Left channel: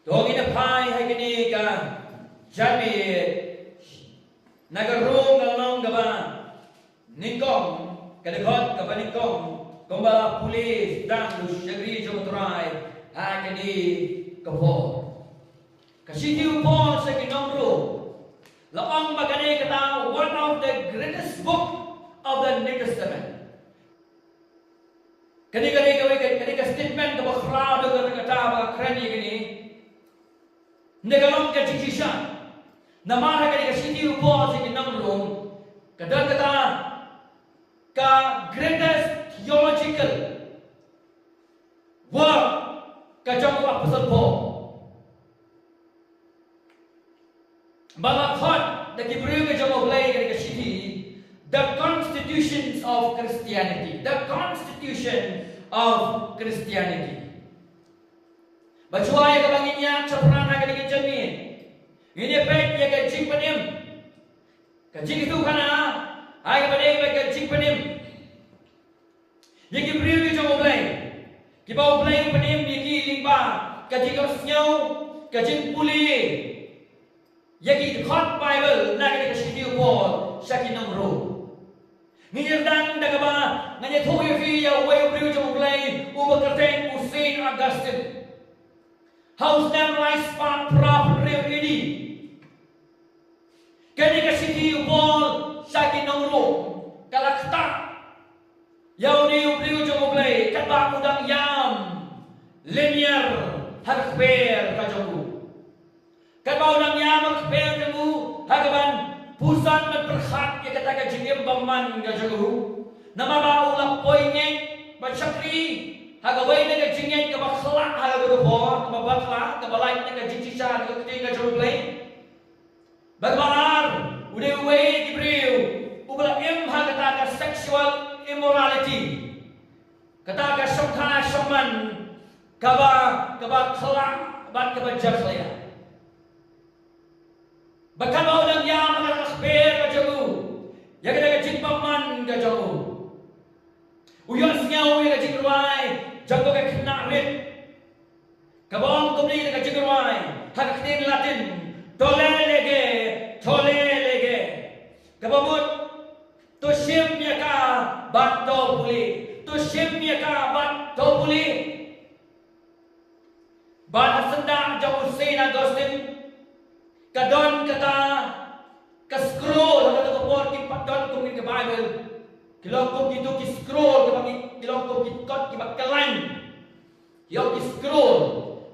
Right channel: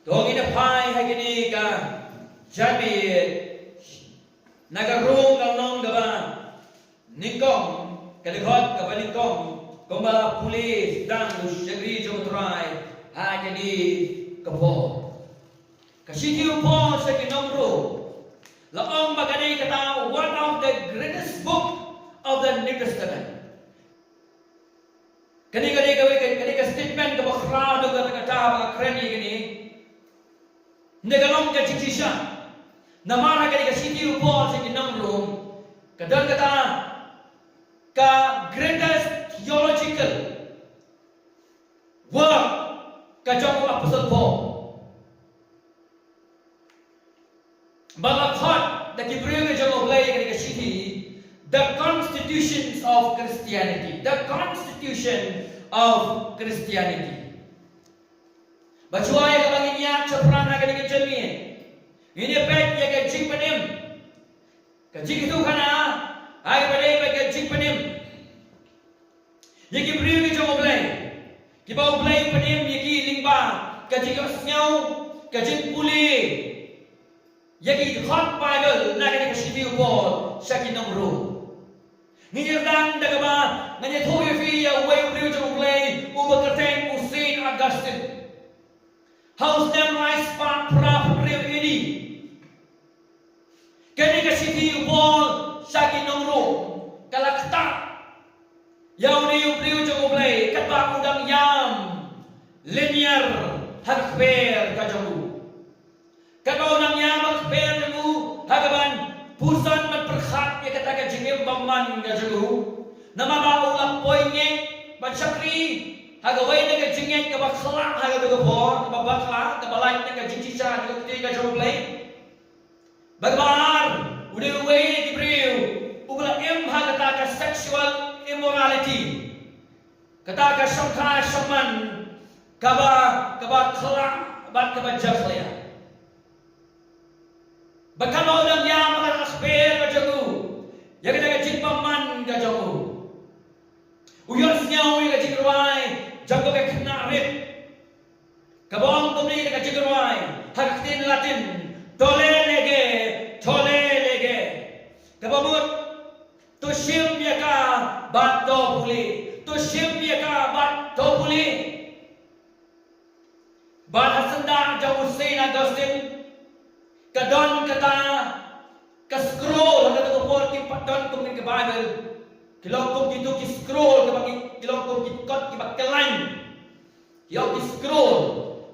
Tong ina pai hai kini ka jami nagarung galong gaba ningkong kadekot ka ningkong kumbala pulis dan syagri jomotrai ha kini kapo kasiti upo sa kinomro laong magani kata one of the greatest book of the New Testament. Kani ka statement ka bakra do ka kata kren ni negalong ka jikisha namara ka siti upo sa kinomro kadang kata ka greatest theological work ka jong Apostle Paul balakhat da kibriyo ka jong oblay ka siti the constitutions of Christianity. The constitution of Christianity. Bacuaya ka banginyak sa perangna ka ni kajamin. Ini pek ya ka jing panim. Ka jing itu kana ay ka badai ka jing panim. Ya ki priyo ki jong oblay. Ki ba oblay panim ya ki lingba ka jing osnyaw ka jing puli. Ya ki hot Bible na ka ni ka shimi upol sa kinomro. Ngirang dagaba nganya thoya fi ya way priyo jong oblay ubakerteng Saint Augustine. House them rice pa prophet priyo ini. Kani ka siti upol sa kinomro kalakta. Yaw ni priyo jong oblay kat ba undang yam linear hakper ka jong. Kat ba undang yam hakper jong hagaban pusan man perkhat ya kata ka jingim baman ka jong. Namaba ulap poy ngeng bansakri hagaway na ka jingeng ka bakla haga ka por ka bakla ka balay na ka jingisa ka kiti ka jong play. Bagbar udah way ki priyo ubla im hagata ka sexual immorality kata ka sangka saman kaba khla bat kaba jakhla bahkan mau dang yang makan akhber ka jago ya kita ka jingpaman ka jago uyon snyaw ka jingruai jago ka knarit kabong tumni ka jingruai haktin latin tole lege kabamut to shim ya ka bat do puli to shim ya ka bat do puli bat hasanda jago Saint Augustine kadon kata ka scroll hanggang to por ki padon tung ni Bible kilong tung gitu ki scroll ka bagi kilong tung ki kot ki bakalan yo ki scroll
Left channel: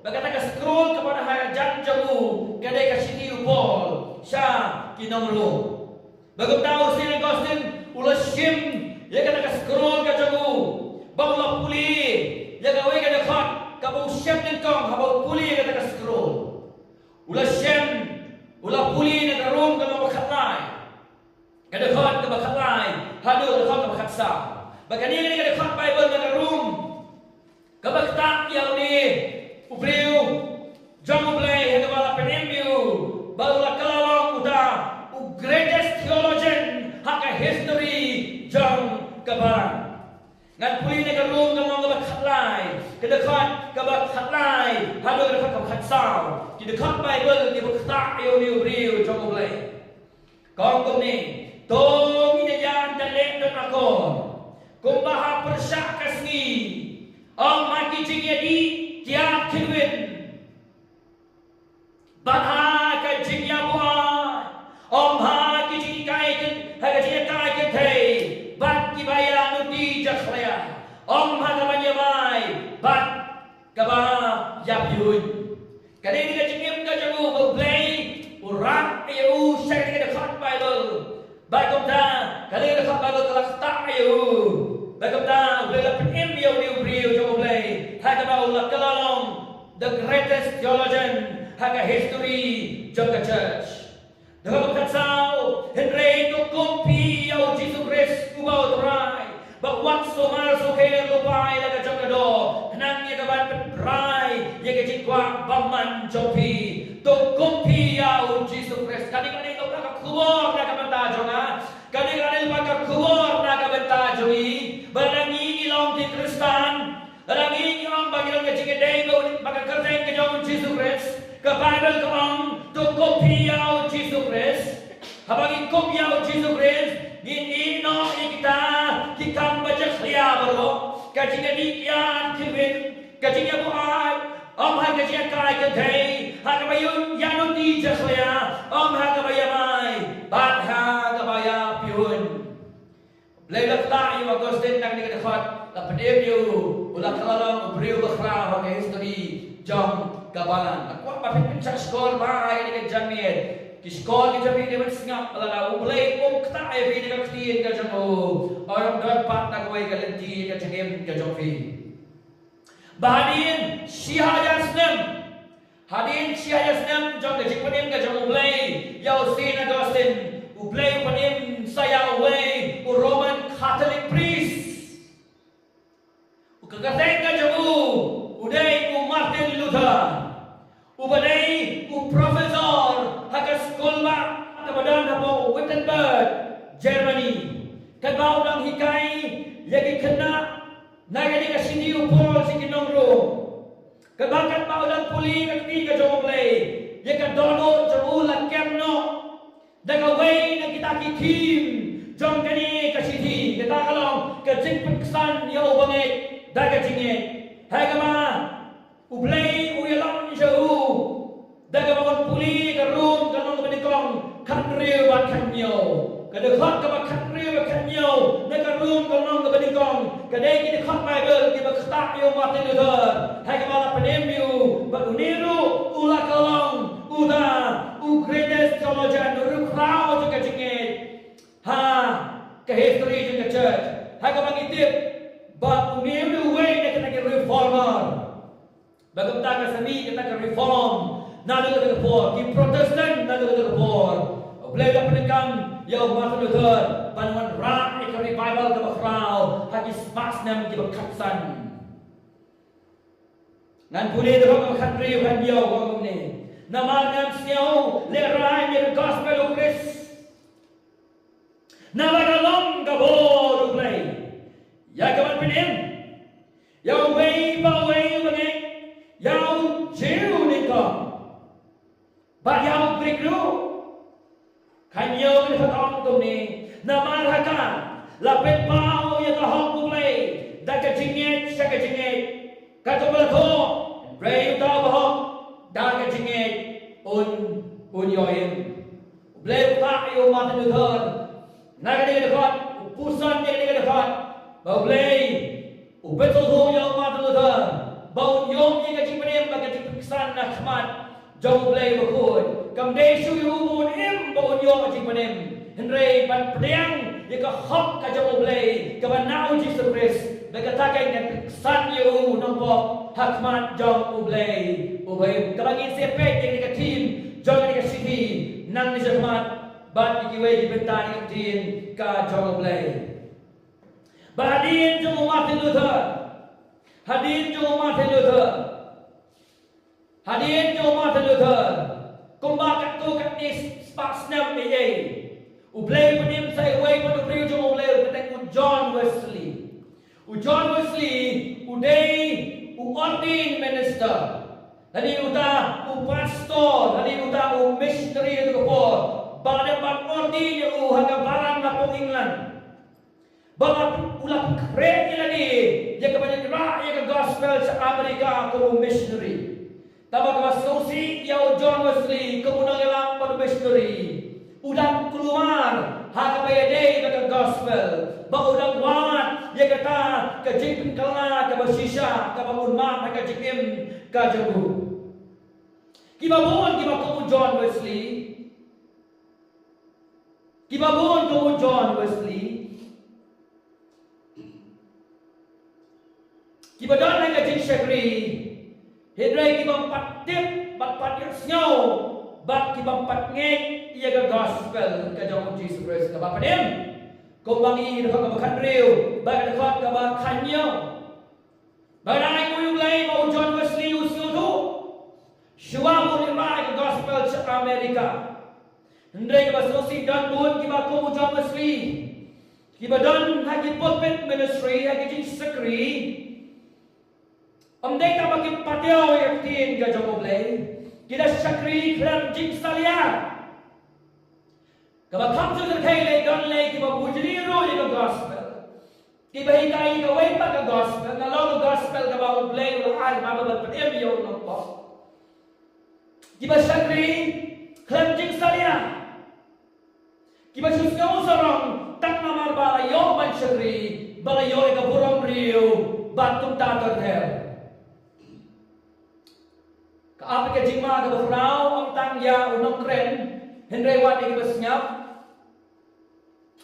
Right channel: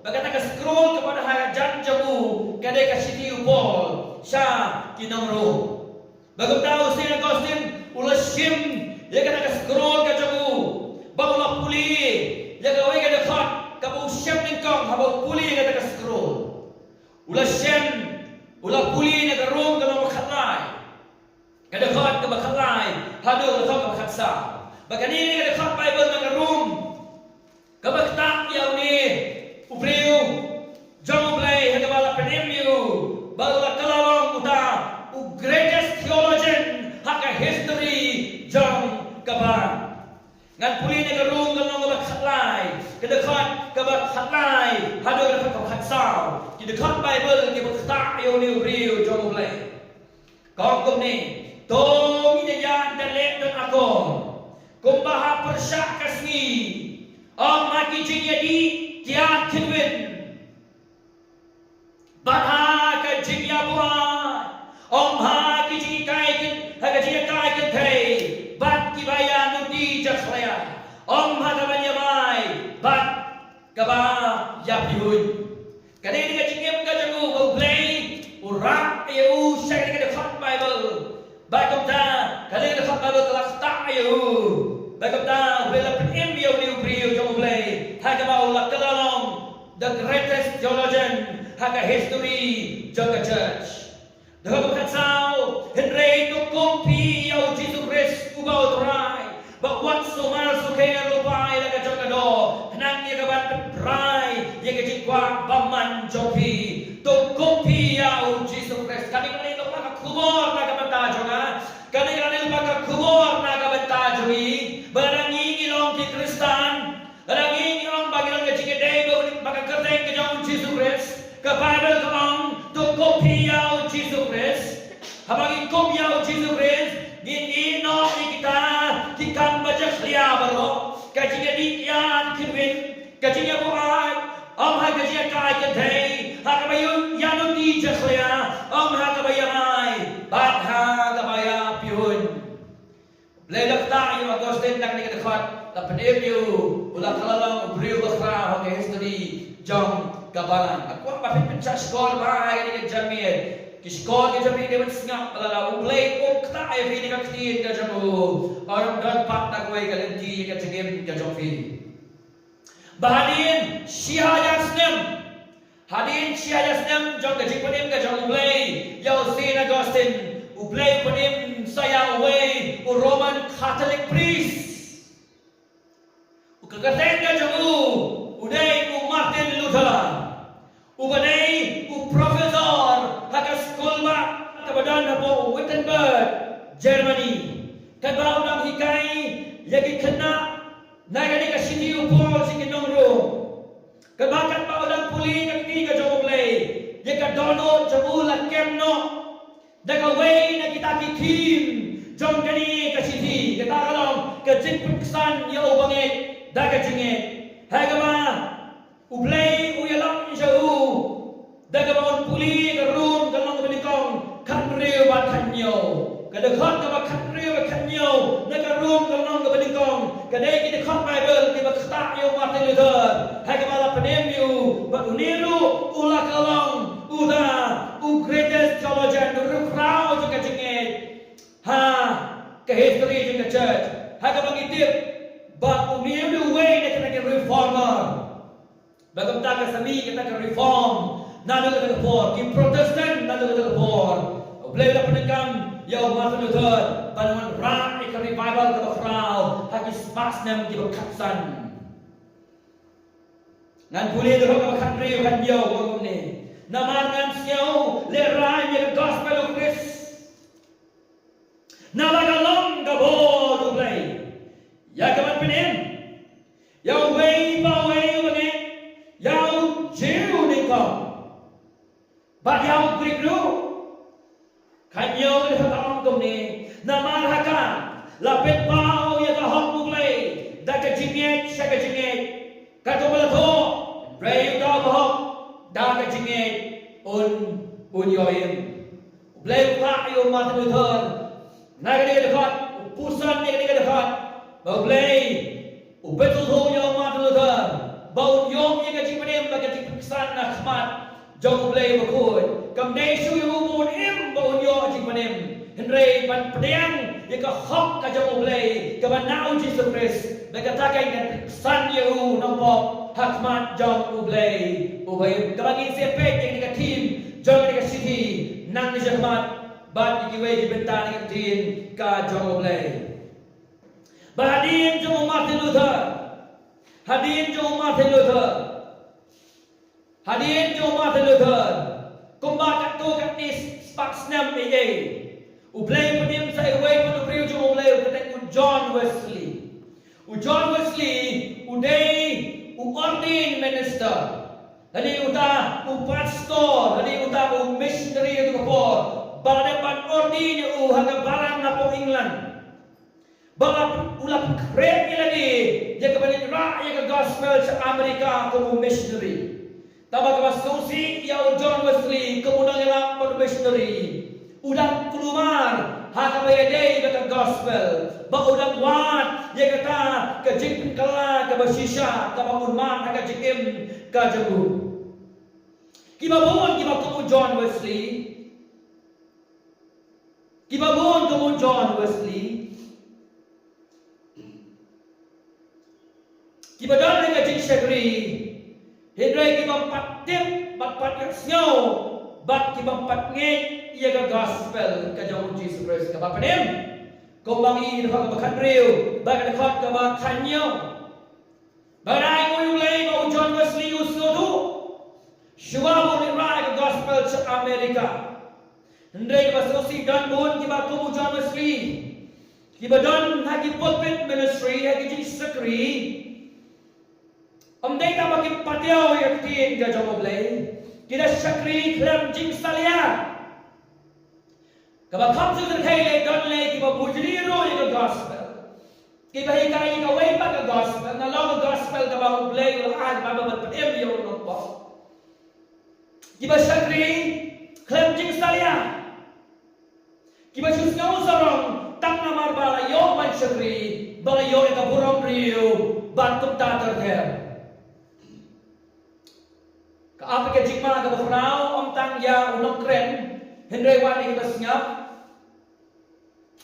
bagata ka scroll kepada hajan jamu kadai ka sini upol sya kinomro bagum tahu Saint Augustine ulah shim ya kata ka scroll ka jamu baulah puli ya gawe ka dekat ka bau shim ningkong habau puli kata ka scroll ulah shim ulah puli na garong ka makhatlay kadakhat ka makhatlay hado ka makhatsa bagani ka dakhat Bible na garong ka bakta yaw ni ubriyo jong oblay hagabala penemyo bagula kalalong uta u greatest theologian haka history jong kabar ngan puli na garong ka makhatlay kadakhat ka makhatlay hado ka makhatsa kidakhat Bible ki bakta yo ni ubriyo jong oblay kong kum ni tong inayan dalek don ako kumbaha persyak kasmi ang maki jingyadi kiat kinwin baha ka jingya buhay om ha ki jingai kin haga jingai kin thei bat ki baya nuti jakhlaya om ha ka banyamai bat ka ba yapyun kadai ka jingem ka jago bau play urat ayu share ka dekat Bible bagom ta kadai ka dekat Bible kalak ta ayu bagom ta bela pem yo ni ubrio jo play ha ka ba ulak kalalong the greatest theologian haka history jong ka church daga ka sao henry to kompi yo Jesus Christ ubao try but what so mar so kaya lo pai la ka jong ka do nang ye ka ban prai ye ka jikwa baman jopi to kompi ya Jesus Christ kani lo ka kubor na ka banta jonga kani lo ka kubor na ka banta joi barangi ilong ki Kristan barangi ilong bagi lo ka jike dei maka kerteng ke jong Jesus Christ, ke Bible ke ong, tu kopiau Jesus Christ, habang kopiau Jesus Christ, gini no kita baca khliya baro, kajinya dikian kirwin, kajinya buai, hai kajinya kai kadai, hakabayu yanu di khliya, hakabaya mai, bat hakabaya pihun. Ledak tak yu Agustin nak ni kedekat, lapan yu ulah kalalang beriu berkara hakai history jam kabalan. Aku apa pencak skor bahai ni kejamian. Skor kejamian dia bersengap lalu ulai tak ai ni ketin kejamu. Orang dan pat nak mai kalenti kejam kejofi. Bahadin Syihah Yasnem. Hadin Syihah Yasnem jam kejik panim kejam ulai. Yau Saint Augustine ulai panim saya away Roman Catholic priest. Kekatan kajamu uday Martin Luther. Ubaday profesor hakas sekolah kebadan apa Wittenberg, Germany. Kadau dang hikai yagi kena nagani ka sini upol si kinongro. Kabakat pa ulang puli kakti ka jomoglay. Yaka dono jamu lakemno. Dagaway na kita kitim jom kani ka sini. Kita kalong kajing peksan ya ubangit. Daga jingit, hagama, ublay uyalang jahu, daga mon puli garum galong benikong kanriu bat kanyo, kadekot ka kanriu bat kanyo, nagarum galong benikong, kadai kita kot Bible kita kata yo Martin Luther, hagama la penemyu, bat uniru ulah galong, greatest theologian, rukau juga jingit, ke history juga church, hagama ngitip. But uniru way na kita reformer. Bagam taga sami kita reform. Nado kita for. Ki Protestant nado kita for. Blay la penekam yo Martin Luther. Panuan ra ika revival ka bakraw. Hagi spas nam ki bakatsan. Ngan puli do ka bakatri kan yo wagom ni. Naman ngan siyaw le rai ni gospel of Christ. Nalagalong ka bo blay. Ya kaman penim, yau way bagi, yau jauh nikah, bagi yau berikru, kan yau ni hatang tumni, nama rakan, lapet pau ya kahong mulai, dah kejingit, saya kejingit, kata belato, bray utara bahok, dah kejingit, yoim, bray utara yo Martin Luther, nagani dekat, pusan ni dekat. Bau play, betul tu yang Martin Luther. Bau yom yang kaji penim lagi kaji peksan nak khmat. Jauh play berkut. Kamdai shu yang ubun im bau yom kaji penim. Henry pan pedang yang kahok kajau play. Kaban nau Jesus Christ. Mereka takai dengan peksan yang nampak khmat jauh play. Ubay kabangi sepek yang dekat team. Jauh dekat city. Nang ni khmat. Bat dikiwai di bentan dekat team ka jauh play. Hadirin jemaah Martin Luther, hadirin jemaah Martin Luther, hadirin jemaah Martin Luther. Kumbakat tu kat ni spak snap ni. Ublay penim saya away pada beriu jemaah ublay kata John Wesley. John Wesley uday ordained minister. Tadi uta pastor, tadi uta missionary itu kapor. Balapan ordain haga barang lapong England. Bapak ulah keren lagi. Dia kepada rakyat ke gospel sa Amerika como missionary. Tabak masusi ya John Wesley kemudian yang pada missionary. Udang keluar hak bayadai ke gospel. Ba udang wat ya kata ke jing penkala ke basisha ke bangun mat hak jikim ke jebu. Kibabon kamu John Wesley. Kibabon kamu John Wesley. Kibadan na kajing syagri, hidray kibang patip, bat yang snyaw, bat kibang patngay, iya ka gospel, kajang Jesus Christ, kapapanim, kumbangi, nakabakan riyo, baga nakot kabakan nyo, bagay mo yung lay, mau John Wesley, usyo to, syuwa mo nilay ka gospel sa Amerika, hidray kabasusi, dan doon kiba kumu John Wesley, kibadan hagi pulpit ministry, hagi jing sakri, Om dei ta bagi patio yang tin ga jong oblay. Kita syakri klem jing salia. Kaba kam su terkai le don le ki ba bujli ro yung gospel. Ki ba hikai ka way pa ka gospel. Na lo gospel ka ba oblay ul ay ba ba patem yo no po. Ki ba syakri klem jing salia. Ki ba sus ngau sarong tak namar bala yo man syakri bala yo ka burong riu batum ta ter. Apa ke jingma ke bakrau om tang ya unong kren Henry wan iki basngap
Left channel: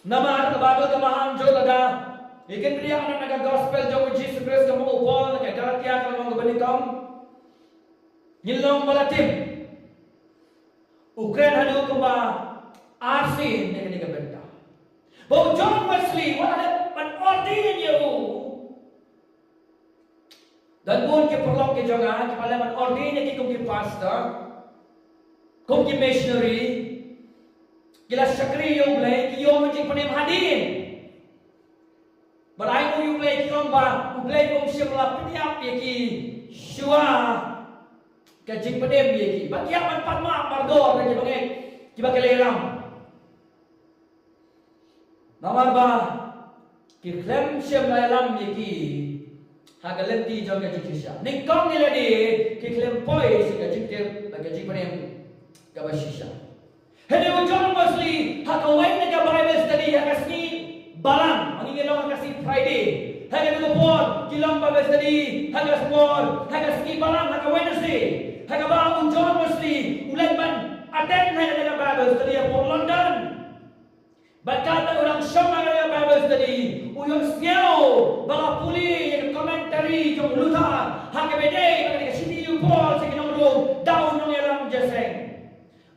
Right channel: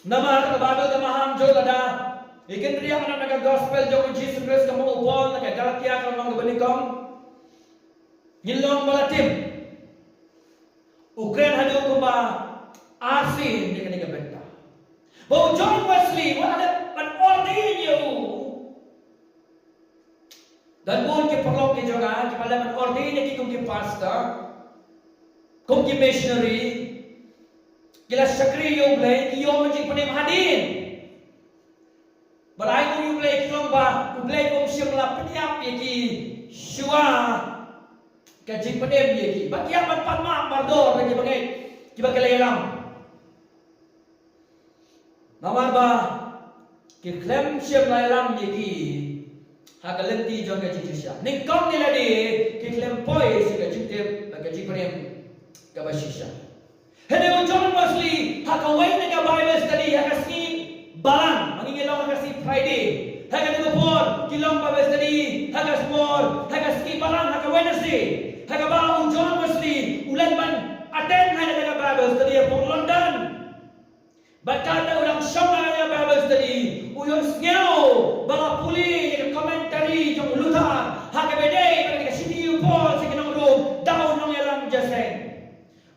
namar ke babel ke maham jo lada ikin dia anak naga gospel jo Jesus Christ ke mo upol ke Galatia ke mong benikom nyilong balatim Ukraine hadu ko ba asin ni kani benta bo John Wesley wala pan ordain you dan pun ke perlu ke jaga ke malaman ordain ki kung ki pastor kung ki missionary kila sakri yo blay ki yo manjing panim hadin balai mo yo blay ki long ba blay kung siya malapit yap ki shua ka jing panim ye ki batia man patma bardor ki bangai ki bakaleram namar ba ki klem siya malalam ye ki hagalenti jong ka jikisha ning kong nila di kiklem poi si ka jikte ka jikpanem ka basisha hene o John Wesley hakaway na ka Bible study hakasi balang mangingilong hakasi Friday hagano por kilong Bible study hagas por hakasi balang hakaway na si hagaba o John Wesley ulan man attend na ka Bible study por London Bakata orang syama ya Bible study uyong sngau bala puli yang komentari jong Luther hakabede bagi ka sini upol sa kinong room daw nong elam jaseng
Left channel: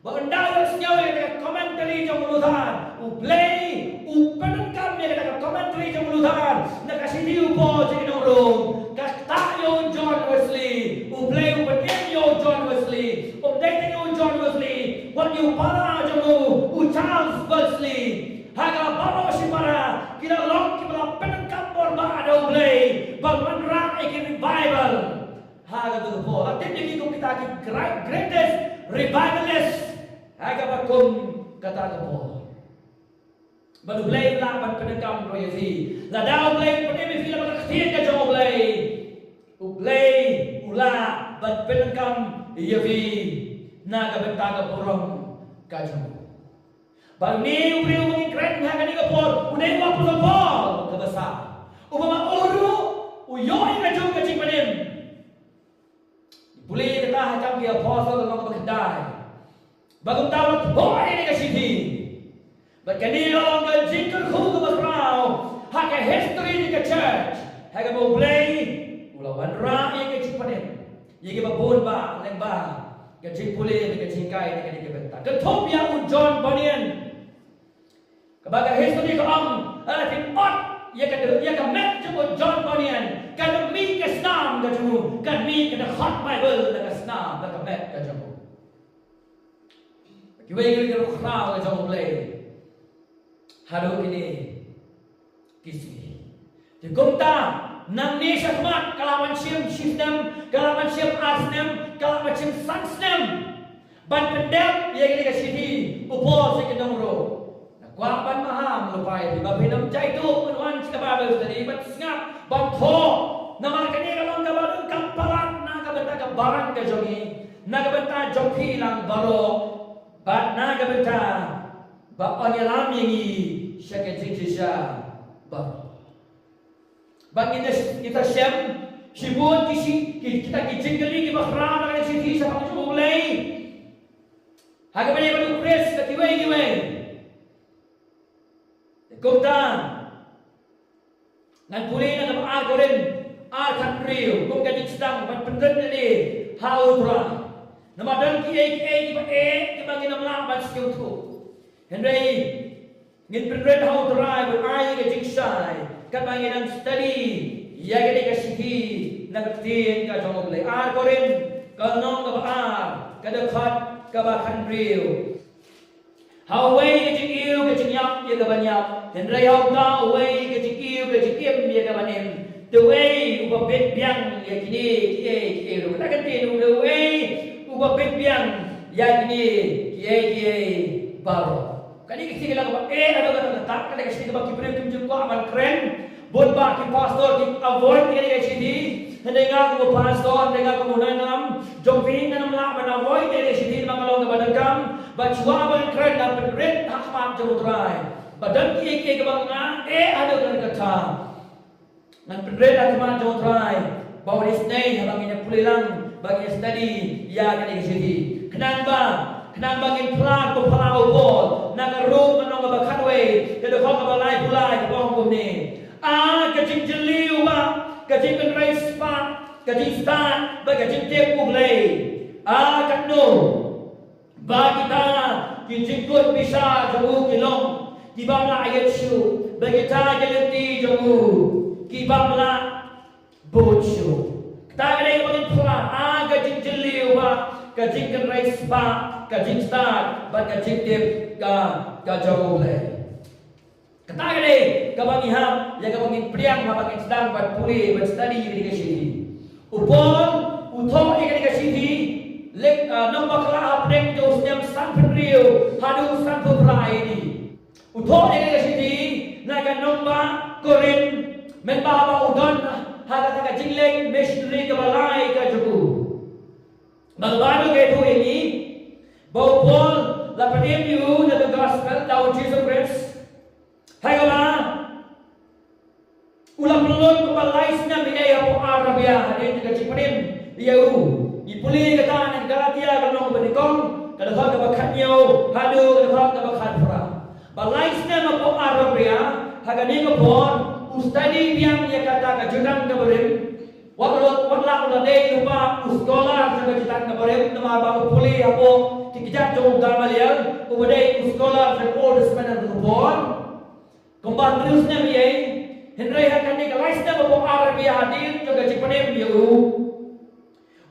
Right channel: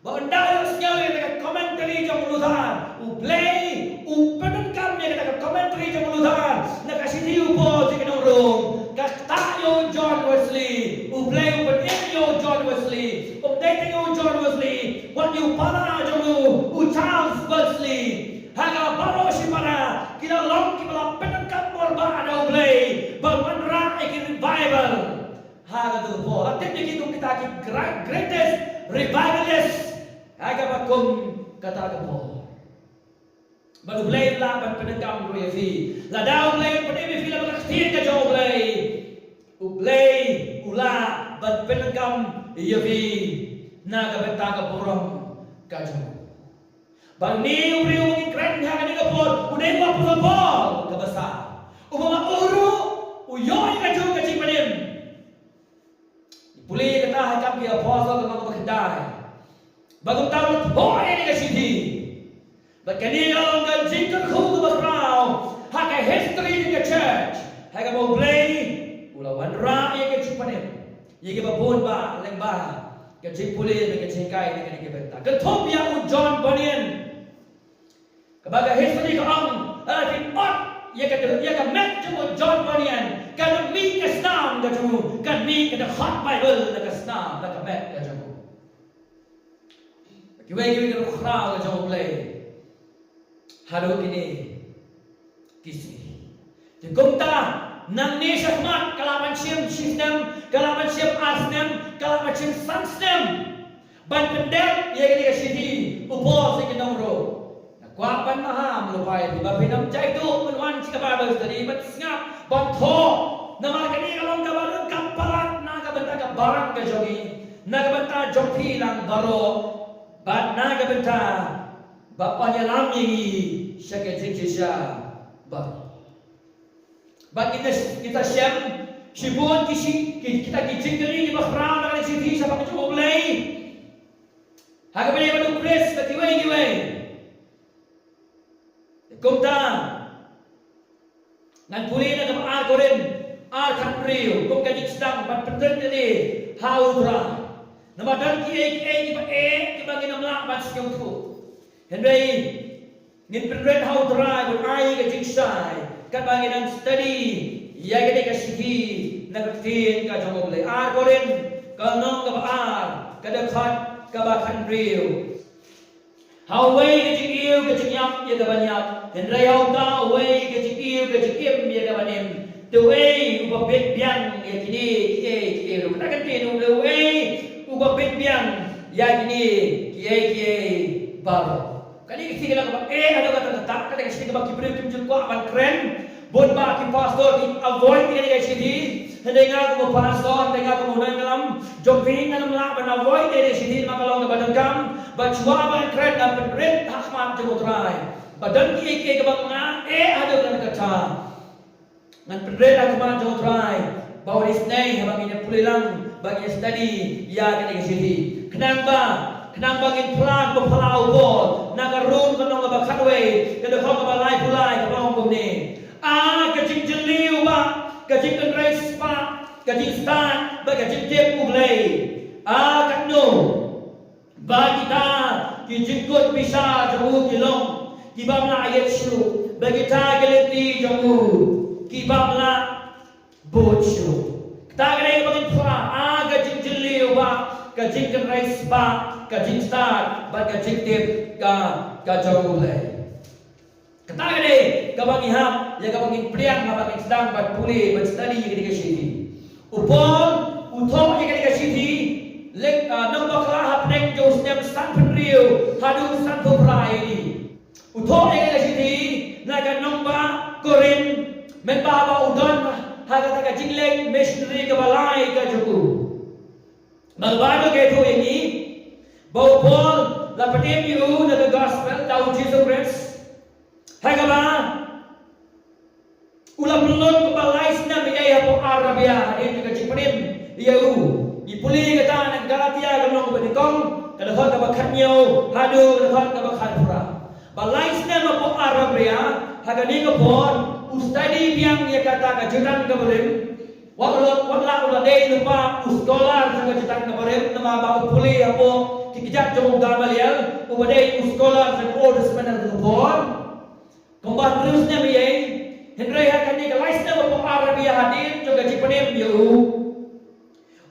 banda yang sngau yang komentari jong Luther ublay upenengkam yang ka komentari jong Luther na ka sini upol sa kinong room kaktayo John Wesley ublay upenyo John Wesley updating John Wesley what you para jong Charles Wesley haga baro si para kila long ki bala penengkap borba ada ulay balwan ra iki revival haga to po atin ki kung kita ki greatest revivalist haga bakum kata to po balulay laban penengkam royasi la daw ulay pati fila bakastin ka jo ulay ula ban penengkam yavi naga bentaga borong ka jo Bang ni uri umangi keren haga ni kapol unay wa pulopol kabasa umama uru uyoy ka jung kacing panim ipuli kata hakam ki apostle ng mga bakandai bagong tawat hoy ni kasiti bagani long ka jingkon khu ka bakraw haga history ni ka church haga mo play ulawan ra ni kacing panim yigi babon ba leng ba kacing puli ni kacing kai ni kani benta ketop ya John Bunyan Kabaga history ko ang alating ot ya ka met mo John Bunyan kada mi ka snam ka mo kad mi ka hot Bible na ka snam na ka met ka mo kiway ka crowd ka mo play halo kini kisi ti kumta nang ni syakmat kalaman siyam system kalaman siyam asnem kalaman siyam sansnem ban pendem ya kini ka city upo sa kinong ro Kuapan maham lupay di ba pinamjay do unwan si Bible study but ngap bantho naman kani kalong kabarang kampalat nagabenta ka barang ka jogi nagabenta jompi lang baro bat nagabenta bapanyalam yi siya ka siya ba bagi kita siyam sibuan kita kijinggali di bakra na kasi sa pagjublay hagabali ba Chris kiway Kumta ngan puli na kapag rin country kung kadikstang patpendran ni haudra namadan ki ba ginamla ba siyang tu Henry ngin pendran haudra but ay kadiksay kapag ginang study ya gani ka sigi nagtin ka jomoble rin kanong kapag kadakhat ka country Haway ke jikiu ke jinyap ye ke banyak Henry hau ta away ke jikiu ke jikim ye ke banim the way uba big biang ya kini kita kan tinu the way uba big biang ya kini baru. Kali kasi kila ka ada kata kali kasi ka kibril kim jun ko aman kren bon ba ki pastor ki avoid kali kasi di hindi nga ko pastor hindi nga ko muna nalam jomving nga namla ban avoid kali kasi di makalong na badagam bachwa ban kren na kren hakmat jumutray badan ki ka bang nga ada kata ngan kren hakmat jumutray bawis nay habang ina pulilang bagi study ya kali kasi di kenapa Kenang bangin pelan pepalau bol, nagarun kanong ngabakadwe, kadokong ngabalay pulay kadokong kumni. Kajing jeliu ba, kajing kenrais pa, kajing stan, ba kajing tip uglay. Kakno, ba kita kijingkut bisa jamu kilong, kibamla ayat syu, ba kita geliti jamu, kibamla bochu. Kita kaya bangin pelan, kajing jeliu ba, kajing kenrais pa. Kajing start, bat kajing tip ka jauh le. Kata kene, kabang ihap, ya kabang priang, kabang sedang bat pulih, bat study yang ketika sini. Upon, utong yang ketika sini, lek nombor kelah hapeng jauh setiap stand penriu, hadu stand pemrai ini. Utong yang ketika sini, naga nombor korin, menbaba udon, haga kajing lek missionary kebalai kajuku. Malbaru ketu ini. Bahwa Paul lapatim you na the gospel daw Jesus Christ. Hay ka ba? Ulang pelun kebalais na miyaya po Arabia. Ini juga cipanim. Iyaw. Ipuli kata ng Galatia kanong kabanikong. Kadahon kabakhanyo. Hado kadahon kabakhanpura. Balais na mapo Arabia. Hagani ka po. Ustadi biyang iya kata kajutan kabarim. Wala day lupa uskolar sa kajutan kabarim. Namaba upuli apo. Tikijak jauh Gamaliel, umadai uskolar sa Old Testament ng Tupon. Kung terusnya miyay, Henry hakan ni kalais na mapo Arabia hadin, juga cipanim yu.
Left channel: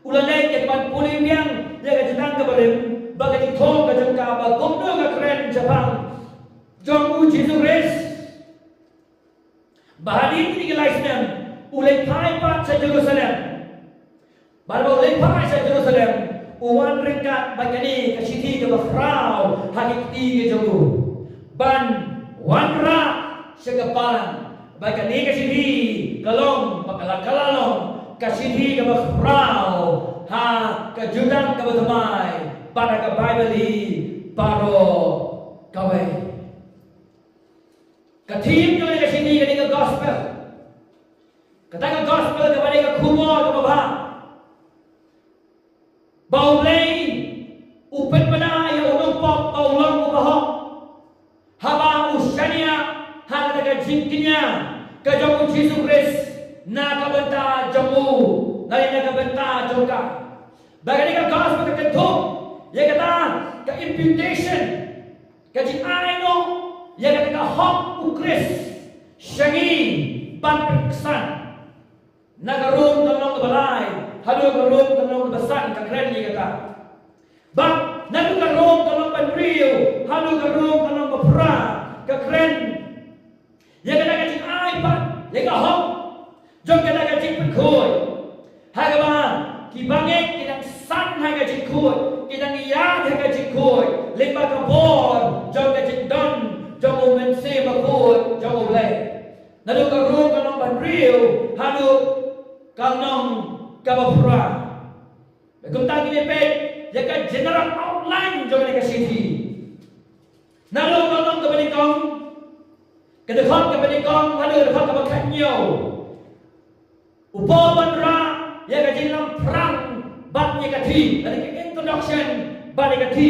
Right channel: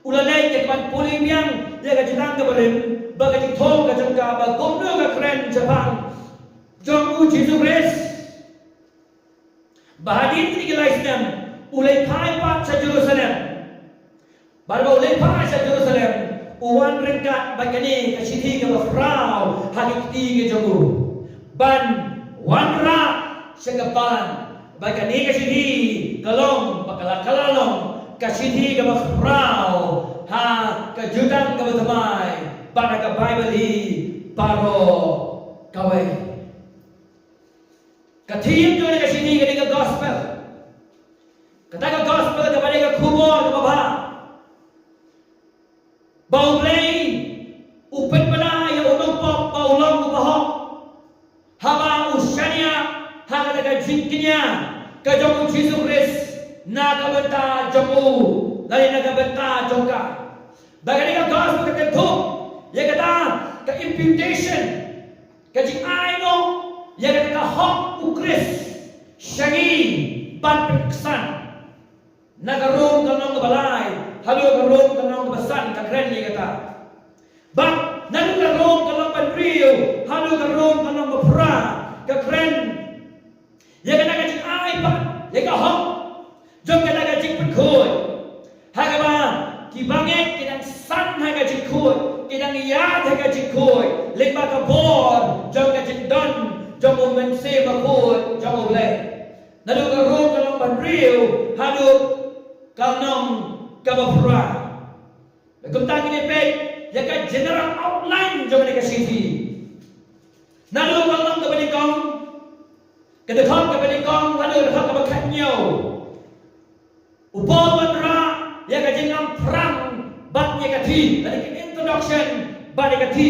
Ulanay kaya puli biyang, ya kajitang kabarim, baga ditong kajang ka, bagumno ka kren Japang, jong Jesus Christ. Bahadin ni kalais na, ulay paipat sa Jerusalem. Baru ulay paipat sa Jerusalem. Uwan ringkat bagani kasiti ke bafrau hakiti ke jamu ban wanra segapan bagani kasiti kalong bakalakalong kasiti ke bafrau kejutan ke batamai pada ke Bible paro kawai katim jo ni kasiti ke gospel kata ke gospel ke pada ke kurwa ke babah bau play upet pada ya unong pop bau long ubahok haba usyania hana daga jinkinya ka jamu Jesus Christ na kabenta jamu dari na kabenta jongka bagani ka gospel ka kentuk ya kata ka imputation ka jing aino ya kata ka hok ukris syagi ban peksan nagarong kanong balay halo karong kanong basan ka kren ni kata bak nalu karong kanong panrio halo karong kanong mapra ka kren ya kana ka jing ai pa ya ka hok jong kana ka jing pekhoy haga ba ki bangek kinang san haga jing khoy kinang iya haga jing khoy lemba ka bor jong ka jing don jong o mense ba khoy jong o ble nalu karong kanong panrio halo kanong kabafra. Kung tagi ni Peg, yaka general outline jom ni kasiti. Nalo kalong kabanikong, kadakon kabanikong, halo kadakon kabakhanyo. Upo bandra, yaka jinglam prang, bat niya kati, ada introduction, bat niya kati.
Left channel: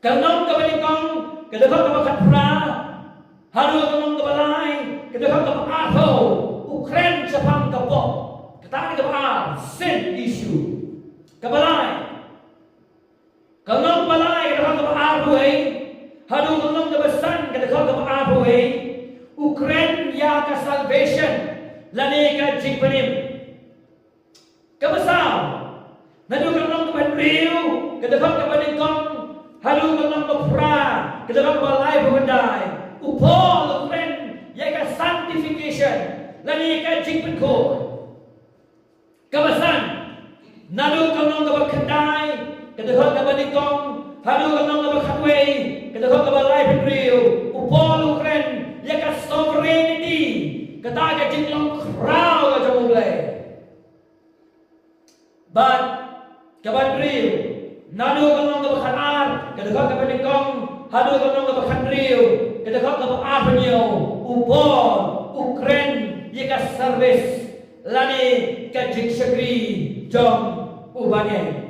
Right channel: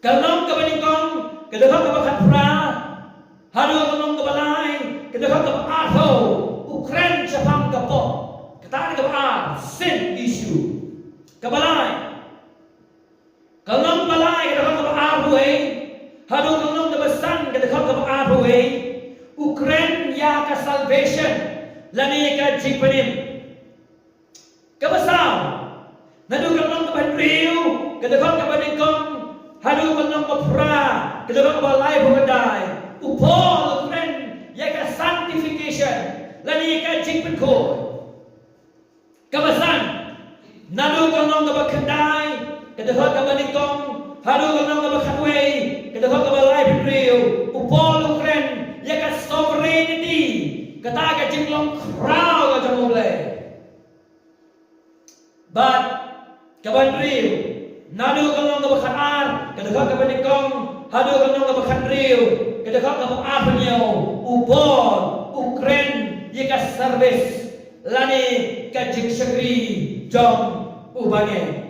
Kalong kabanikong, kadakon kabakhanpra, halo kalong kabalay, kadakon kabakato, ukren sa pangkapok. Kata ni kabar sin issue kabalay kalong balay kada ka abuhay hadu kalong dabasan kada ka abuhay ukren ya ka salvation lani ka jigpanim kabasaw nadu kalong kabanriu kada ka kabaningkong hadu kalong mapra kada ka balay bumanday upol ukren ya ka sanctification lani ka jing pen ko kabasan nadu kanong ka bakandai kadahot ka banikong hadu kanong ka bakatway kadahot ka balay pen rio upol ukren ya ka sovereignty kata ka jing long crown ka jamule but kaban rio nadu kanong ka bakanar kadahot ka banikong hadu kanong ka bakan rio kadahot ka bakar penyo upol ukren ya ka service lani ka jing sagri jong ubangay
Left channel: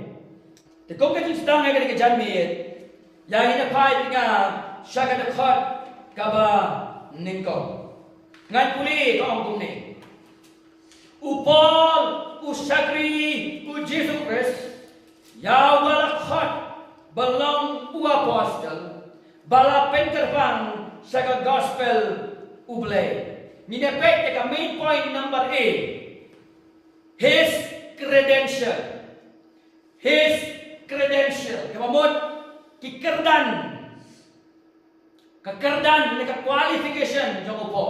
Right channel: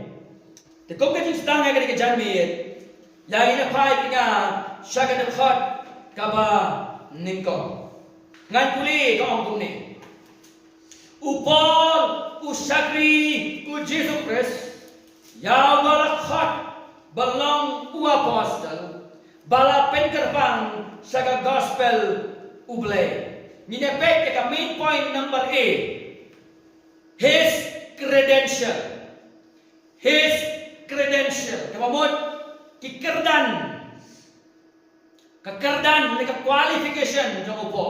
tekong ka jing sedang ka janmit yang ina pai nga syaga dapat kaba ningko ngan puli ka ong ni upol usagri u Jesus Christ ya malakhat balong u apostle bala pengerbang syaga gospel uble ninepek ka main point number 8 his credential kemamut kikerdan neka qualification jong upo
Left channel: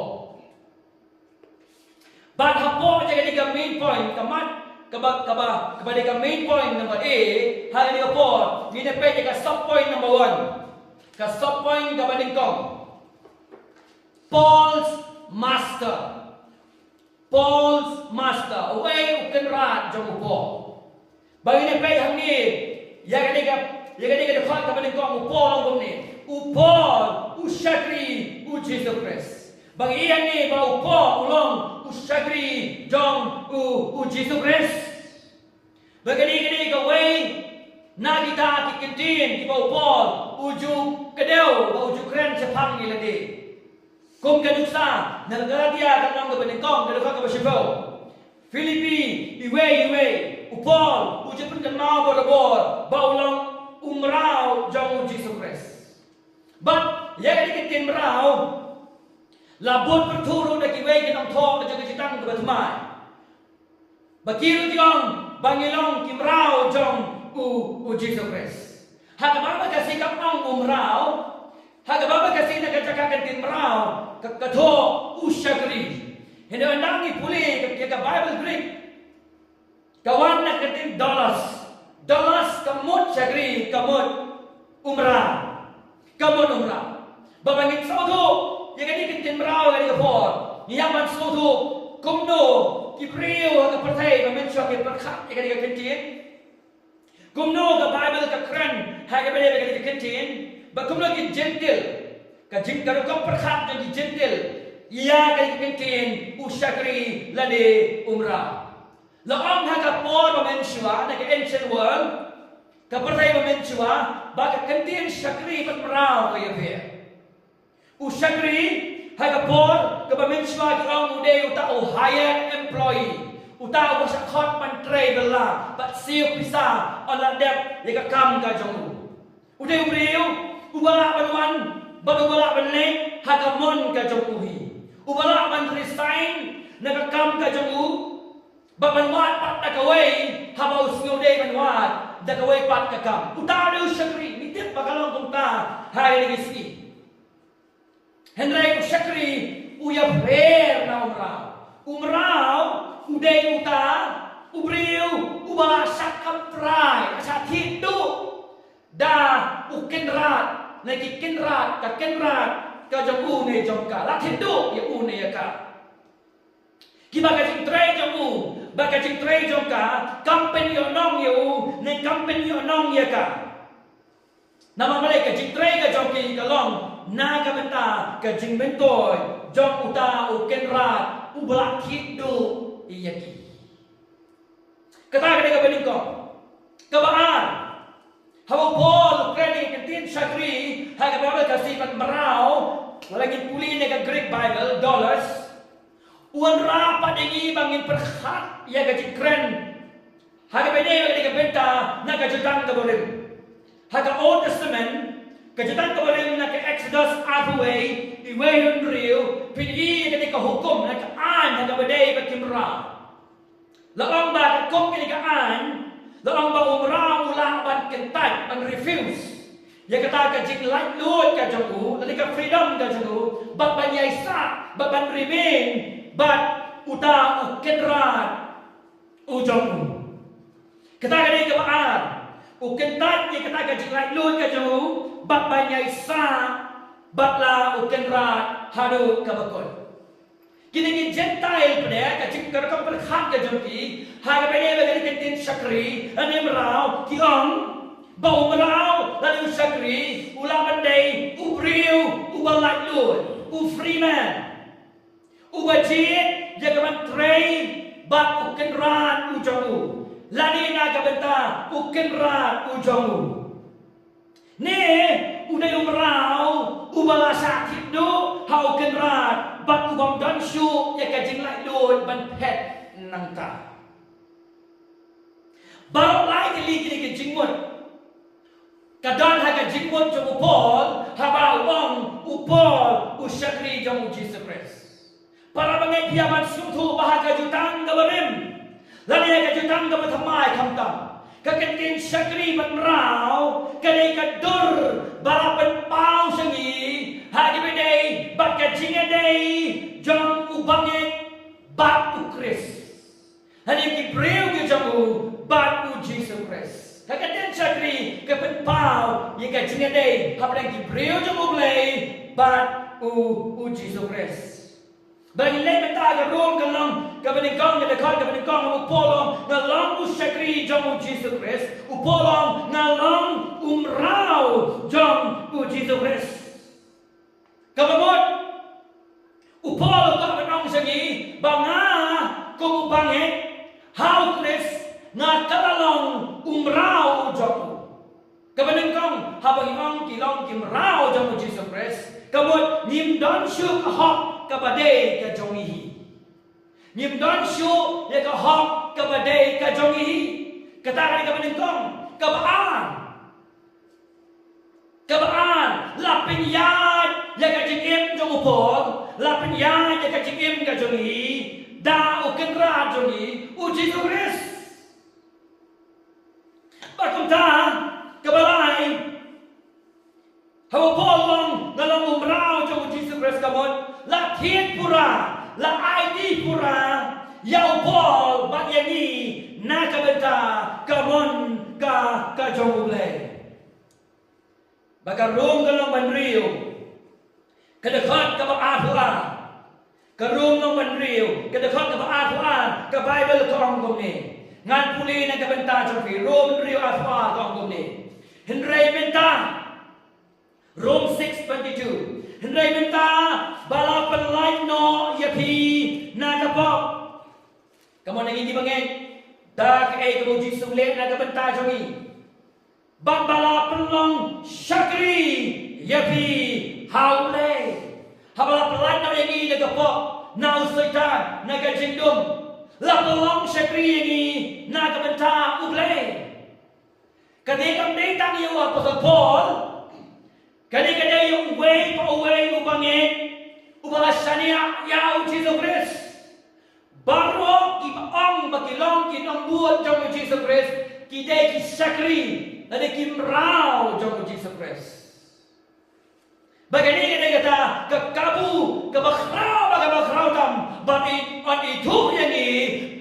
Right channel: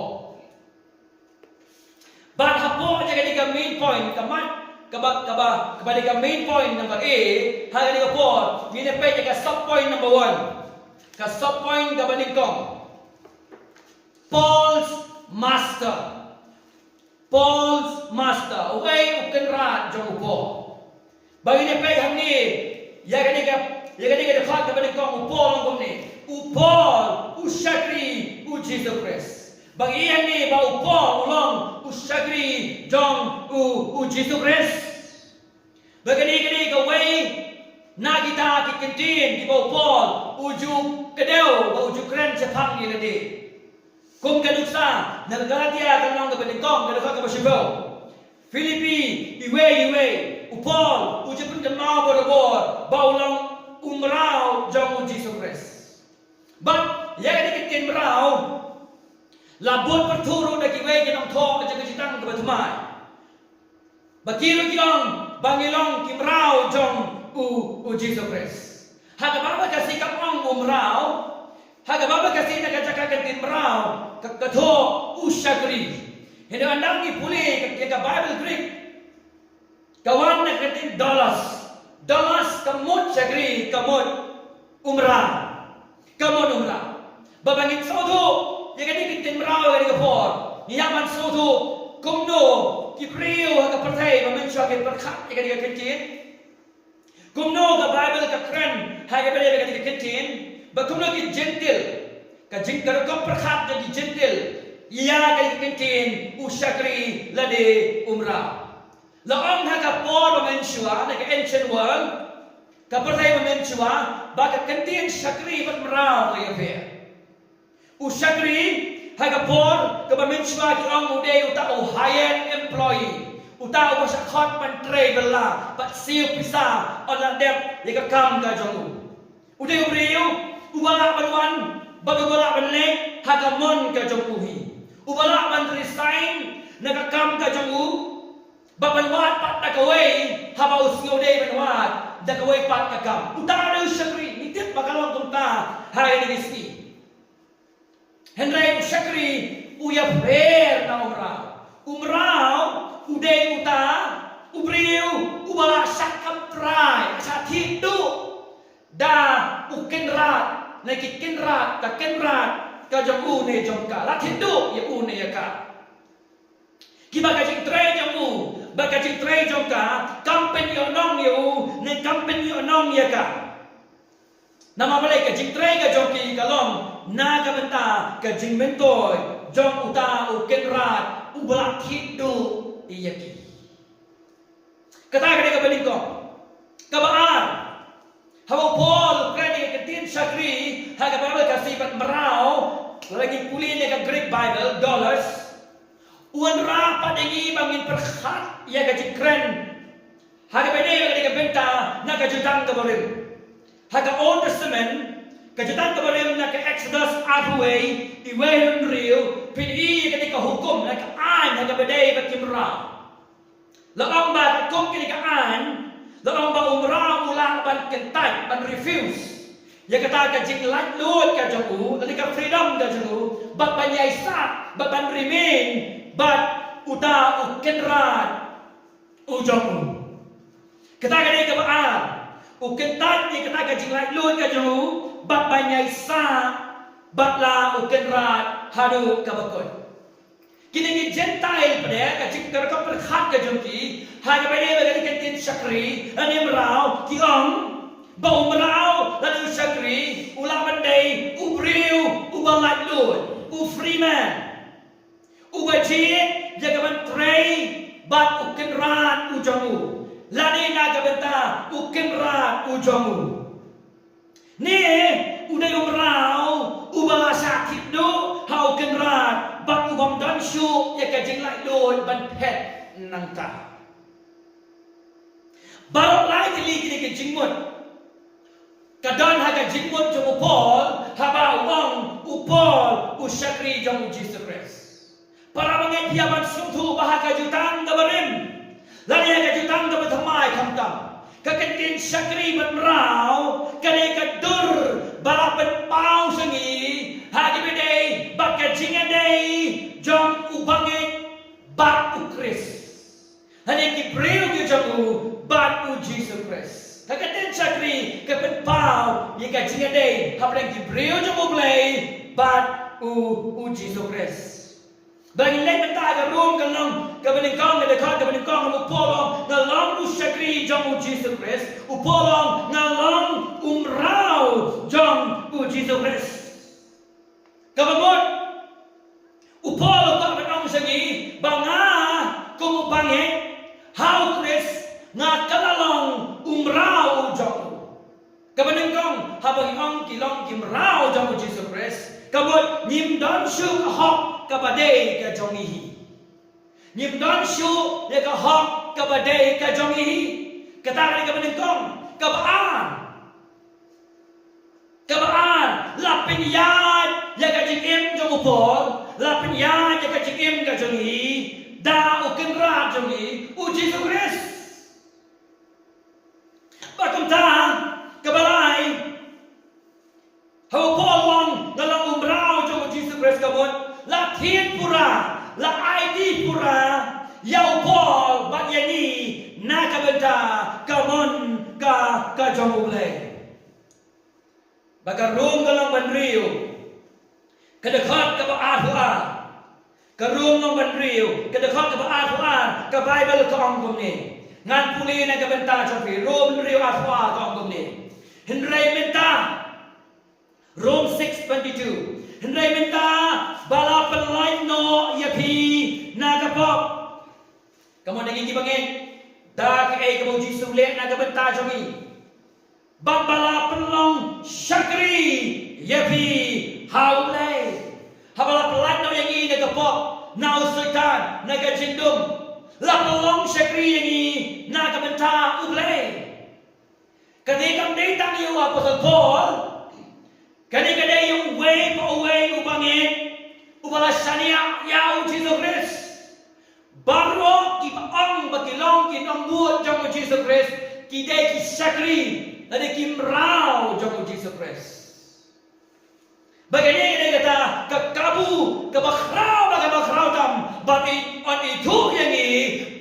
but hapo jaga diga main point kamat kaba diga main point number A haga diga po ninepek jaga sub point number 1 ka sub point kaba dingkong Paul's master away ukenrat jong upo bagi ni pay hang ni yaga diga dekat ka balik ko upol ngom ni upol usagri u Jesus Christ bagi yang ni ba upol ulong usagri jong u Jesus Christ bagi ni ka way na kita kikintin di ba upol uju kedeu ba uju kren sepang ni lagi kum kaduksa na Galatia kanong kabalik-kong kaduksa ka basibaw Filipi iwe upol uji pun kenal bodobor baulang umrau jong Jesus Christ but ya dikitin merau labut perturu dak iwe kinong tho jaga citang ka batumai bakiru kiong bangilong kimrau jong u Jesus Christ haga baba kasi kapang umrau haga baba kasi nakajakakan timrau kakatho usagri hindi andang ni puli ka Bible Greek kawan na kating dollars kamut sagri kamut umrah babangit soto ya kadi kitin mrao kadi kapor niyaman soto kumno kipriyo ka pertai bamensya ke perkhat ya kadi kitin kumno ka Bible ka kran ha ka bele kadi kitin ba kumno ki gentle ka jing ka perkhat jadi gentle ia kadi kitin usagri lade umrah laong haga por bamensua na ka ancient world ka pertai bamensua baka kantin sakri pat merau ka yabe usagri haga por ka bamensua ki ong ude uta o hired employee uta o sa khot man traveler but siu pisa on la dep ya ka kam ka jongu ude ubriu ubala banwan bagawala banlek haga mon ka jonguhi ubala man resign na ka kam ka jongu babanwat pat takaway haba usngo day banwat takaway pat kakam utado syakri nitip bakalong kumta hari nisi henry syakri uya fair na umrao uday uta ubriu ubala sakam try asa tidu da ukenrat na kikenrat ka kenrat ka jong ne jong ka la tidu ya une ya ka kibaga jing tray jong baka jing tray jong ka company onong yu ne company onong ya ka nama malai ka jing tray ka jong ki kalong na ka benta ka jing mentoy jong uta u kenrat u balak hidu iyaki kata ka ka beling ko kabaan hawa pol kredi ka tin sakri ha ka Bible ka sifat merau lagi puli ne ka Greek Bible dollars uan rapat dengi bangin perkhat ya gaji keren haga bede ga benta na ga jutang ka bolim haga Old Testament ka jutang ka bolim na ka Exodus away iwe rio pidi ga ka hukum na ka an haga bede ba kimra laong ba ka kom ka an laong ba umra ulang ban kentai ban refuse ya kata ka jing lat lut ka jongu ka freedom ka jongu bat ban yaisa bat ban remain but uta ukenrat ujomu. Kata kini kebaan ukentat ni kata kajing lai lui kajamu bat banyai sa batla ukenrat hadu kabakon. Kini ni Gentile pada kajing kerkam perkhat kajumki hai kepada bagi kentin syakri ane merau kiong bau merau lalu syakri ulang pandai ubriu ubalat lui ufriman ubajit jaga menteri bat ukenrat ujamu. Lani naga benta ukenrat ujamu. Ni udai umrau ubala sakit do hau kenrat bat ubam dan syuk ya kajing lai loi ban pet nangta. Barok lai kali kini kajing mut. Kadan ha kajing mut jom upol haba wang upol usyakri jom Jesus Christ. Para bangai piaban sumtu bahaka jutang gabarim. Lani yang kajutang kebetamai kamtam, kekentin syakri bermerau, kadai kadur balapan pau sengi, hagi bedai bat kajingan dai, jom ubangit bat ukris. Hani kibreu ke jamu bat u Jesus Christ. Kekentin syakri kepen pau, yang kajingan dai, hapang kibreu jamu blai bat u Jesus Christ. Bagi lain mentah ke room kalong kebeningkong ke dekat kebeningkong upolong ngalong usyakri jom Jesus Christ upolong ngalong umrau jom Jesus Christ. Kebengut upolong tak benong segi banga kumupangit hau Christ ngakalalong umrau jom. Kebeningkong habang ong kilong kimrau jom Jesus Christ. Kebut nyim don syuk hok kabadai ka jongihi. Nyim don syuk ya ka hok kabadai ka jongihi. Katakan ka benengkong kabaan. Kabaan lapin yad ya ka jingim jong upol, lapin yad ya ka jingim ka jongihi, da ukenra jongi uji sukres. Bakunta kabalai hau polong dalam umrau jom Jesus Christ kamon la thiên pura la ID pura yau pol bagyani na kabenta kamon ka jom ule bagarung dalam bandriu kedekat ka baadua karung ng bandriu kedekat ka baadua ka Bible ko ang gumni ngan puli na kabenta jom pi rom bandriu adua ko ang gumni Henry minta Rome 6:22. Hendai minta bala penlain no yapi nagapok. Kamu nangi gibangin dak kamu Jesus le nagabenta jongi. Bang bala penlong syakri yapi haule. Habala penlain no yangi nagapok na usaitan nagajindum. La penlong syakri yangi nagabenta uble. Kadikam datang yu Apostle Paul kadang-kadang yung way pa away ubangin ubalasanya ya Jesus Christ baru kipaong bakilong kinong buot jong Jesus Christ kidai kisakri ada kimrau jong Jesus Christ bagani dia kata kekabu kebakrau bagabakrau tam bagi on itu yang ni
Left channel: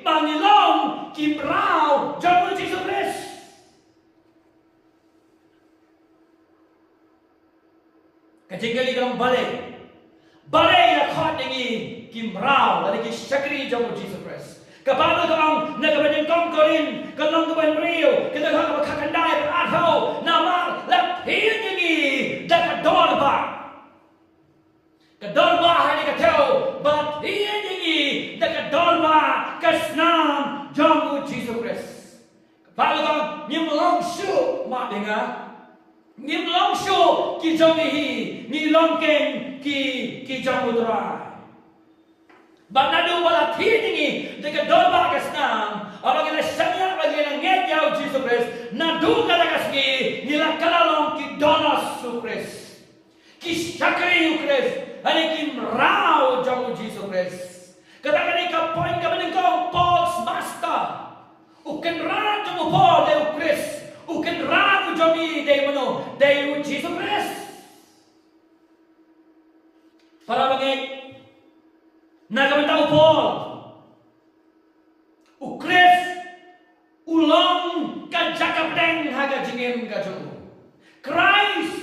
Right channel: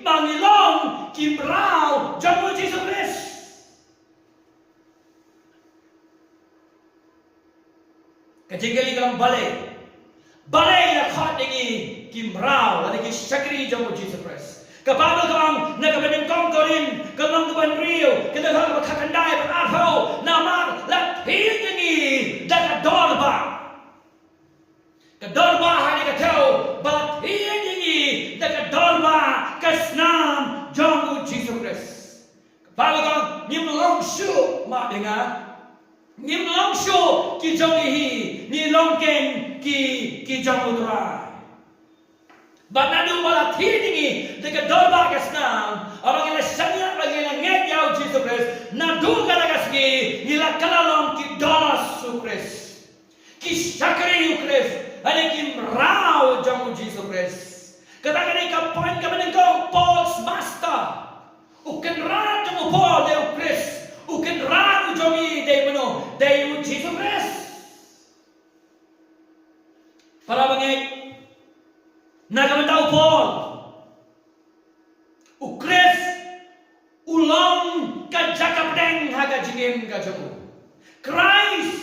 mangilong kimrau jong Jesus Christ. Kajingali kalang balay na khat dengi kimrau lagi syakri jom Jesus Christ. Kapalo kang nagabaningkong korin kalong kaban rio kita kang makakandai berarho nama lapil dengi dakadorba kadorba hari katau batil dengi dakadorba kasnam jom Jesus Christ. Kapalo kang nyimlong syu mak dengar Nim long show ki jongihi ni longken ki jomudra. Banadu wala tidingi dekat dolba kasnam. Orang yang sanya bagi yang ngejau Jesus Christ. Nadu kata kasgi nila kalalong ki donos su Christ. Ki syakri Christ. Ada ki mrau jomu Jesus Christ. Katakan ika poin kamanengkong Paul's master. Uken ran jomu Paul deu Christ. Uken ran ujomi day mano day Jesus Christ. Para bangay nakamitaw Paul pedeng haga jingim ka jamu. Christ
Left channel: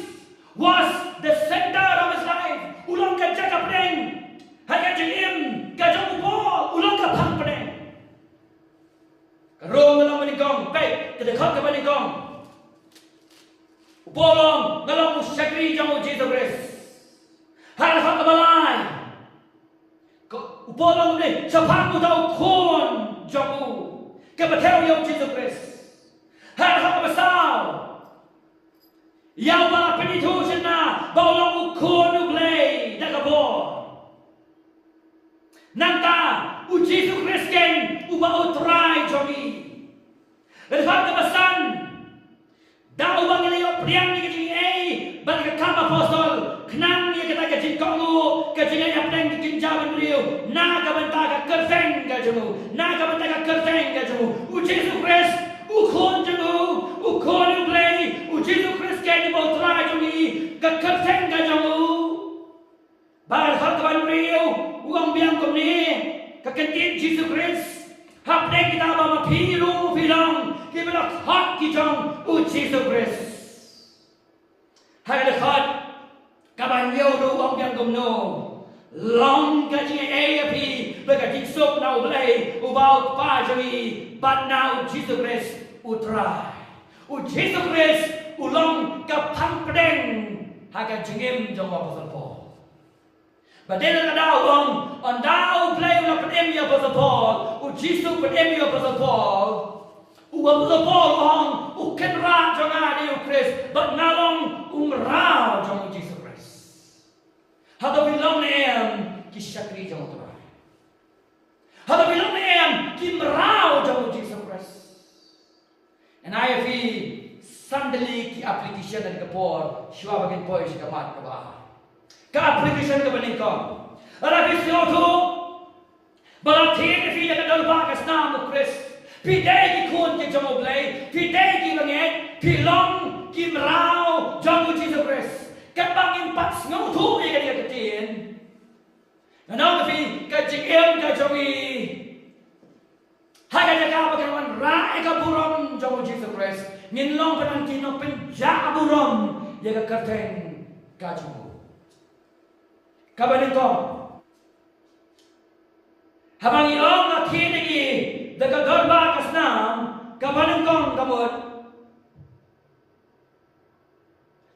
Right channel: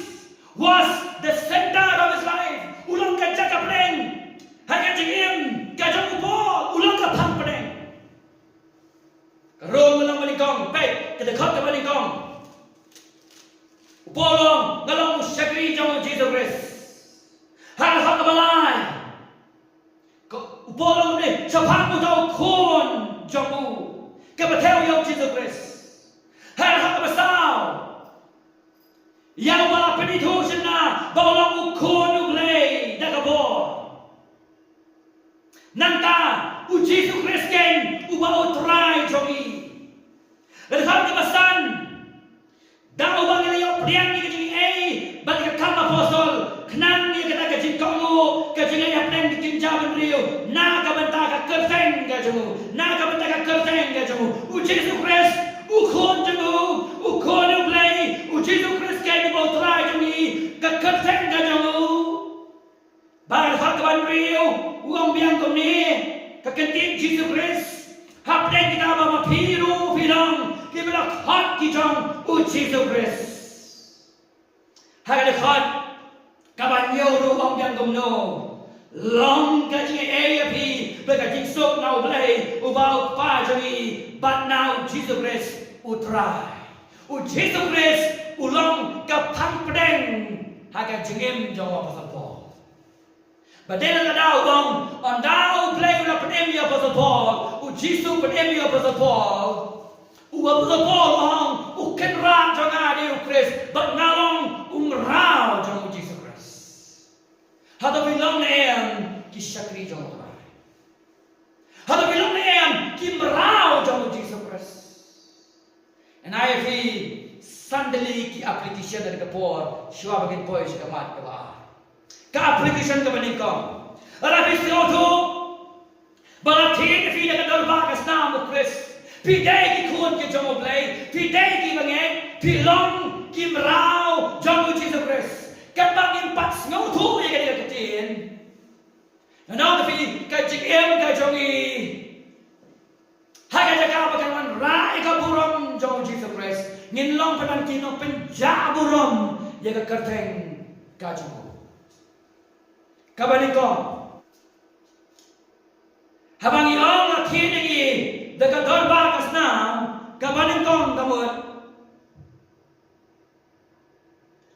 was the center of his life. Ulang ka jaga pedeng haga jingim ka jamu Paul. Ulang ka pang pedeng. Karong ngalang malikong, baik, kedekot ka malikong. Upolong ngalang musyakri jamu Jesus Christ. Hal hak balai. Upolong ni sapang utau kon jamu. Kebetul yang Jesus Christ. Hal hak besar. Yang malah penitu sena baulang ukon uglay nakabor. Nanta Jesus Christ ken uba utrai jogi. Hal kebesan. Dah ubang ilayo priang ni kejing balik ke apostol kenang dia kata ke jingkamu ke jinganya priang dikin jawin riu na ka banta ka kerteng ka jemu na ka banta ka kerteng ka jemu Jesus Christ ukon jemu ukon uglay Jesus Christ ke ni bautra jumi ka kerteng ka jemu bagal hak ban riu uang biang kom ni ka kentin Jesus Christ hapdeng kita ba mapiru bilang kibelak hak ki jong Jesus Christ. Haga dekat kabanyo ru ang biang gumno long ka ji AFP bega jiksuk now play about pa jami but now Jesus Christ utrai Jesus Christ ulong ka pang pedeng haga jingim jong Apostle Paul badela na daw on daw play ula pedem ya Apostle Paul Jesus pedem ya Apostle Paul Apostle Paul ang uken ram jong adi Christ but ngalong rao jong Jesus Christ. Hada bilang neam kisakri jong Tuhan. Hada bilang neam kimrao jong Jesus Christ. And I have sandali ki application dari kapor shua bagin poi si kamat kaba. Ka application ka banikong. Ara bisioto balatin fi ka dalba ka snamu Christ. Pidei ki kun ki jong oblay, pidei ki banget, pilong kimrao jong Jesus Christ. Kapag impas ngutu ya ka katin. Nanong fi ka jigem ka jongi. Haga jaga pagkawan ra ka burom jong Jesus Christ. Nginlong panan kinong penja burom ya ka kerteng ka jong. Kabanin ko. Habang iong akinigi daga dorba kasnam kabanin kong gamot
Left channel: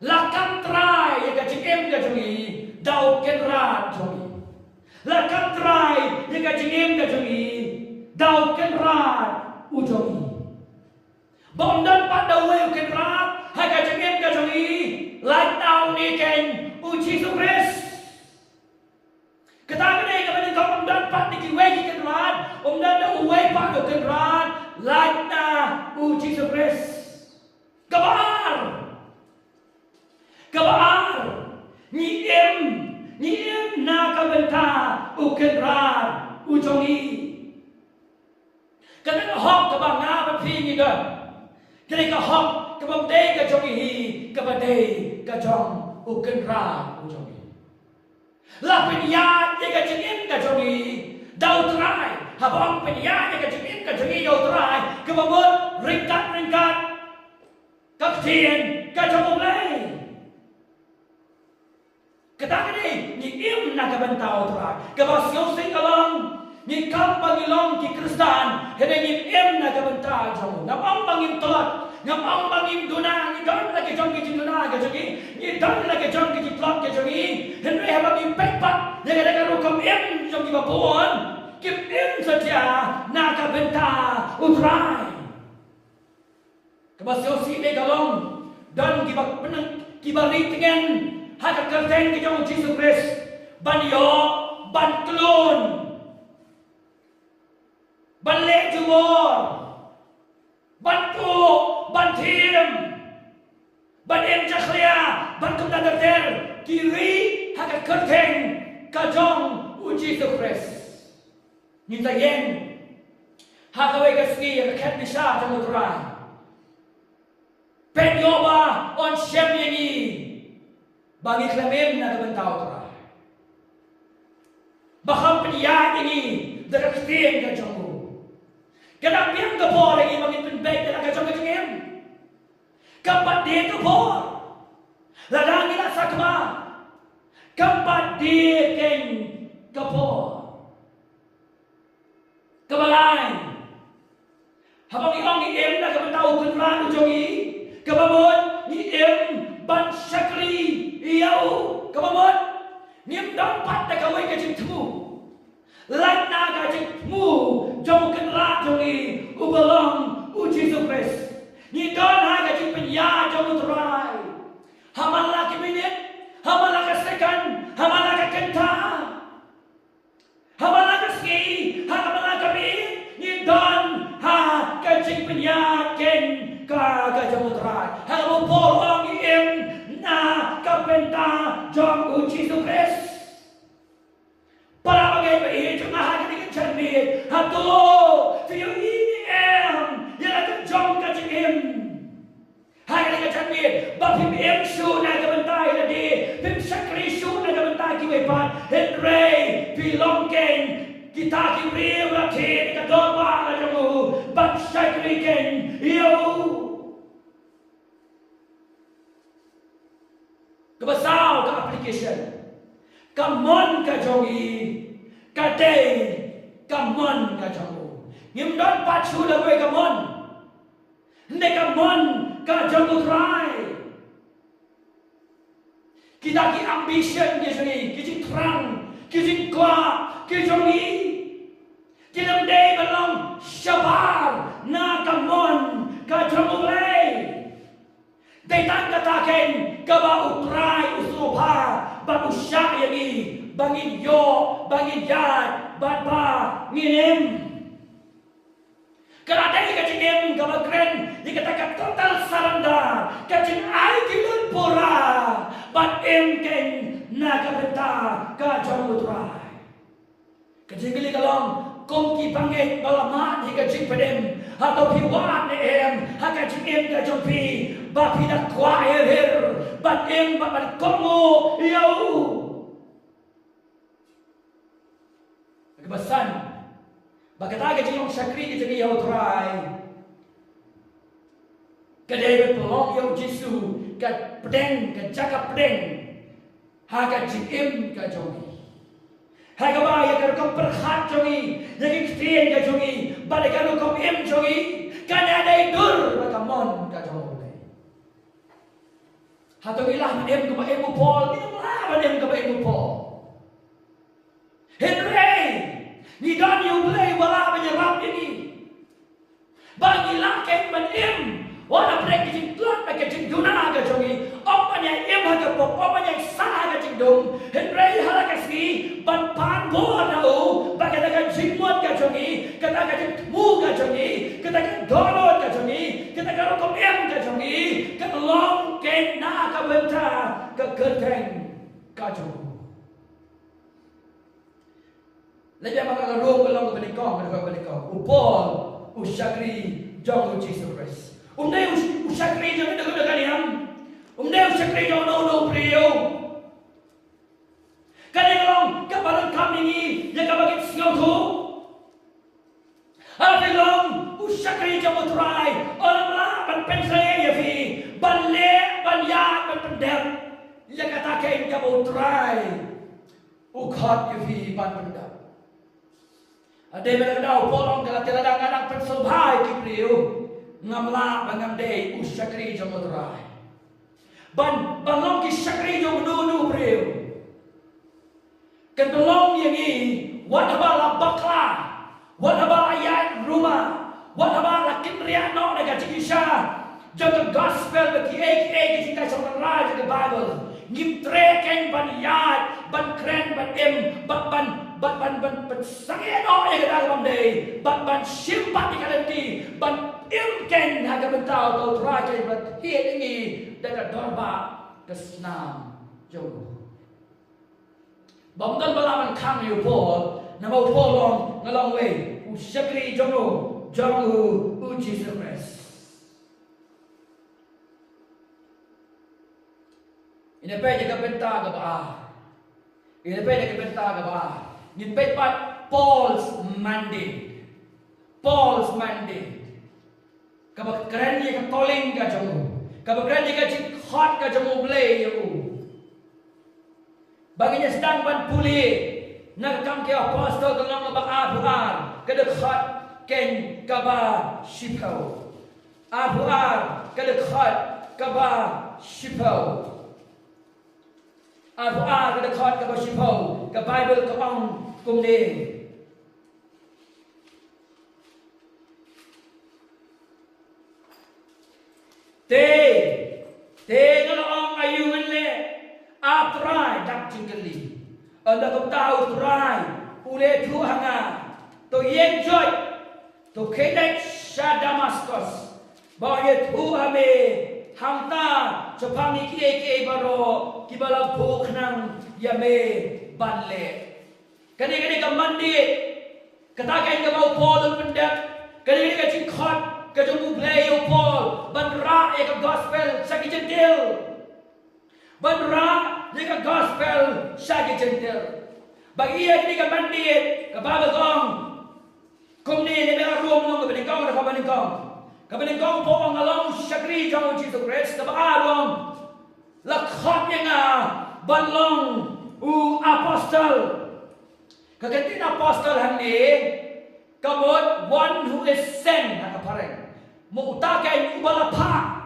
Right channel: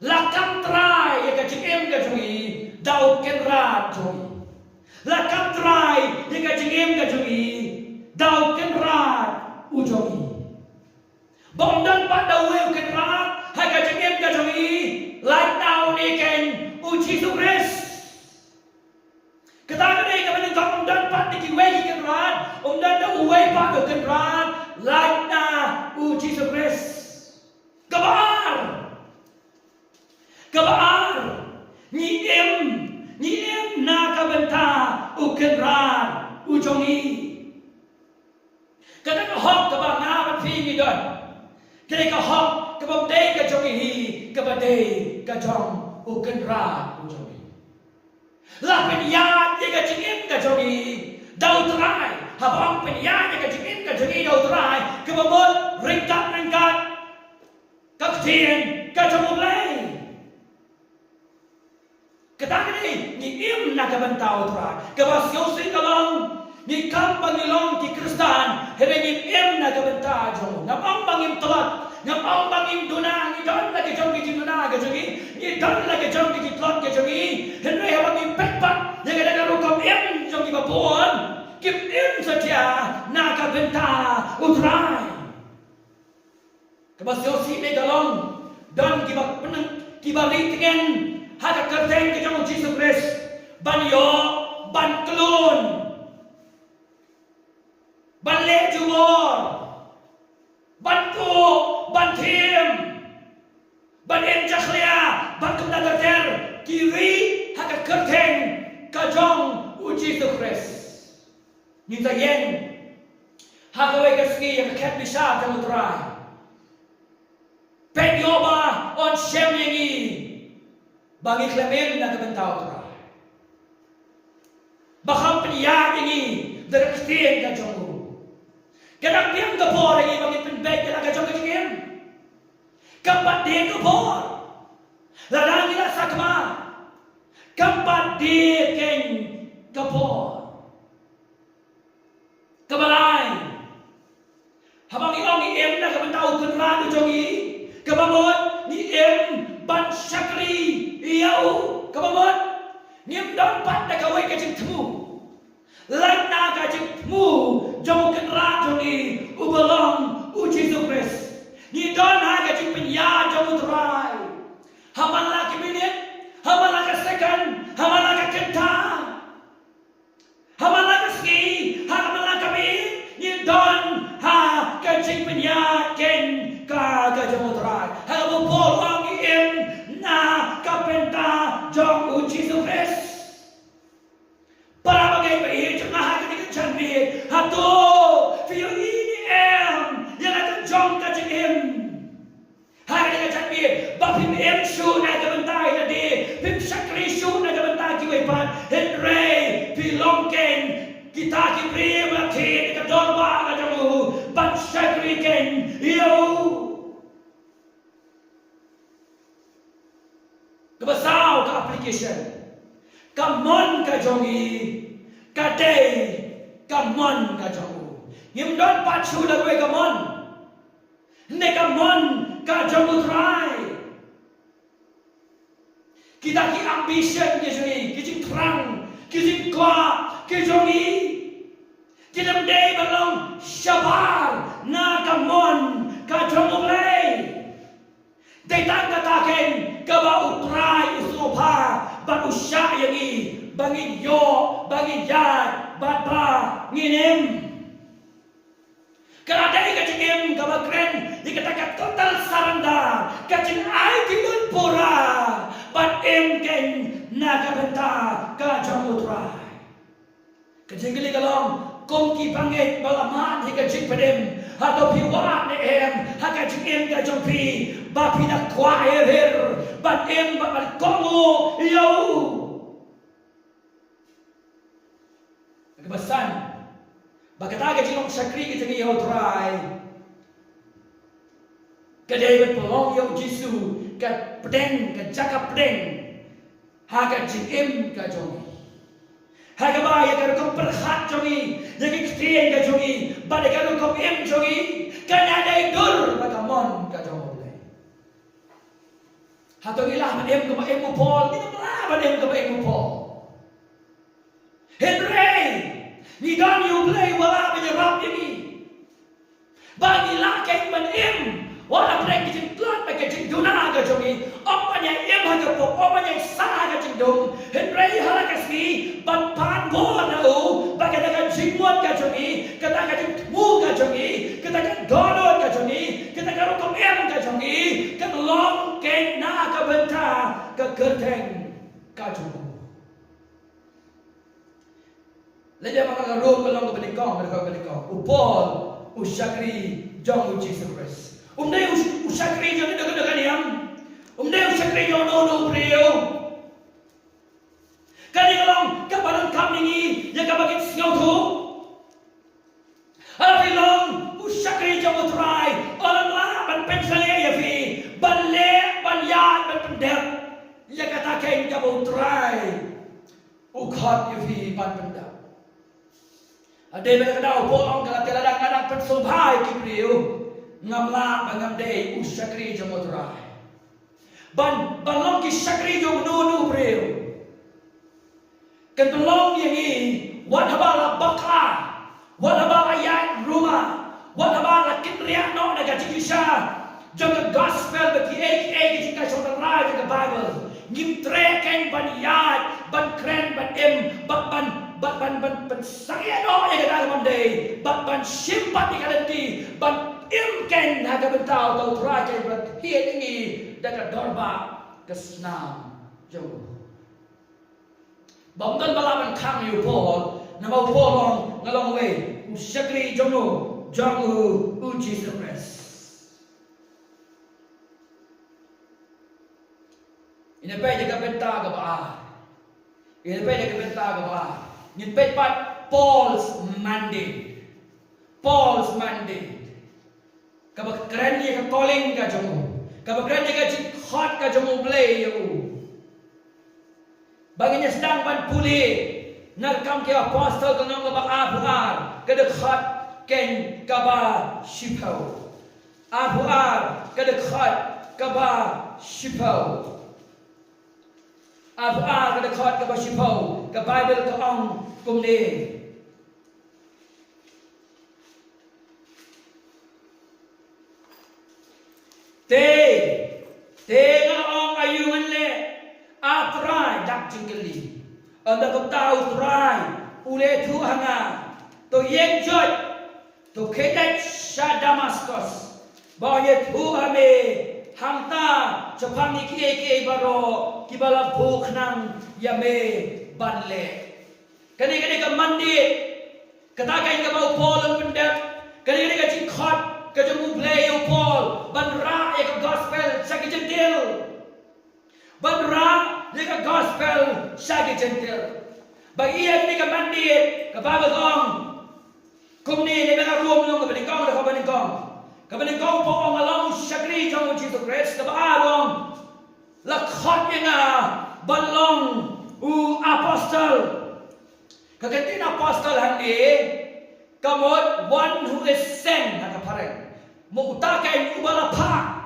lakam try ya kajingem kajongi daw kenrat jongi lakam try ya kajingem kajongi daw kenrat ujongi bomdan pa daw we kenrat ha kajingem kajongi like daw ni ken Jesus Christ katakan ni kabanin kong bomdan pa ni kiwegi kenrat dan dah uai pak do kenran like na Jesus Christ kabar ni em na kabenta u kenran u jongi kata ka hok ka bang na ban phi ni don kene ka hok ka bang dei ka jongi hi ka ba dei ka jong u kenran u jongi la pen ya ye ka jingem ka jongi dau trai habang penyanya kejengim kejengim dau trai kebamut ringkat kapten kacamulai ketakni ni im na kabantau trai kebasyo singkalong ni kam pangilong ki Kristan hedengim im na kabantau jamu ngapang pangim telat ngapang pangim duna ni don lagi jong ki duna kejengi ni don lagi jong ki telat kejengi henry habang im pekpat yang ada rukom im jong ki bapuan Kim im saja naga benta utrai. Kebasyosi ne galong dan kibak peneng kibalik dengan hak kerteng ke jong Jesus Christ ban yo ban klon ban le juor ban tu ban tim ban em jakhlia ban tu dater kiri hak kerteng ke jong Jesus Christ Ninta yen hakaway kaski yang ket bisa jamu trai pet yoba on shem yangi bagi klemen na kabentau trai bakam peniyat yangi daga kstien ka jamu kadang biang ka po lagi bagi penbet daga ka jamu jengem Keempat dia kebor. Ladang ila sakma. Keempat dia keng kebor. Kebalai. Habang ilang ni em na kabantao kunrado jongi. Kabamon ni em ban syakri iyau. Kabamon ni em dapat na kawai kajing temu. Lain na kajing temu jong kunrado ni ubalong Jesus Christ. Ni don ha kajing penya jong utrai. Hamala kiminit, hamala kasekan, hamala kakenta. Hamala kaski, hamala kabin. Ni don ha kajing penya ken ka kajing utrai. Hagamu polong im na kapenta jong Jesus Christ. Para bagai bayi cuma ha kajing canmit. Hatu fiyo ini yang akan jong kajing im. Hanya dengan canmit, bapim em shu na kebentai na di, pim sakri shu na kebentai kiwepan, Henry pilongken kita kibri melati dekat dorba kajamu, ban sakri ken yo. Kebasau ke application, kamon kajongi, kadai kamon kajongu, ngimdon pacu dah gue kamon, ne kamon kajang utrai. Kita ki ambition ke jongi, kijing terang, kijing kuat, kijongi. Kita mendai belong syabar na kamon kajang ulai. Datang katakan kaba utrai usupa ban usya yangi bangin yo bangin yat ba nginem. Kerana ia kacing em kaba keren dikatakan total saranda kacing ai kilun pura bat em ken naga benta kajang utrai. Kacing gili kalong kongki pangit balamat di kacing pedem atau piwat ni em ha kacing em kajang pi bapi nak kuai her bat em bat kongo yo. Kebesan Bagata kajing long sakri kita ke yau try. Kadai berpelong yau Jisu kat pedeng kat cakap pedeng. Ha kajing em kajongi. Ha kabaya kalau kau perhat jongi, jadi ketian kajongi. Balik kalau kau em jongi, kan ada idur bagamon kajongi. Ha tu ilah em kau em upol, kita belah em kau em upol. Henry. Ni don you play wala menyerap ini. Bagi lakai menim. Wala play kicing tuan pakai kicing duna ke jongi. Opanya im haga pop, opanya sah kicing dong. Henry halakasmi ban pan go nau. Bagi dakan jingmon ke jongi, kata kicing mu ke jongi, kata kan dono ke jongi, kata karokom em ke jongi, kan long ken na ke benta ke kerteng ke jongi. Lepas maka karuh belong ke benikong, mereka benikong. Upol, usyakri, jong Jesus Christ. Umday usyakri jong dekat yang. Umday usyakri jong no priyo. Kali kalong kapanan kami ni, yang kabagit singaw tu. Alati long usyakri jong utrai. Orang lah ban pensangnya ya fi, ban le, ban yat, ban pendem. Yang katakan kamu utrai. Ukhat ya fi ban pendem. Ada yang berkata, polong kalau tidak kadang pensobhai kipriu ngamla bangamdei usyakri jamutrai. Ban balong ki syakri jom nunu priu. Kan belong yang ini, wat habala bakla, wat habala ayat rumah, wat habala kinriak no naga cikisha. Jaga gospel bagi ek jika saudara jaga Bible. Ngim treken ban yat, ban kren ban em, ban sangia no yang kita akan mendai, ban simpat di kalenti, ban imken haga bentau tau teraja ban hiat ini dekat dorba kesenam jauh. Bangkan balaban kami upol, nama upolong ngalong way, usyakri jono, jangu Jesus Christ. Ini pay jaga benta ke bawah. Ini pay jaga benta ke bawah. Ini pay pat Paul's mandate. Paul's mandate. Kabak keren ye ka calling ka jangu. Kabagran jika jik hot ka jamu blay ya baginya sedang ban pulih nagkam ke apostol kanong ngabak abuar kadekhat ken kaba shipau abuar kadekhat kaba shipau abuar kadekhat kaba shipau ka Bible ka ang kumni te ngong ayungan le atrai dak jingli anda ko tau trai ule tu hanga to yen joy to kedai sha Damascus ba ye tu ame hamta chapang ki baro kibala buk nang yame banle kani ka mandi kata kain ka bau Paul pendak kani ka jingkhot ka jemu play Paul banra ek gospel sagi jentil banra Jika gospel sagi gentil, bagi ia ni kabandit, kababagong, kumni ni bela ruom nung kabaningkong na kabaningkong po ang alam syakri jang Jesus Christ, kabaarong lakhot niya nga balong u apostol, kagantin apostol hani, kamot one who is sent na kapareng, muutakay ubalapa,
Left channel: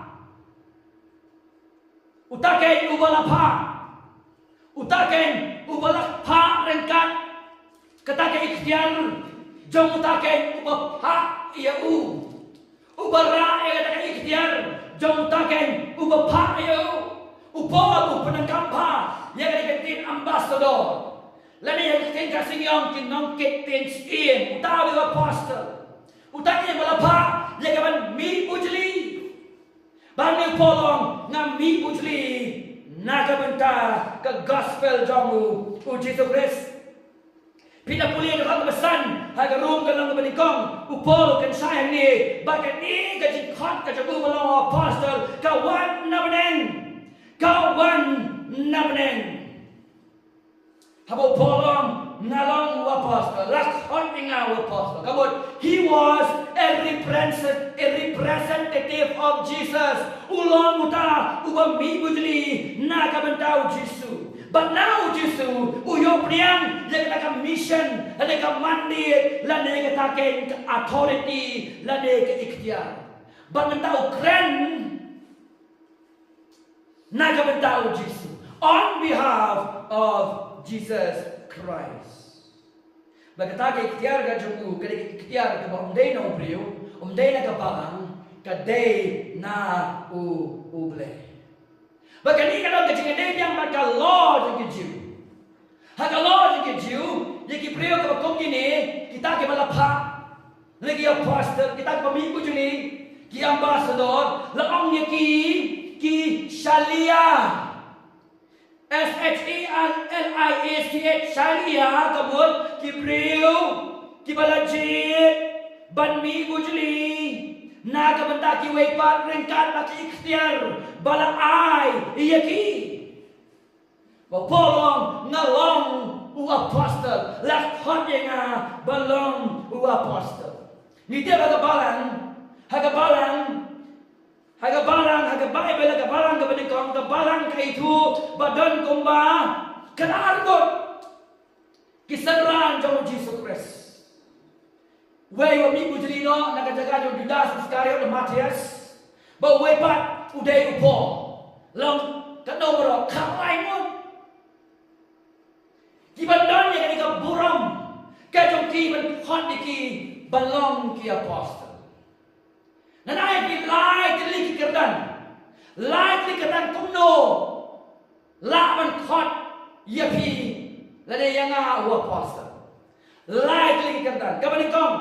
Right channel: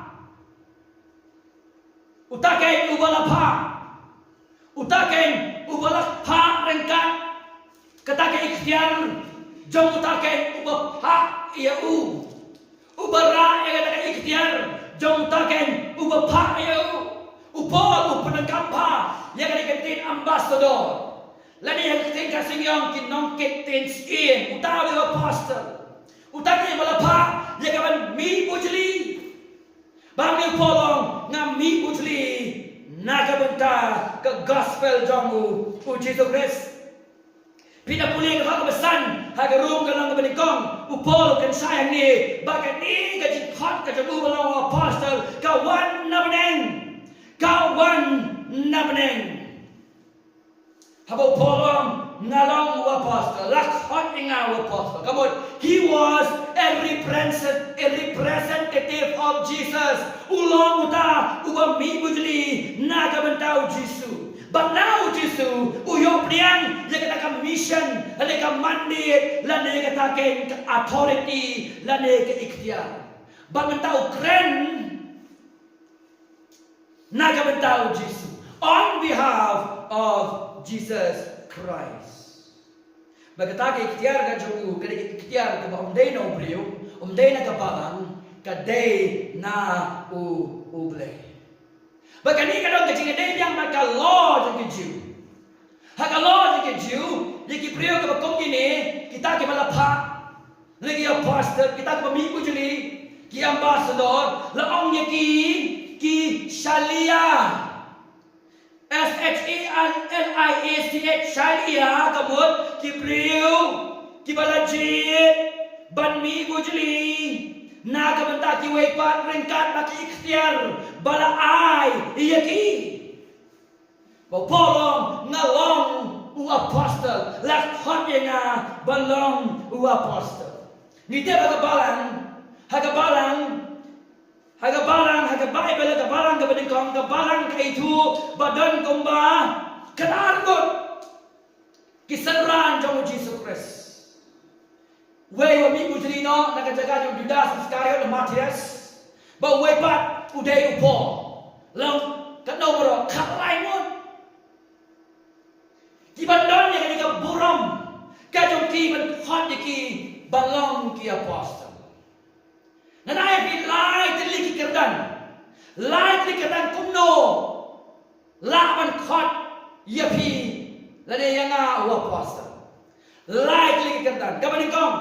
utaken ubalak pa rengkat katake ikhtiar jom utaken ubapa iau ubara katake ikhtiar jom utaken ubapa iau upol upenangkam pa ya kantin ambassador lani yang kitin kasingyong kinong kitin skin utawi apostle utaken balapa ya kaban mi bujli bami polong ngam mi bujli nakabenta ke gospel jamu u Jesus Christ pina puli ke kebesan haga rum ke lang beningkong upol kan sayang ni bakat ni ke jikot ke jamu balong apostle kawan nabeneng habo polong ngalong apostle lakhot ngaw apostle kamot he was a representative of Jesus ulong uta uba mi bujli nakabentau Jesus but now Jesus uyo priang ya kata mission lane ka mandate lane ka authority lane ka ikhtiar but mentau kren nakabentau Jesus on behalf of Jesus Christ. Bagata ikhtiar ka jumu kada ikhtiar ka umday na ubriyo umday na kapalang kaday na uble. Bagani ka dong kajing day yang maka law jeng keju. Haka law jeng keju yaki priyo ka bakong gini kita ke malapa lagi apostle kita ke pemimpin juli ki ambassador laong ki shalia SHALIASTH Shalia kabut kibriu kibalajit banmi bujli naga benta ki wepat ringkat maki ikhtiar bala ai iyaki bapolong ngalong u apostle lakhot nga balong u apostle nite hagabalang Bible hagabalang kabeningkong kabalang kaitu badan kumba kanargot kisanran jong Jesus Christ way wa mi bujlino nagajaga yung Judas Iscariot na Matias ba way pat uday upo long kanomoro kalaimon kibandon yang kani ka buram kajong kiban hot ki balong ki apostle nanaya pi lai tiliki kerdan kumno laban khot yapi lade yanga u apostle lai tiliki kerdan kabaningkong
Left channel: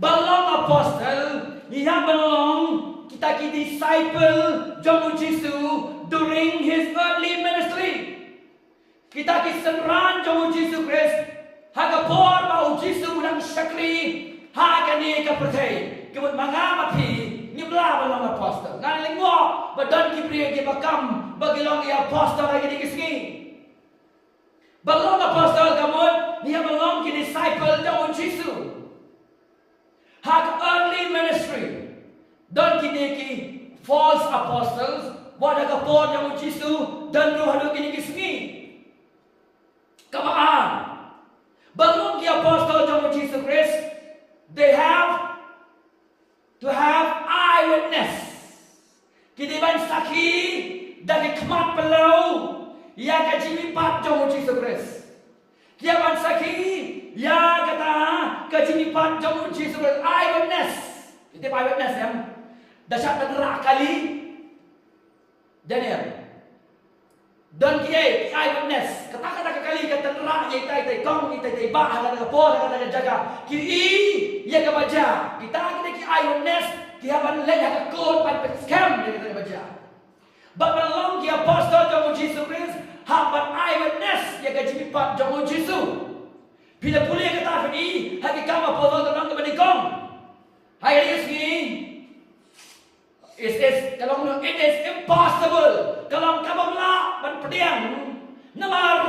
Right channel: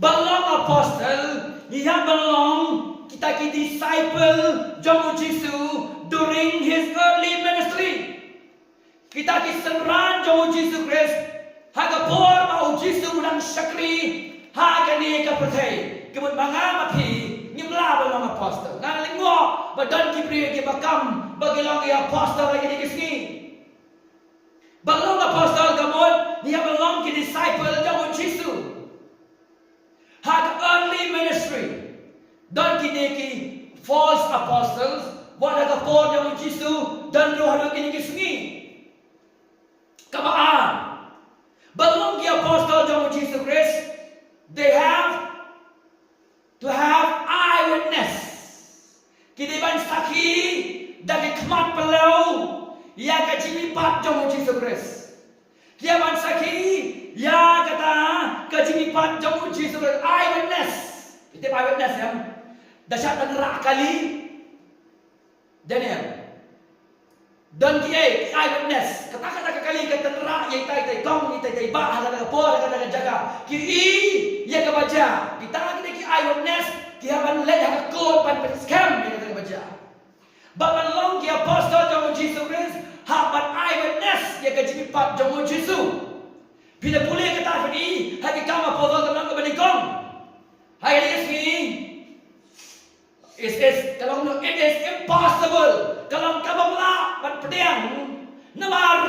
balong apostle niya balong kita ki disciple jong Jesu during his early ministry kita ki senran jong Jesus Christ haga por ba Jesu udang syakri haga ni ka percaya kebut mangamapi nimla balong apostle ngalingwo badan kipriye ki bakam bagilong ki apostle lagi di kisni balong apostle kamot niya balong ki disciple jong Jesu hag early ministry don ki false apostles, wadagapon yang Jisu dan Yohanes ini kismi. Kabaan. Belum the apostle yang Jesus Christ, they have to have eyewitness. Kini ban saksi dari kemat pelau yang kajimi pat yang Jesus Christ. Kia ban saksi yang kata kajimi pat yang Jesus Christ. Eyewitness. Itu eyewitness ya. Dasyat nerak kali. Daniel. Dan kia eyewitness. Kata-kata kali kata nerak yang tai kong yang tai bah kata apa kata jaga. Ki ia kebaca. Kita ki eyewitness. Kia ban leh yang kod ban scam yang kata kebaca. But ban long kia apostle jong Jesus Christ. Hak ban eyewitness yang kajimi pat jong Jesus. Bila boleh kata ni haki kama apostle kemang kebenikong. Hai ini it is impossible kalau kamu melak ban pedang namar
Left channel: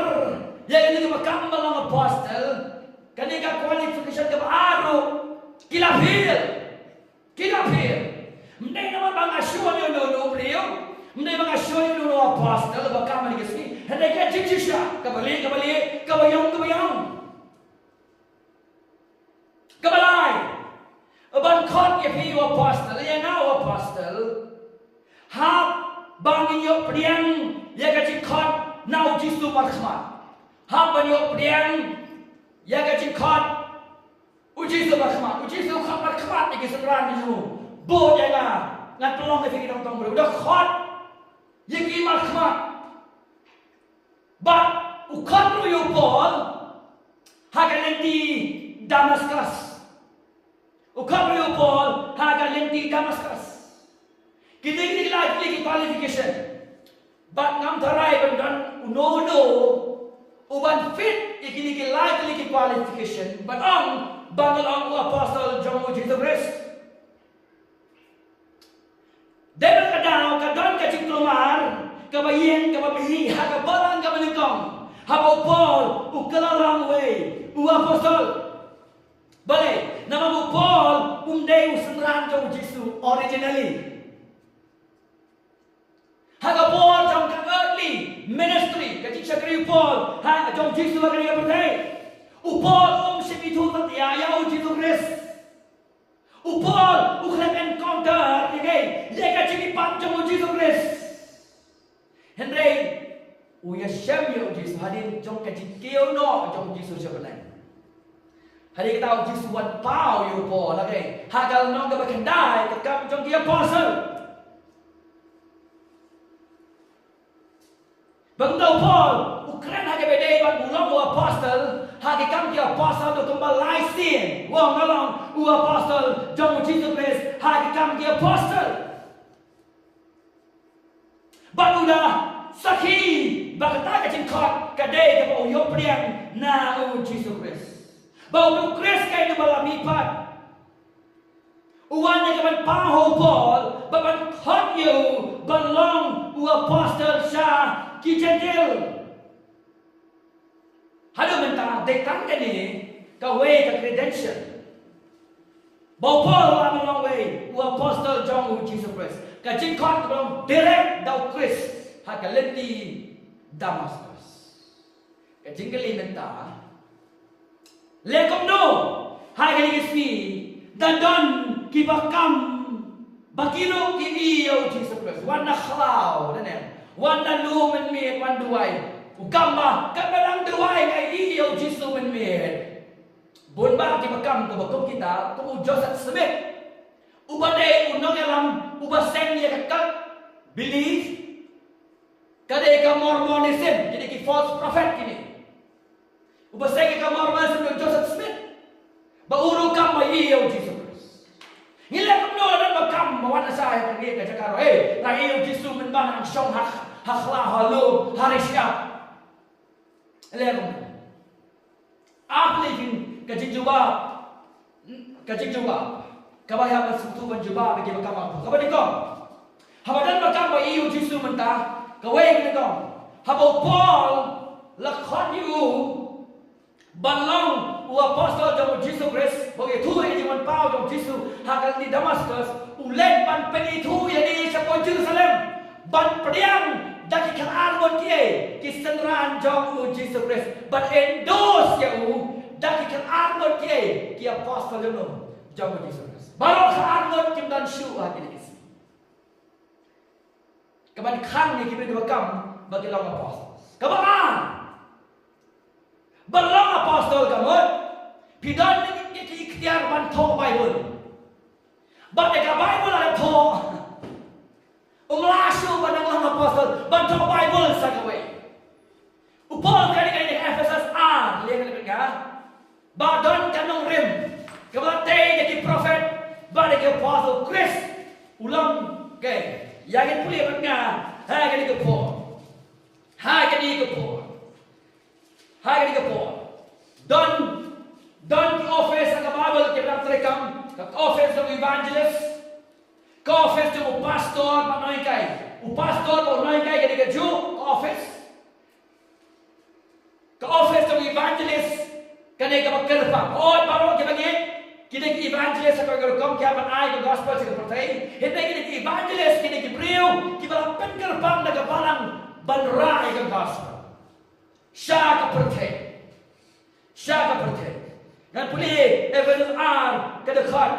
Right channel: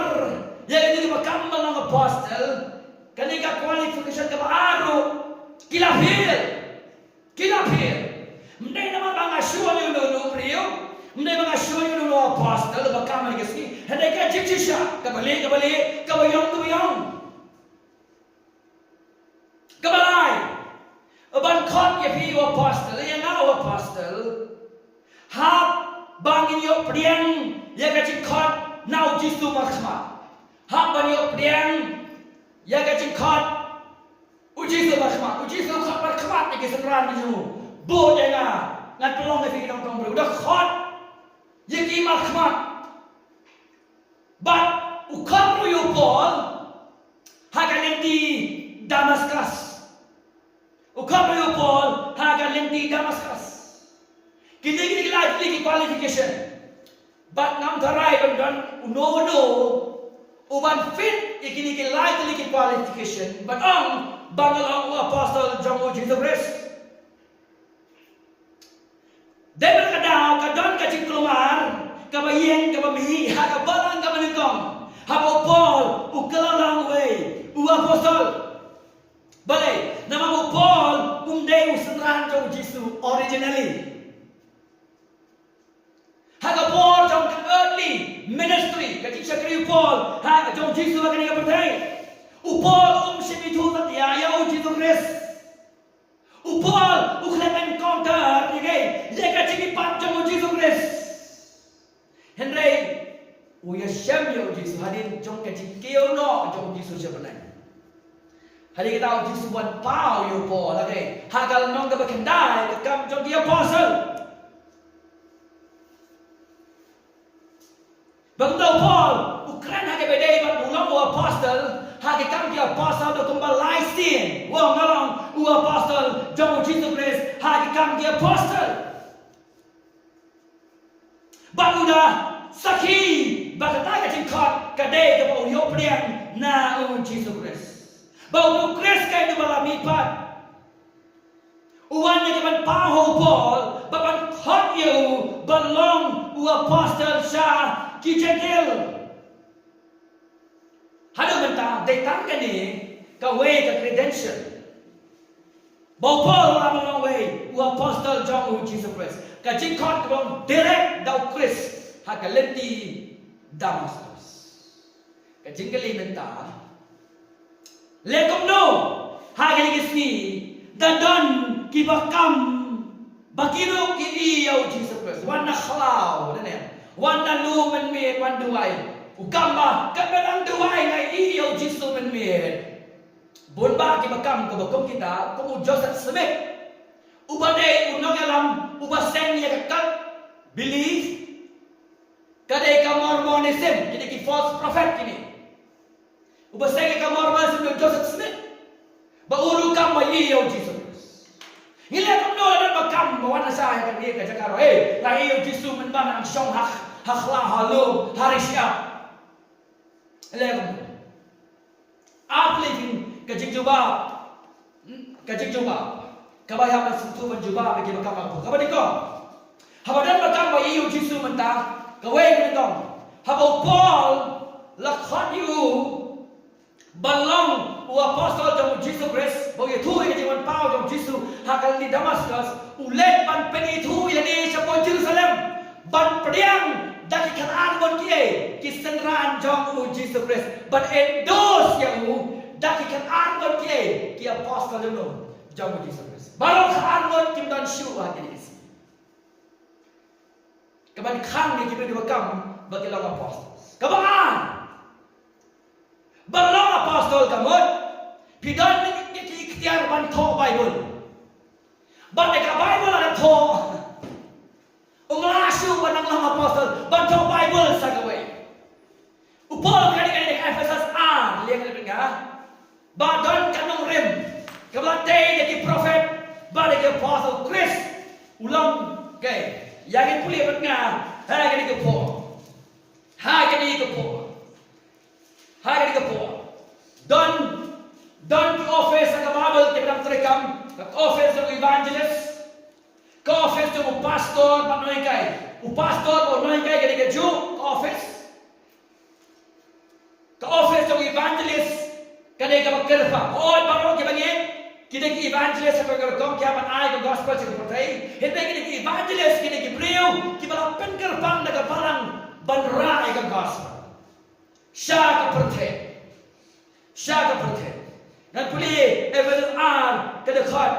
yang ini bakam melang apostle kanika qualification ke baru kilafir mendai nama bang asyua ni dulu beliau mendai bang asyua ni dulu apostle bakam lagi sini hendak ke jijisha kembali kabayong kebalai Aban kot ya pi apostle yang ngau apostle hab bangin yo priang ya gaji kot nau jisu markhmat hab ban yo priang ya gaji kot ujisu markhmat ni keseran ni bo ya na ngan pelong ni kita tong udah kot ya ki markhmat but ukot ru yo pol hagan di Damascus Ukapayo Paul haga lenti Damascus. Kini lagi qualification. But ngam tarai bandan uno uban fit ikini lagi qualification. But bangal ang apostle John Jesus Christ. Debel kadang kadon kacing keluar kabayen kabamihi haga balang kabanengkong. Habo Paul ukalalang way apostle. Boleh, nama mu Paul umdai usenran jauh Jisu originally. Haga Paul jauh ke early ministry, kecik syakri Paul, haga jauh Jisu akan ia berdai. Paul semitu satia ya Jisu Christ. Paul uklep encounter, ya kecik ipat jauh Jisu Christ. Henry, uya syam ya Jisu hadir jauh kecik keo no jauh Jisu sebenarnya. Hari kita tahu Yesus buat pau yo po lagi. Hagal nong ke berkendai ke kam jong dia apostle. Bangdau Paul Ukraine hage bedai ban ulang apostle hage kam dia apostle do kembal laisin. Wong ngalong apostle jong Jesus Christ hage kam dia apostle. Baguda sakhi bagata ke cingkot kadai ke bau yo priang na Jesus Christ. Bau Christ kay na malamipat. Uwan niya kaman paho Paul, baban hot you, balong apostle siya, ki Gentil. Halo mentah, detan ka ni, way ka credential. Bau Paul balong way, apostle John Jesus Christ. Ka jingkot balong direct daw Christ, hakalenti Damascus. Ka jinggali mentah, Lekom no, hagen kisni, dan kibakam, bakiro kini yau Jesus Christ. Wana khalau, dan wana lumen mir, wan duai. Ukamba, kamelang duai na iyo Jesus men mir. Bonba kibakam kebakom kita, kamu Joseph Smith. Ubade unang alam, ubaseng niya kakak, believe. Kadai ka Mormonism, jadi ki false prophet kini. Ubasay ka Mormonism ng Joseph Smith. Bauru kam maiyo Jesus Christ. Ngila ko no na magkam mawan sa ay kan ka karo la iyo Jesus men ba ang siyong hakla halo harisya. Elem. Uplifting kajigjuba. Kabaya sutu ban juba bagi makam apa. Kabadi ko. Habadan makam iyo Jesus men ta. Kaway ni ko. Habo Paul lakhan you balong apostle jong Jesus Christ bagi tu yang jiwan pau jong Jesus hakal di Damascus ulet pan peni tu yang ni siapa ban priang daki kan argon kie kisenran jong u Jesus Christ ban endos ya u daki kan argon kie ki apostle no jong u Jesus Christ baru ka argon kim dan shu agini kaban khang ni kimi dua kam bagi long apostle kaban balong apostle kamot pidan ni ikhtiar ban tho Bible ban ka Bible ada tho Umlasyu banang lang apostle bantu Bible sa gawin. Upol kani kani Ephesus liang lebih ka. Badon kanong rim. Kabalate jadi prophet balik apostle Chris ulang kay. Yang puli bat nga hai kani ko po. Hai kani ko po. Hai kani ko po. Don ki office sa Bible kibang trekam ka office ng evangelist office tu pastor panoi kai pastor panoi kai ke ju office tu evangelist kane ka kerpa oi baro ke bangi kide ki evangelist ka kom kya ban ai ko gospel se pertai hete kide ki evangelist kide ki breu ki bala pen kerpang daga balang banra ka gospel sha ka pertai dan puli evangelist ke dekat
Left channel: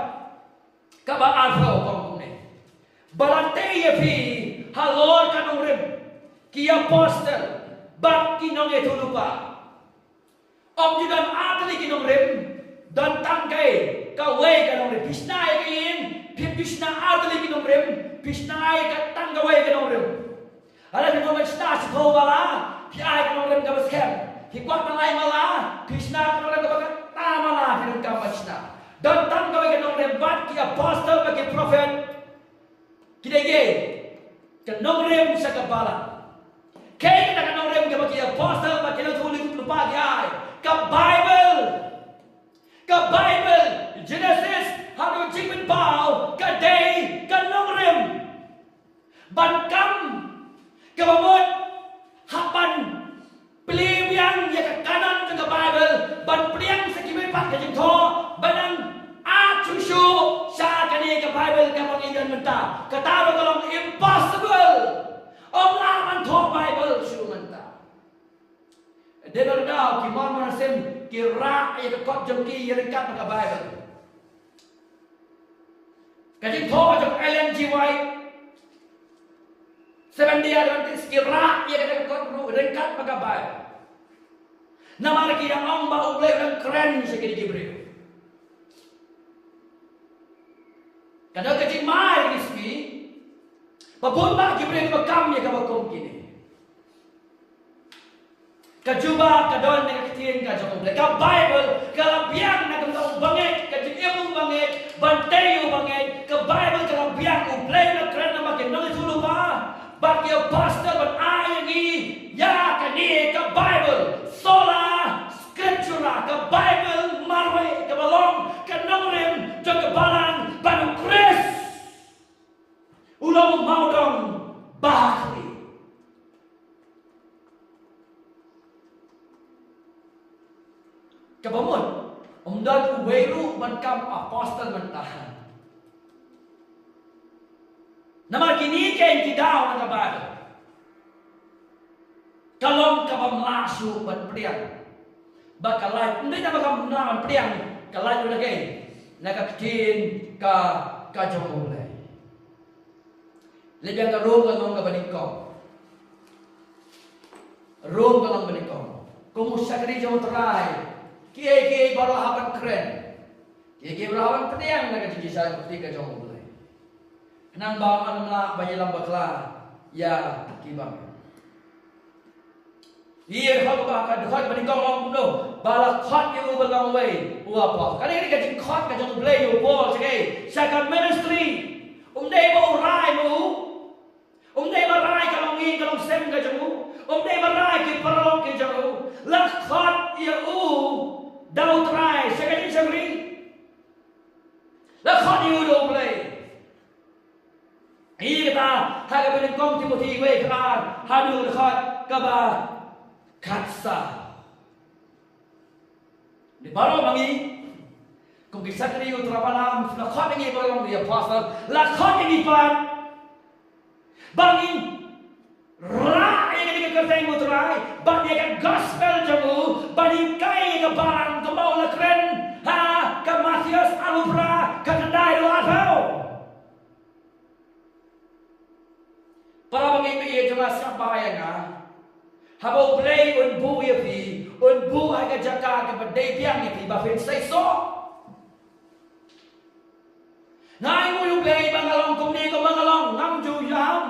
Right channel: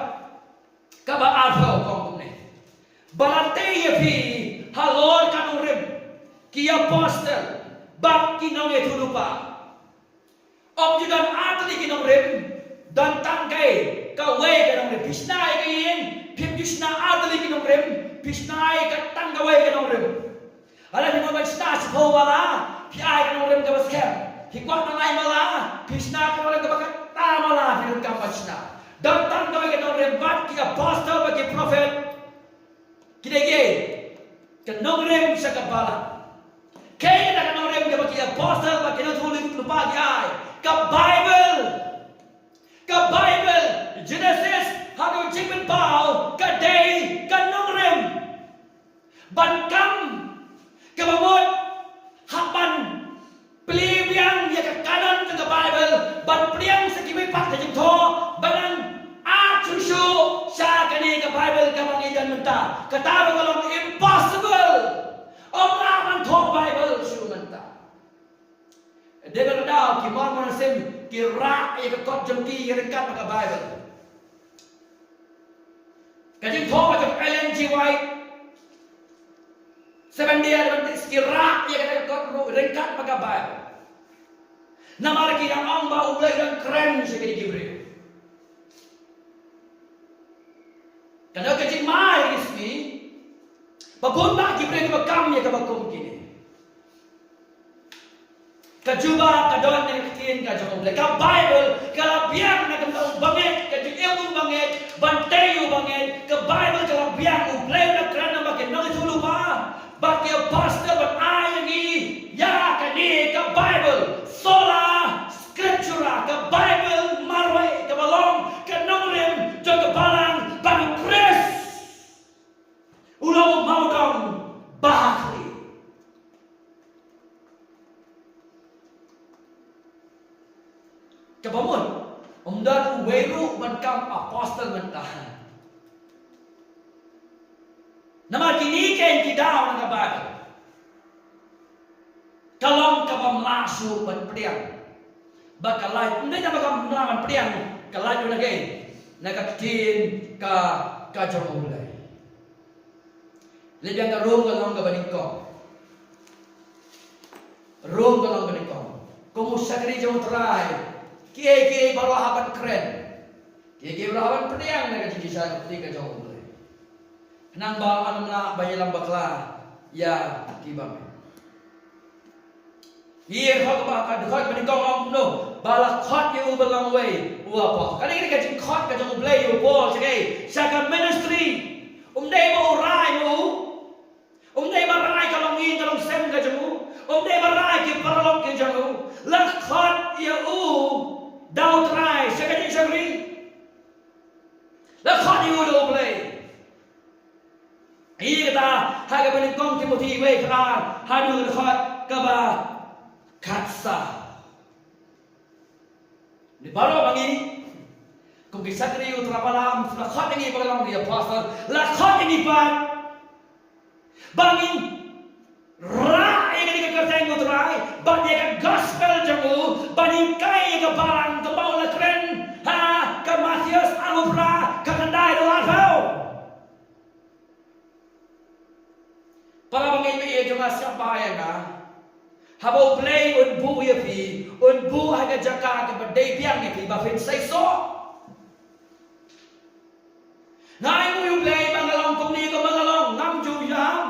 ka ba arfo kom balante ye pi halor kanong rim ki apostle bak kinong etulupa om judan atli kinong rim dan tangkai ka way kanong rim pisnai kayin pim jusna atli kinong rim pisnai ka tanggaway kanong rim ala ni mo sna sipo wala pi ai kanong rim ka baskem hikwat na lai mala pisna kanong rim ka bakat tamala pinun ka pasna dan tanggaway kanong rim bat ki apostle bagi prophet kidege kanong rem sa kabala kaya kita kanong rem ka bagi apostle bagi na tulis lupa gi ay ka Bible Genesis hanggang jingmen pao ka day kanong rem bankam kabamot hakban pelibiang ya ka kanan sa Bible ban priang sa kimay pat ka jingto banang Chusu sa kani ka Bible ka mangidan menta katawag kalong impossible om laman tho Bible su menta degar daw ki mar sem ki ra ya ka kot jam ki rekat ka Bible kajing tho jam Ellen G. White 7 Day Adventist ki ra ya ka kot rekat ka Bible namar ki ang ba ulay ng kren sa kini Gabriel Kadang kecik mai rismi, babonda kibreng makam ya kabakom kini. Kajuba kadon ni kitin ka jom ka Bible kalabiang na kamong banget kajik ilmu banget bantayu banget ke Bible kalabiang ublay na kran na makinang itulu pa. Bagi pastor ban ayangi ya kani ka Bible sola scriptura ka Bible marway ka balong ka nomrem jog balang ban Chris ulang maudong bahari kabamun umdan weru bankam apostle mentahan nama kini ken kidaw na Bible kalong kabam lasu ban priang bakalay hindi na bagam naman priang kalay na gay nakakitin ka jomulay lebih ang room kalong kabaningkong room kalong baningkong kumusakri jom try kiye baru haban keren kiye baru haban priang nakatiti sa tiga jomulay nang ba anam la bayilang bakla ya kibang Hier hak ba ka hak ba ni kong no balak hot you belong away uapa kani ni ka jing hot ka jong play you ball sige second ministry dei mo rai mo dei ba rai ka long in ka long sem ka jong dei ba rai ki paralong ki jong la hot you down try second ministry la hot you do play Iya kata hak ba ni kong Timothy we kran hadu hot ka ba Katsa. Di baru bangi, kung kisah kiri utra palam, lakot yang ibalang dia pasal, lakot yang iban. bangin ra yang kita kerjain muterai, bagi kan gospel jamu, bagi kai ke barang ke bawah keren, ke Matius alubra ke kendai doa tahu. Para bangin ia cuma siapa yang habau play unbu ya pi, unbu agak jaga ke badai biang ya pi, bafin say so. Ngai mu play bangalong kung ni ko bangalong ngam ju yam.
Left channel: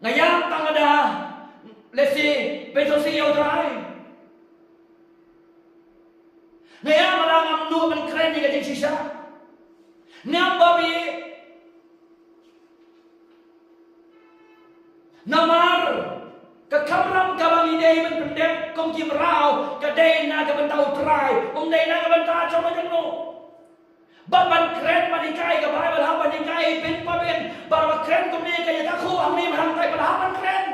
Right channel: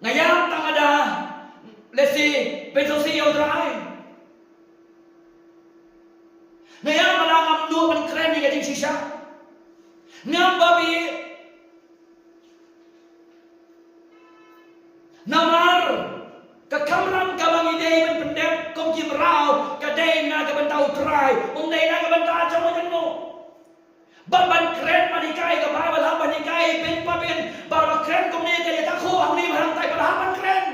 Ngayam tang ada lesi besosi yaudrai. Ngayam ada ngam dua pan keren ni kajing sisa. Ngam babi namar kekamram kabang idei ben pendek kong kim rau kadai na kabantau trai dei na kabantau jono jono. Ban keren manikai ke Bible ham manikai pin papin bar keren kong ni kaya takhu ang ni mahang tay pada hapan keren.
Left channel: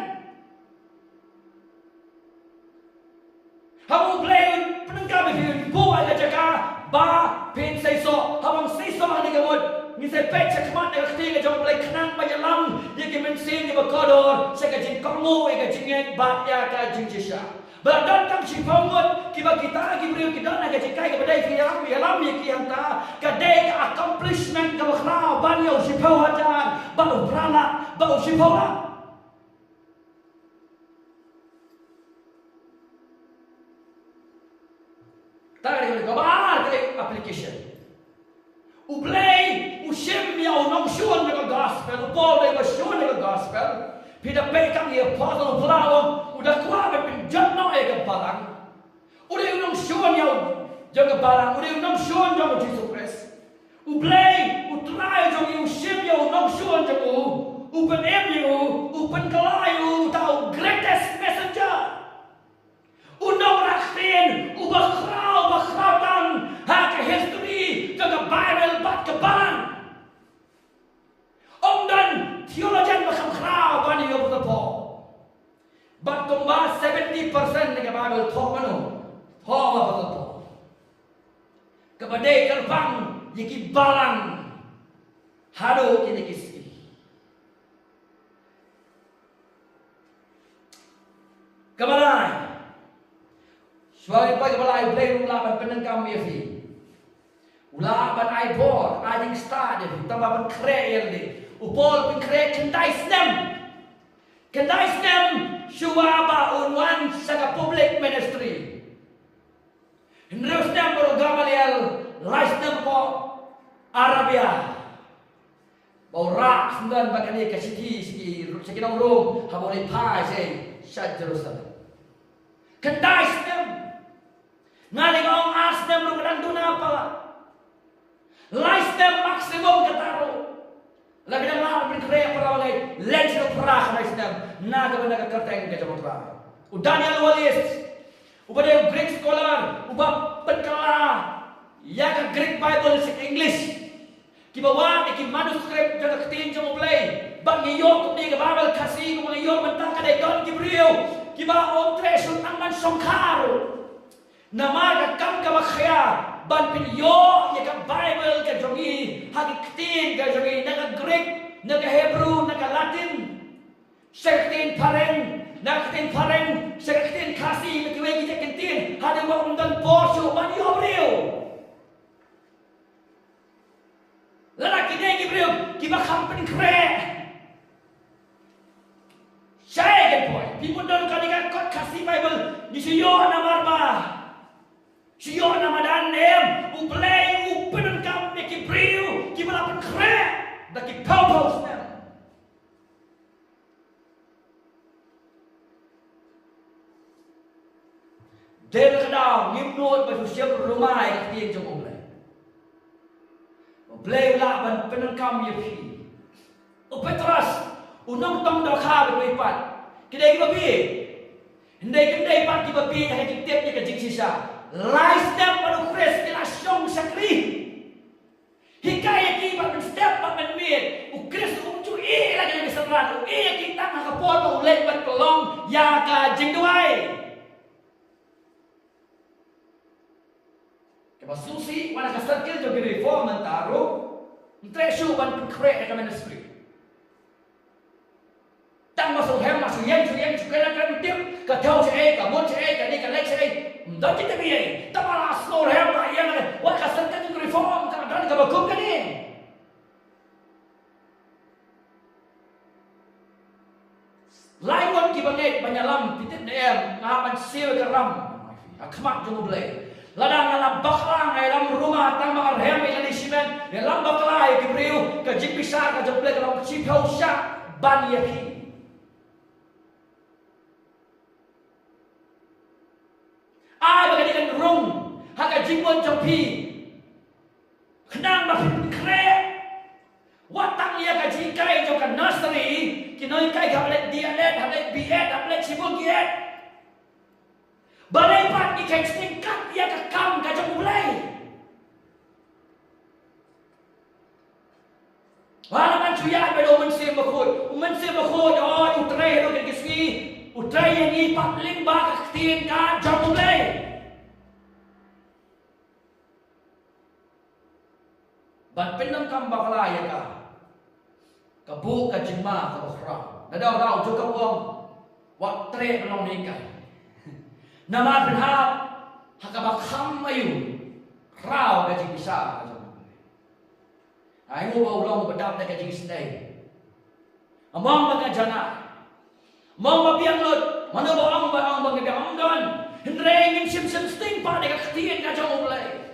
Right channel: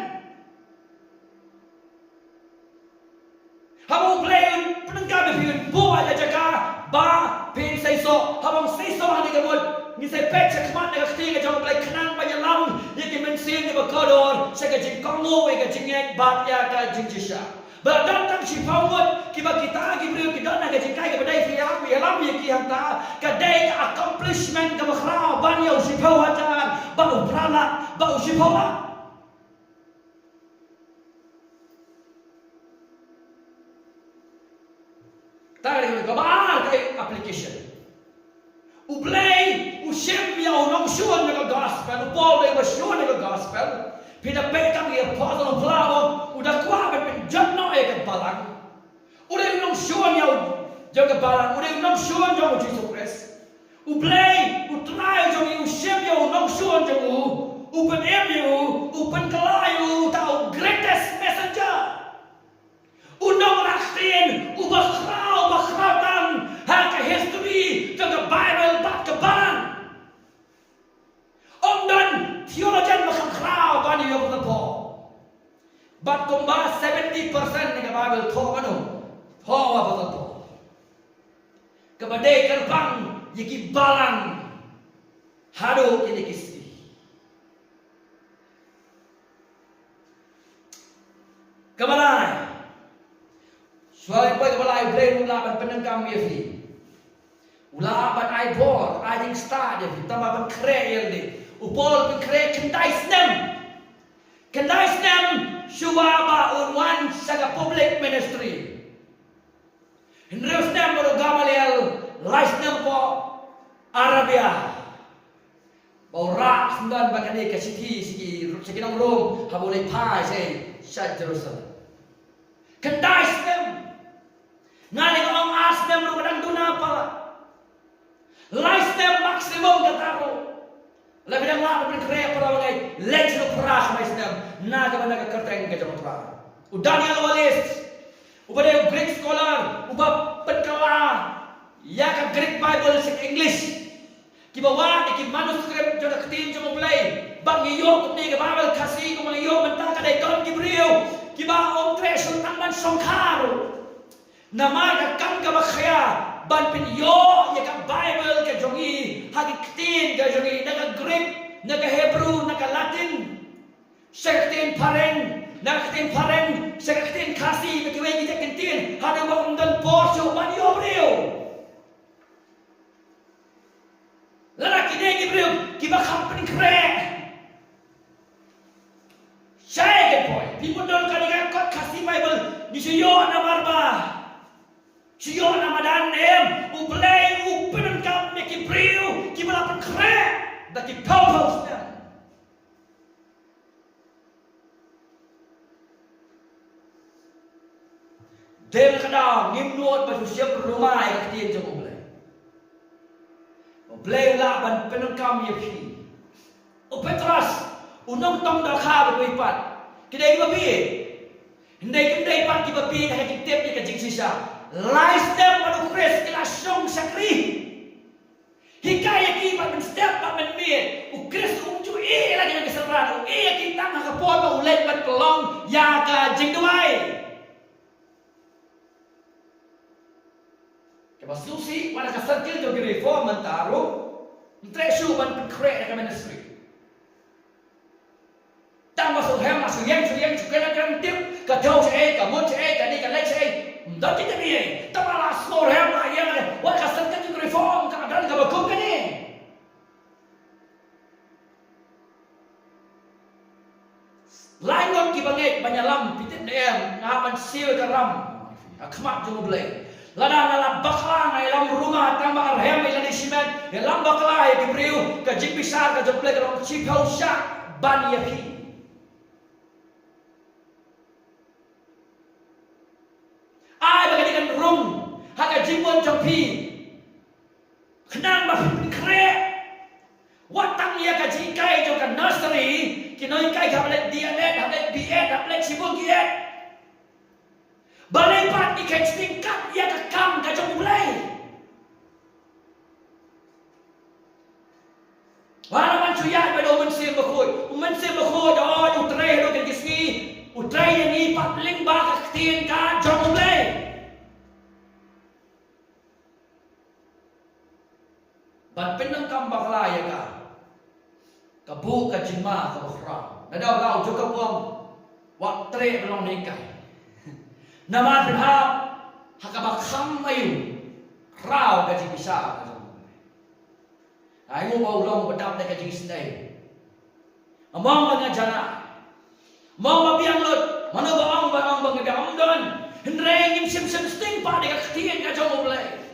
Hamu playon penengkap biun buat aja ka ba pin say so habang say so ani kamod ni say pek sa kmat na kati ka jong play kanang panyalam ni kimensin ni bakodor sa kajing kongo ka jingek batya ka jingjisha. Badan tang si pawot kiba kita gibriu kita na kajing kai ka badai fiam yalam ya ki hanta kadai ka accomplishment ka bakhrao ban yaw si pawatan ba uprala ba si pawa. Tarik ka ba kay application. Ublay usim yaw nong shuan na gospel Paul na shuan na gospel. Pinapekang ni Apostle Paul udah kuat ben janno e ka balang. Udah nong shuan yaw jong ka balang, udah nong shuan jong Jesus Christ. Ublay utray jong usim yaw nong shuan jong upen emu upen kalayu tau greatest messenger. Unong raktin bakrautan haka history jong ka Bible bat ka balang. Dan theologian macam crowd bani yo betul. But kumba 70% dengan Bible thok mano. Thok apa betul. Kepada gerbang yiki balang hado kini kisi. Kebalai. Suai pai kebalai play ulaban penengkam yefi. Ulaban ai bor, ai star yefi, tambaban kreel di. Upol pengkre kendai senam syuaba unwan saga public ministry. Henry senam baru Gamaliel laisnam po Arabia. Baura sendan bakani ke siki nong rom habole pai sei sat Jerusalem. Kendai senam ngali ngong asnam ro kadang duna pala. Laisnam maksimum kataro. Labi nang laban bin krea para bagay legend of prah na isnam na gaban nagkarteng ka jamo prah. U Daniel Wallace, uba de Greek scholar, uba penkala ya ka Greek Bible in English. Kibawa iki manuscript jang ketin jamo play. Bang yo ni ka Bible kasi ko mga yo banta ka dai don Gibril. Kiba om tresun ang man songkaro. Nama ka kam ka makhya ban pin yo ya ka Bible ka jongi hagiktin ka jongi naga Greek naga Hebrew naga Latin sektin pareng naktin pareng sektin kasi mekiwe kita kentin hade wa undan porsu ban yo brio lalaki ne Gibril kiba company kre second point people don't kadika kot kasi Bible ni yo na marba siyo na madanem, ublay, upenengkam, nekibriu, kibalapan kre, daki pau-pau snel. Dem kadang ngimnot baju siap rumah yang ketiin jom ublay. Ublay ulaban penengkam yepi. Upetras, unong tong dakha berwipat. Kidai kibabi. Hindai kimdai pat kibabi na hekitip ni kajing sisa. Lifestyle pada Chris kila syong sakri. Hikaya kita step pat menmir. Chris unju lagi lagi seran. Kita nak kapot pa ulit pat pelong ya ka jingduai. Kaya susi wana ka circle jo reform mentaro. Tresu ban kre ka ministry. sự yên chủ cái là tiếp cả theo sẽ cả muốn sẽ cả đi cả lấy sẽ đó chính là gì ta mà là snow heo lại yên này what cả sân cái reform cả đó cả bậc cung cái gì lain ngon ki banget banyak lam pitit dem ngapan siu ke ram akhmat jung blai ladang lam bakla ngai lam rumah tambah arhem ila di simen de lam bakla ke briu ke jik besar ke joplek ke lam chi phau sha ban ya phi ai bagadikan rung haka jimbon trong phi khnang ma phi kre watang ya ka ji kai jo ka nursery ki noi kai ka balik DLS balik BS balik sibuk kiat balai pat ni kai tingkat ya ka kam ka jong mulai wala man chuya be do men sim ba khoi do utrai do ke kisni utrai yang ni pat ling ba ka tin ka jong mulai ban penang kam bakla ya ka kabu ka jima ka bakhra nadaw law jo ka wong wa tre belong ni kai nama penha hakaba kham ayu rao ka ji bisa ai ngo bau long badam ka ji snai among ba jana mong ba biang lut manu ba ang ba biang don hendreng sim sting pa de ka tien ka jong oblai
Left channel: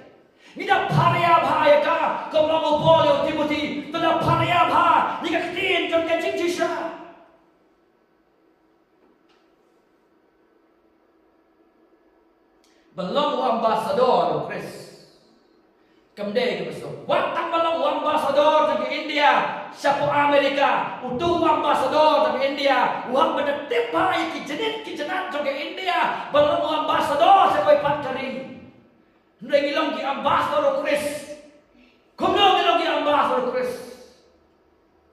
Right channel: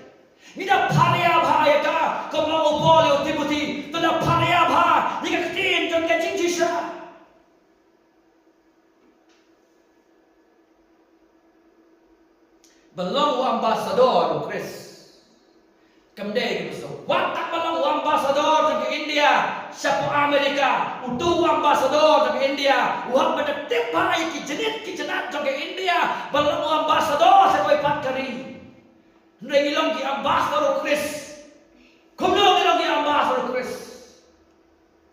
ni da paria bhaya ka ko long opole Timothy to da paria bha ni ka tin jong ka chi sha belong ambassador Chris kamde ke besok watak belong ambassador ke India siapa Amerika utu ambassador ke India uang benda tipai ki jenat ke India belong ambassador siapa pat kari Ndai ilong ki ambassador Chris. Kumno ilong ki ambassador Chris.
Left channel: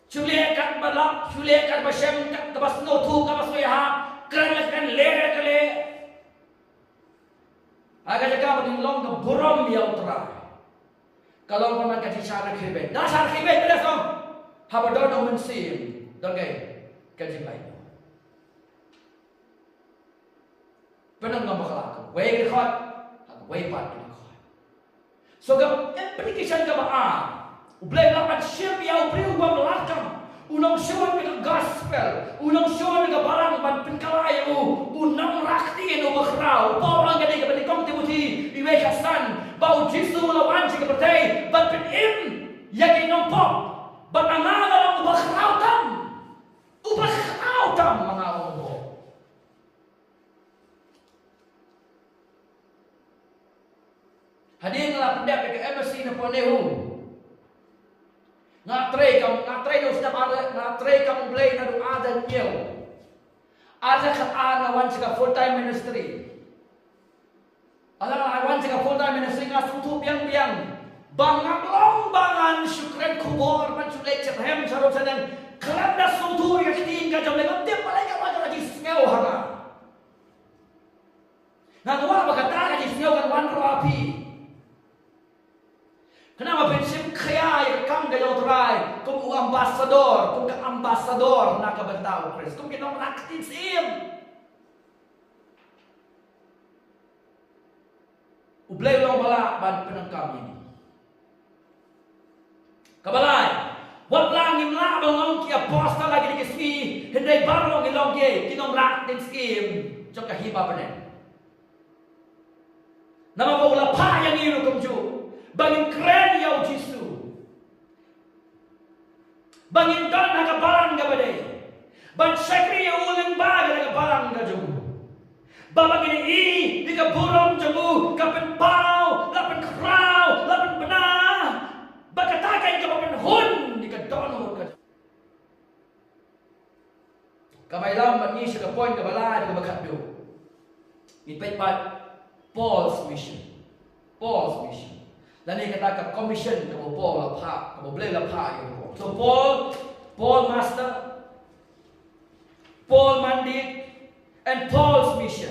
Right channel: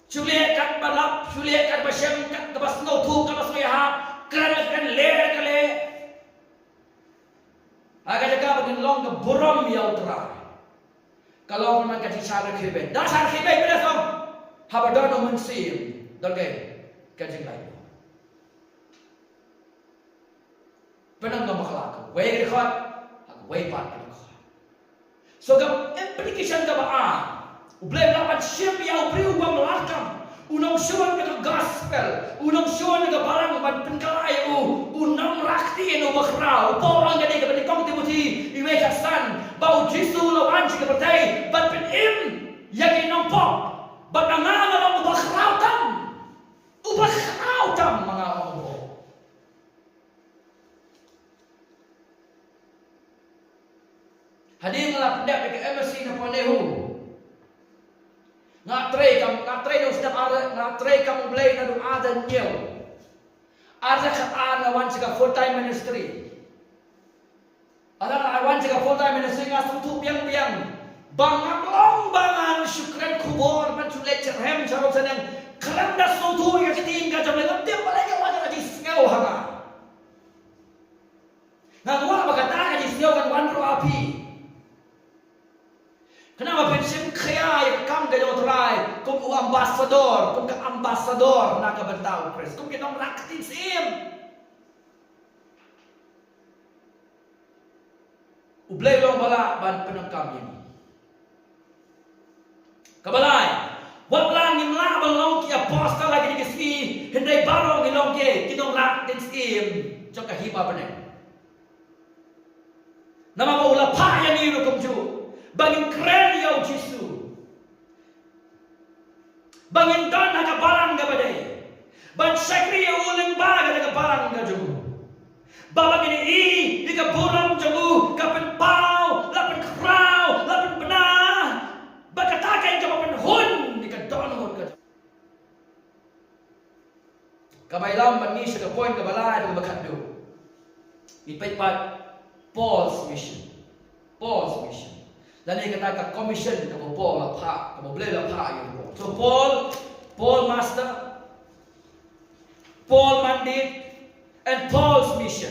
Chule kat balap, chule kat basem, kat bas no thu kat bas ha, kan le kale. Aga jaga bagin long ke buram ya utra. Kalau man ka sara khibe. Da sara khibe beda som. Haba do men sim. Doge ka jing lai. Penang ngam khalak. Wei ke khot. Wei pat. So gam implication ka ba ublay lapan siyem ya ubriu wa melakam unang syuan ka gospel unang syuan ka barang ban penkalay unang rakti no bakrau porang gani ka batikong Timothy iwe ka san bau Jisu lawan si ka pertay ban pen im yaki nong pop ban angala lang bakrau tam mga obo hadir lah pendap ke MSC na panehu ngatre no sedap ada ngatre kam blay na do ada nyel ada kat ana wan sega full time ministry ada wan sega full time ministry ngas tu biang bangam long bangan syukran kubur man sulet cerhem sarop sanang kelam das tu ya tin ka jam lengan tiap balai ka wala di sngau hanga ngawala bakata ka di sngau kan wan ro api kenapa pensim kaya yang kam gaya utrai kum ambassador kum ke ambassador nak bentau Chris kum kita raktin sim ublay long bala ban penang kami ini kabalai wat lang im la bang long ki apostle lagi di kesi hendai baro ki long ki kinong raktin sim jong ka hiba bane nama ba ula pa yang iru kum ju bangin keren yau Jisu bangin don naga barang ga badai ban sakri ya uling baga naga barang ga jumu babagin di ka buram jumu kapen pau lapen krau lapen bena bakatakan ka papen hun di ka don hun ka kabailam ban ni sa point ka balai ka bakat do ipait pat Paul's mission dan ini kata commission kamu Paul apa kamu boleh apa ya so Paul master Paul mandate and Paul's mission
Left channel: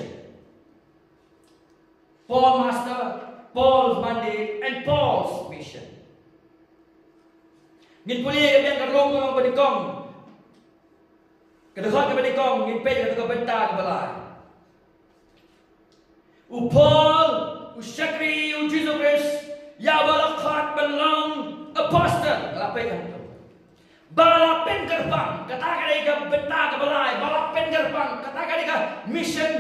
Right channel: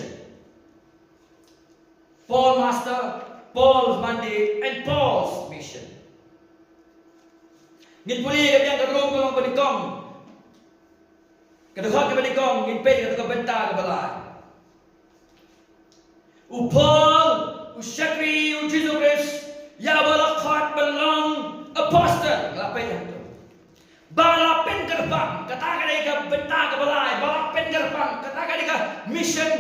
Paul master Paul's mandate and Paul's mission ngin puli kami yang karong kalau berikong Kedua kepada kong ngipin kata bentar ke balai. Paul, Syakri, Jesus Christ, ya balakhat belong apostle, ngelapain yang tu. Balapin gerbang, kata ke bentar ke balai, balapin gerbang, kata ke mission,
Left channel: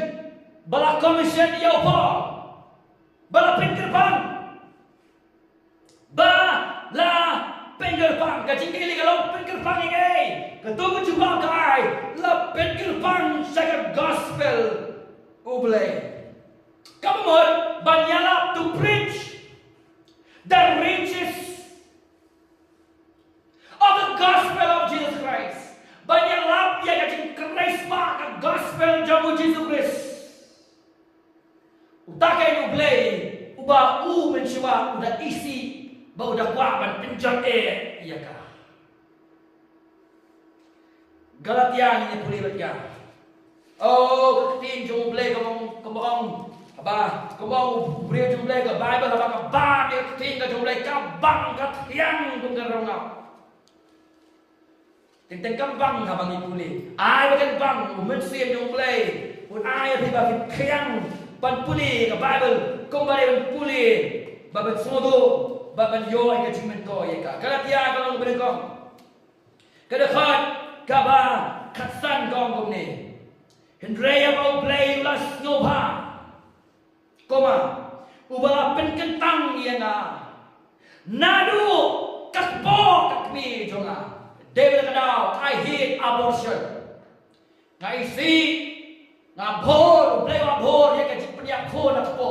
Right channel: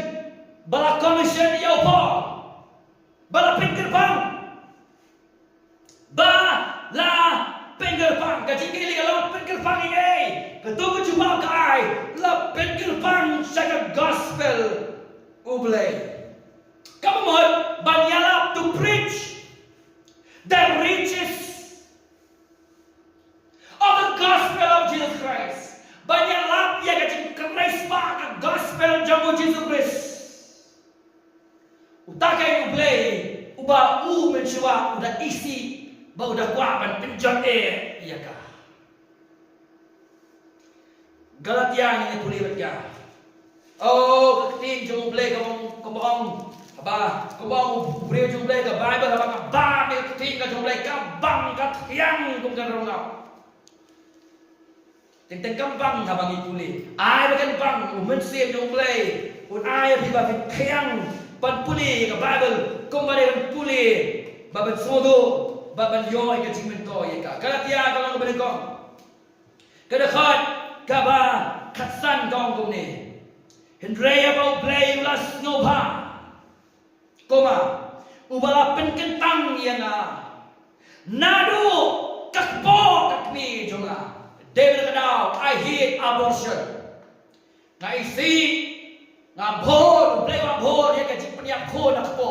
balak commission ya Paul. Balapin gerbang. Balapin gerbang, kajing kili kalau lapin gerbang ini. Ketua jumpa kai, lapin gerbang saya gospel ublay. Kamu mau banyalap to preach the riches of the gospel of Jesus Christ. Banyalap ya kajing Christ pa ka gospel jamu Jesus Christ. Utakai ublay, uba mencoba udah isi, ba udah kuapan penjat iya kah? Galatia ini pulih berkah. Oh, keting jom boleh kembang apa? Kembang boleh jom boleh ke Bible apa? Bah dia keting jom boleh kembang kat yang kum kerongau. Tentang kembang abang itu pulih. Ai bagian bang, mensiap jom boleh. Un ai apa yang pan pulih ke Bible kembali pan pulih. Baban sodo, baban yoy ke cimen ko ya ka. Galatia kalau boleh kong. Kedekat kaba katsan gong kum ni. Hendraya bau play ulas ngobha. Koma ubala penkentang yang nadu kakpo kakmi jonga. David kadau I hate abortion. Ngai si ngabor play wabor ya kajik peniak ko nakpo.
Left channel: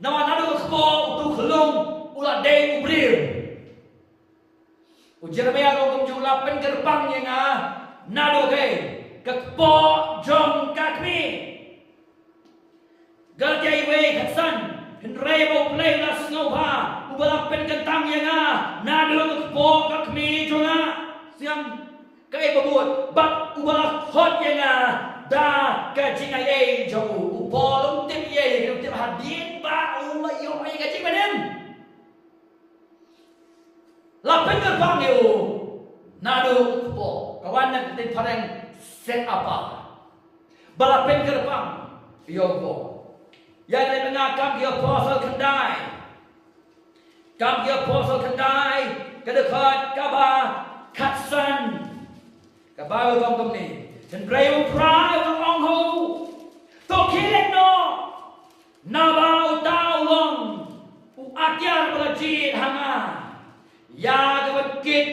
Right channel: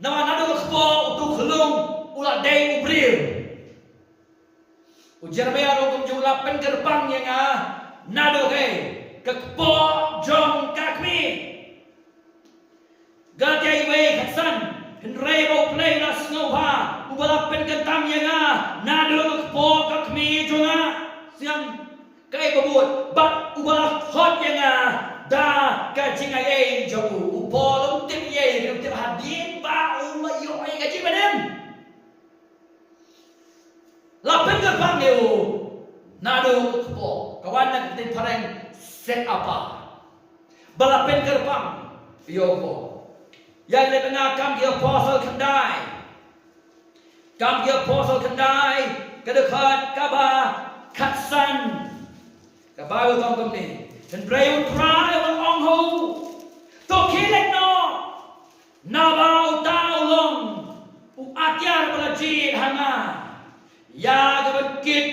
Nama nadu kakpo utu kelung ulah day ubril. Ujar bayar kum jumlah pengerbang yang nadu kai. Kakpo jom kakmi. Galatia iwe katsan. Hendrai bau play las ngauha. Ubala penkentang yang nadu kakpo kakmi jonga. Siang kai babut. Bat ubala hot yang da kajing ay jomu. Upolong tim ye. Tim hadin ba umayo ay kajing manem. Lapen gerbang yo. Nadu kakpo. Kawan nak tin pareng. Set apa? Balapin gerbang. Yoko. Yang lebih ngakam dia apostle kendai. Kam dia apostle kendai. Kedekat kaba katsan. Kaba utong ni. Dan brayu try wang ongho. Tokilet no. Naba utau long. Uakyar belajit hanga. Ya gabagkit.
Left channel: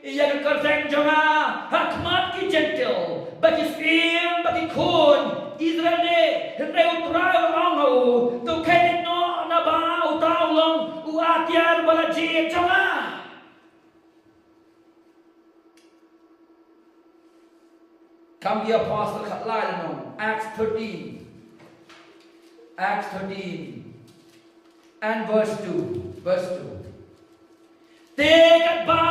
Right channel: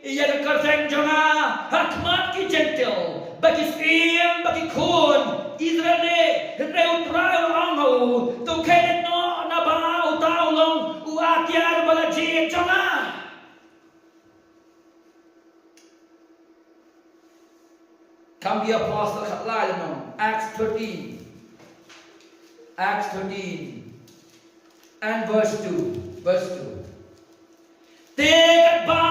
Ia kerseng jonga. Hakmat ki gentle. Bagi Sim, bagi Kun, Israel de, Hendreu trai wangho, tu kainik no naba utau long, uakyar balaji jonga. Come the apostle katlai no, Acts 13 and verse 2. Tekat ba,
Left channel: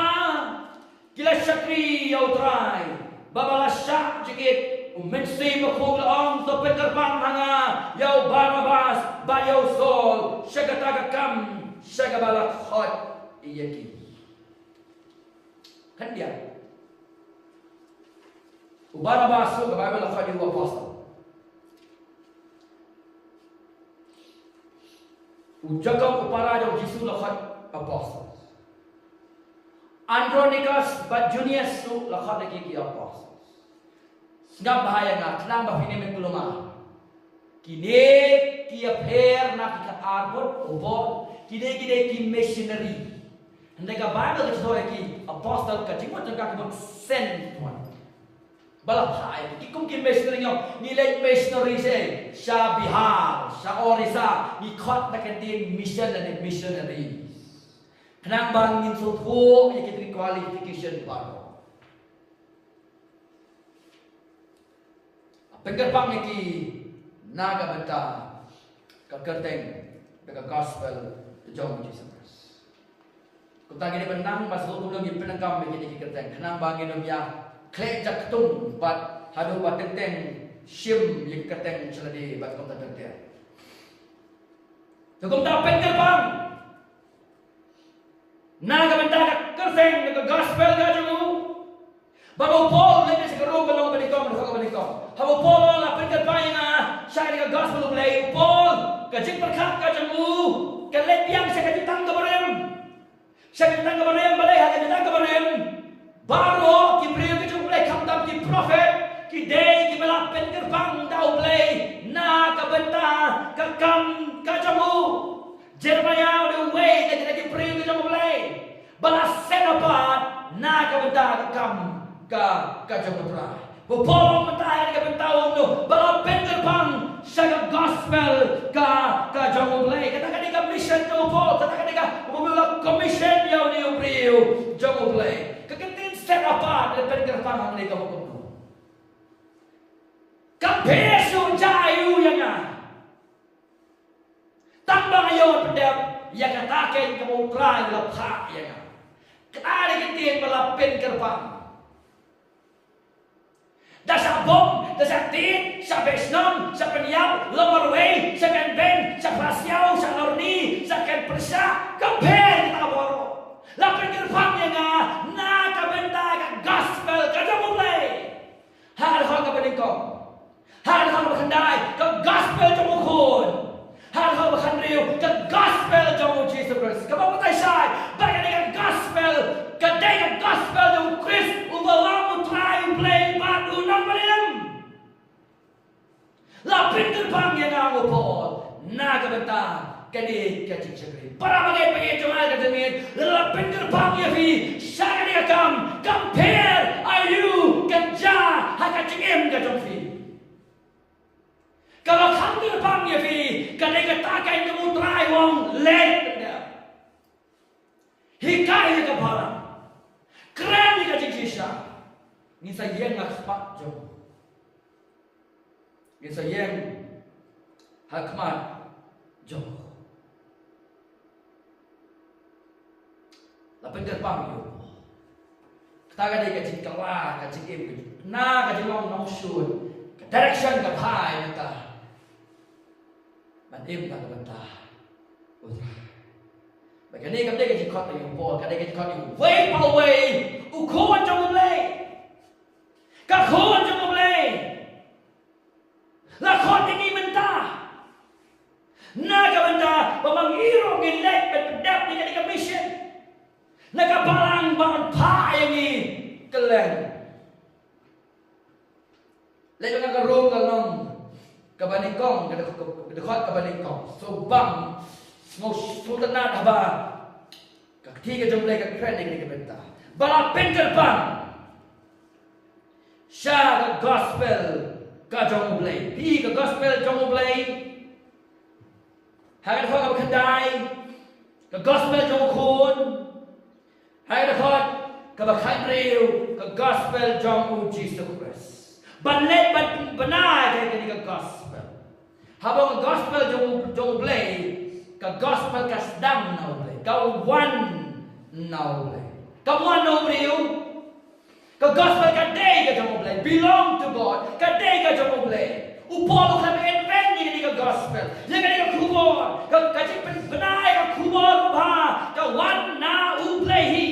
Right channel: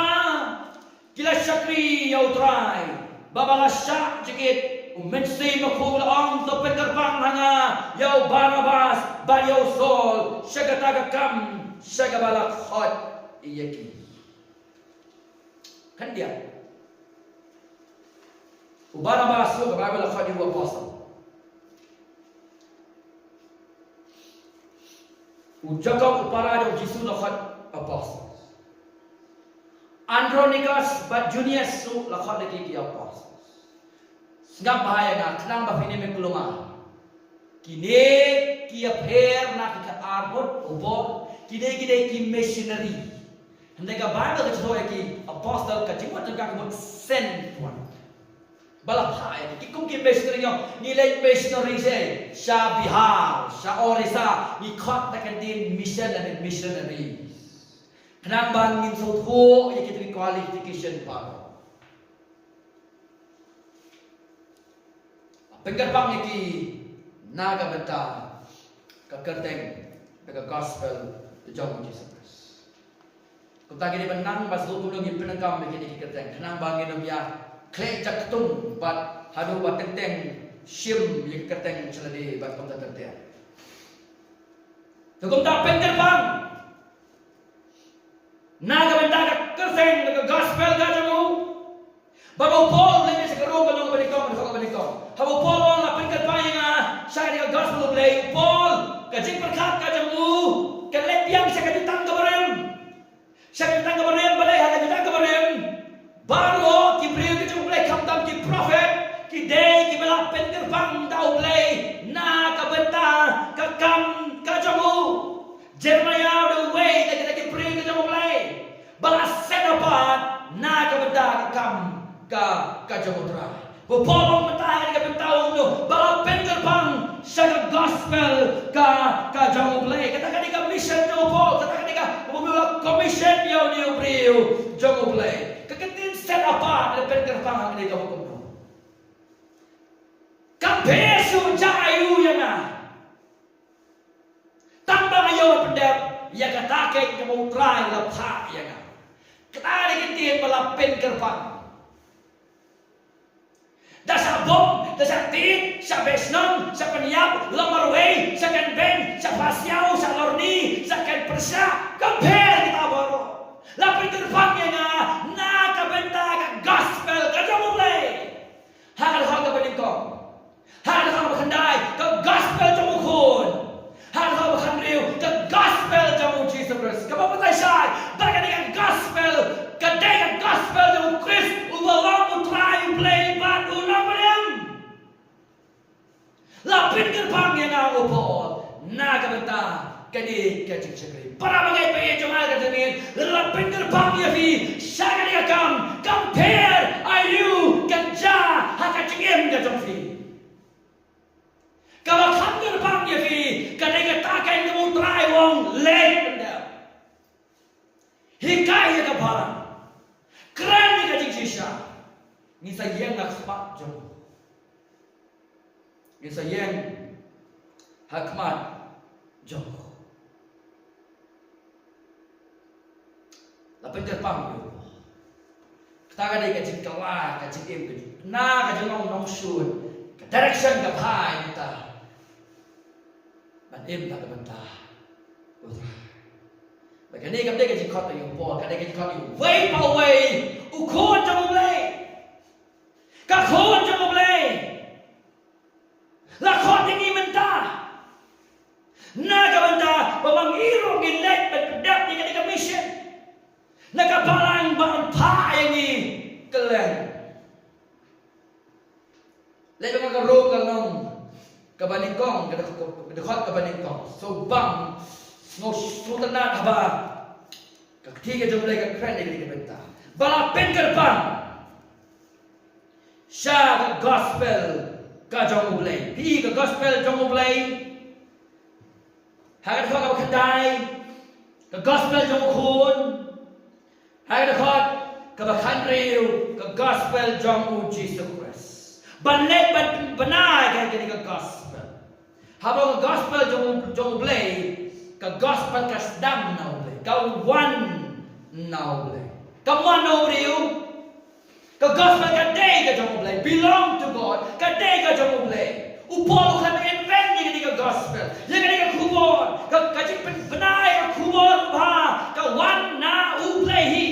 kila syakri yau trai. Babala syak jikit mensi makul ong to pengerbang hanga yau Barnabas ba yau Saul syagataga kam syagabalak hot iyaki kan dia Barnabas so Bible hot yu apostle Jacob upara jo Jisu hot apostle Andronicus but Junius su lakhat lagi ki apostle. Ngap bahaya nga khnang ba fini men kuluma. Kine ki affair na ki arbot ubol kine ki missionary. Hande ka Bible ka choy ki apostle ka jingwa tan ka mo sent one. Bala bahaya ki kum ki missionary yo ni late missionary say sha Bihar, sha Orissa ni khat na kan din mission and missionary. Kenang bangin sotho ya kita qualification baru. Penggerbang iki naga beta kekerteng dengan gospel jauh Jesus. Kita gini benang masuk tulung yang penengkam begini kekerteng. Kenang bangin dom ya klek jaktung bat hadu bat tenteng shim yang kekerteng celadi bat kota tertiar. Tukum tak penggerbang. Naga benda kerteng dengan gospel gajamu. Bapak Paul lagi sekarang belum berikong. Habo Paul lah pengkerpain saya dengan gospel play. Paul kajik berkat kajamu kelet yang saya kajitang kebarem. Saya kajitang kebarem balai hanya kajitang kebarem. Baru kibriu kajung play kamtam ki prophet ki day ki balap pengkerpang tau play na kabenta kakam kajamu. Jeremiah the way lagi kibriu kajung play. Balas set apart na kabenta kakam kajamutra. Bupolong pentahan ka pentawang no, balang pengerpang sa gospel ka jong play. Katakan ka mission no Paul, katakan ka umulak commission yaw ni Ubriyo jong play. Kakatin set apart na pengerpang ang ka bukuno. Kampeso jayu yang tambang ayaw pendep yang katakan kamutray lapha yang katakan kitin balang pengerpang. Dasa bom, dasa tin, sa besnom, sa penyap, lomarway, sa kanben, sa pasyaw, sa lorni, sa kanpersa, compare kita boro. Lapin kerpangnya nga, nakabenta ka gospel, kajamulay. Hakal-hakal ka paningkong. Hakal-hakal ka makhanday, ka gospel jamukun. Hakal-hakal ka makhanriw, ka gospel jamu Jesus Christ. Kapapatay siya, bagay ka gospel, kaday ka gospel jamu Christ, umalang utray, uplay, ban, unang manem. Lapin kerpangnya nga ako Paul, nakabenta, kadi kajing syakri. Para bagay pa yung jumal katamin, lapin kerpangnya fi, siya kadi kakam, compare, ayu, kanja, hakachingim kajong fi. Kalau kanker pangnya fi, kadai katakan kamu try wong late benda. Hikai ka parang. Keren ni kajing sisa. Ni sayang nak sepak jom. Ni sayang hakmat jom. Lapin terpang yo. Katakan dia kajing kalah, kajing im, na kajing long shoot. Direction ka pai kita. Im tak terbentah. Bagi ni kami kita jikot yang Paul, kami kita jikot yang way power way, ukon jauh boleh, kakon jauh boleh, lakon ini mentah, naga mentah, bawang irong gilek berdap ni kami mission, naga balang bangun pa yang ni kelen, lepas naga rong kalong. Kabaningkong, kedekot kabaningkong. So bang, ngau sultanat haba. Ketiga jumlah kekeren yang dikebenta. Balapin kerbang. Sya ke gospel kajong ublay. Pi ke gospel jong ublay. Hagat kau kau kendai. Ke gospel jong ukun. Hagat kau kebakan riu. Ke gospel jong uji Jesus. Banlet benar ke gospel. Habang gospel jong blay, ka gospel ka sedang na blay, ka one na blay. Ka one na riu. Ka gospel ka day ka jong blay, belong to God. Ka day ka jong blay. Upolo ka invent ni ka gospel. Yang ka kubor, ka kajik benai ka kubor ba, ka one na blay hi.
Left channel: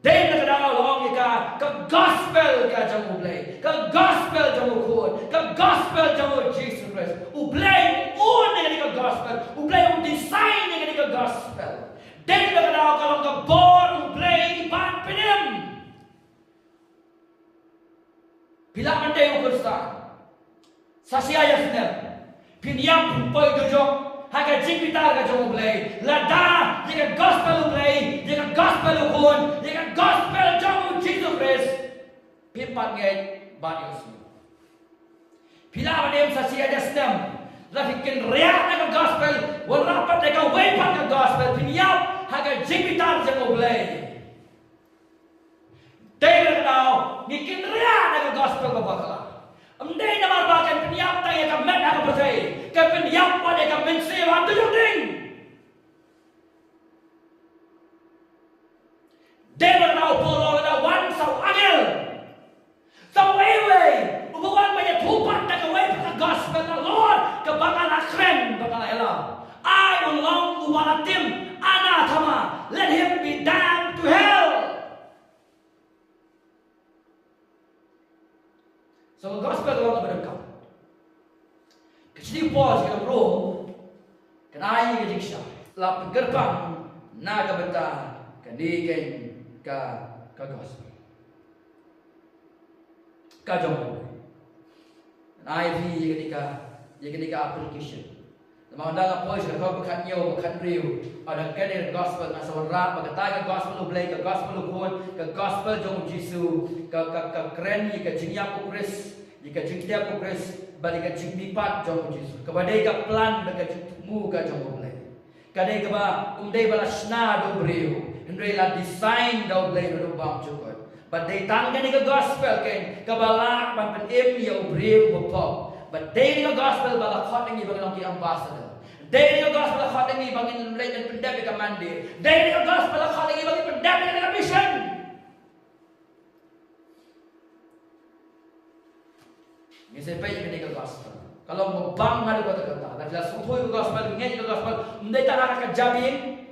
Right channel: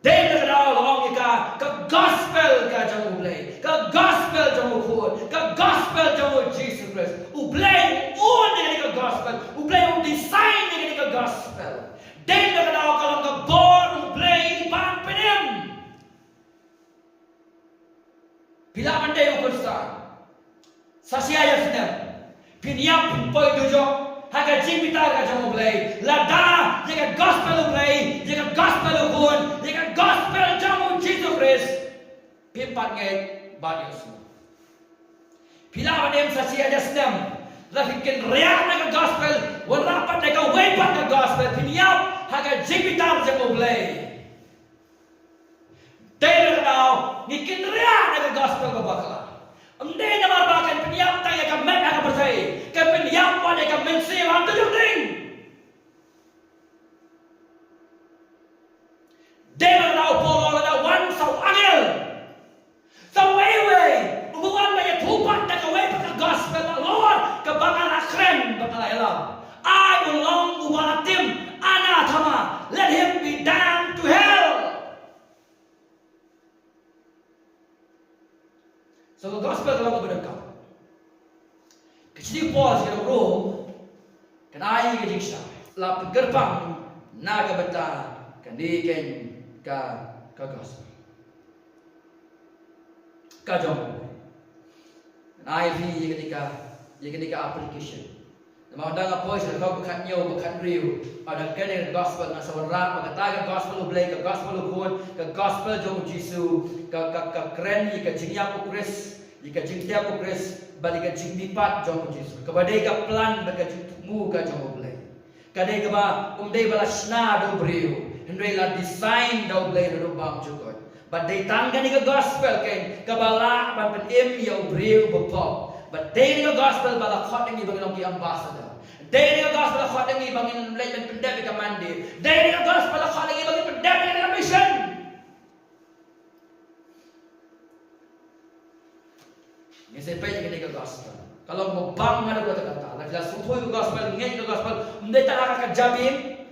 Day na daw long ka gospel ka jong blay. Ka gospel jong ukun, ka gospel jong Jesus Christ. Ublay un ni ka gospel, ublay un design ni ka gospel. Day na daw kalong ka born ublay pan penim. Bila man day ukun sa siya sinem. Pinyam poy dujok. Haga jing bitar ka jong ublay. Lada jika gospel ublay, jika gospel ukun, jika gospel jong Jesus Christ. Pimpat ngait banyos. Pila manem sa siya jasnem. Lafikin riyak na ka gospel, warapat na ka wepat ka gospel. Pinyap haga jing bitar jong ublay. Dahil ka daw, ngikin riyak na ka gospel ka bakala. Amday na marbakan penyap tayo ka met na ka percaya. Ka penyap pa na ka mensewa ang tuyong ding. Dela na upolo na wan sa angel. Sa way. Umukan ba yung tupat na kaway pa ka gospel na Lord. Ka bakal akren, bakal ilam. I ulong uwalatim, anathema. Let him be damned to hell. So gospel kalau kepada kau. Kecil pos kita roh. Kenai ke jiksa. La gerbang naga beta kandiken ka gospel. Ka jom. Kenai vi ketika application. Nama anda ngapoi sudah kau bukan nyaw bukan riu. Ada kene gospel ngan sawarap magataga gospel ublay ka gospel ukun ka gospel jong Jisu ka kren ka jingya ko Chris ka jingya ko Chris bali ka jingdipat jong Jisu ka badai ka plan ba ka mu ka jong ublay kadai ka ba umdai bala sna do briu hendai la design do ublay do bang jukot badai tangga ni ka gospel ken ka bala ban pen em ya briu bopop badai ka gospel bala khot ngi bang ki ambassador Dari gospel khot ngi bangin lay pendek ka mandi. Dari gospel khot ngi bangin pendek ka mission. Ni sepai ke gospel. Kalau mau bang ada kata-kata, la sumpoi gospel ngi gospel, ndai ta ka jabim.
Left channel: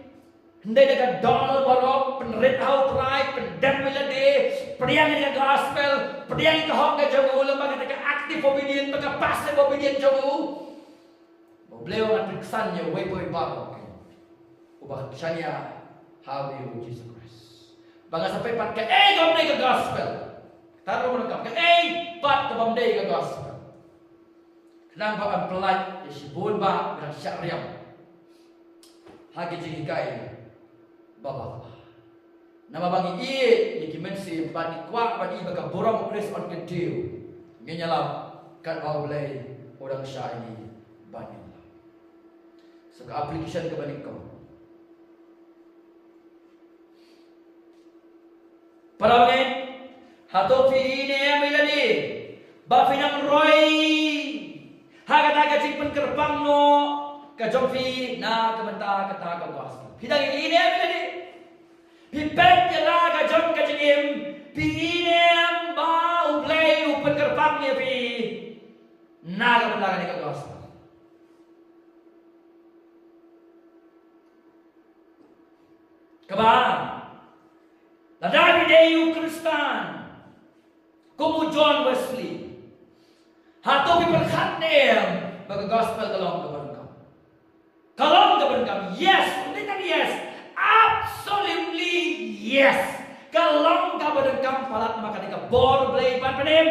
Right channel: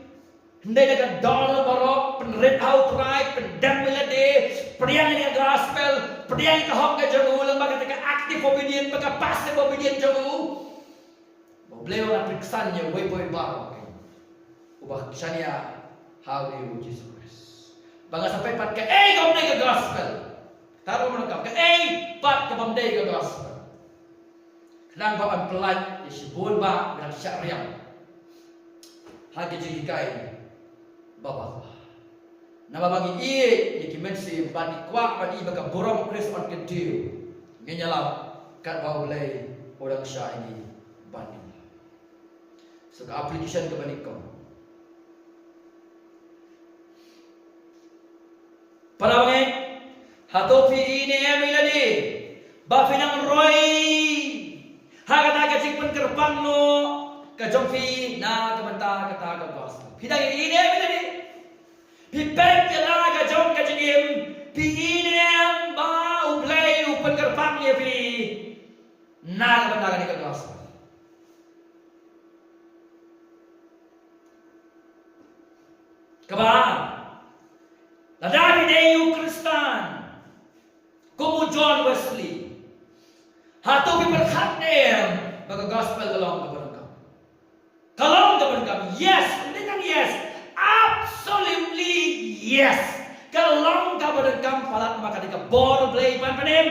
Ndai ka dollar barok penrit outright pendek melade, priang ni gospel, priang ka hok ka jamu lembaga ka active obedient, maka passive obedient jamu. Beliau nak periksannya boy baru. Ubah kisahnya how they will Jesus Christ. Bangga sampai pat ke gomdai ke gospel. Taruh menangkap ke pat ke gomdai ke gospel. Kenang bapak pelat ya sibun ba bilang syariam. Hagi jikai bapak. Nama bagi ye dimensi bagi kuak bagi baka borong Chris on ketiu. Ngenyalap kat bau lay orang syai ini bani. So application ke bani kau. Para banget hatofi ini miladi bafinang roy haga cik pen kerbang no ka jomfi na kementa kata ka gospel hidang ini miladi pipet kala ka jom ka jingim pi ini ba uplay upen kerbang ni pi na kementa ka gospel. Kabar, la David eu Kristan, como John Wesley, hato pi berkat nem, baga gospel kalong kabarangkam, yes, tidak yes, absolutely yes, kalong kabarangkam palat maka dika bor blay pan panem.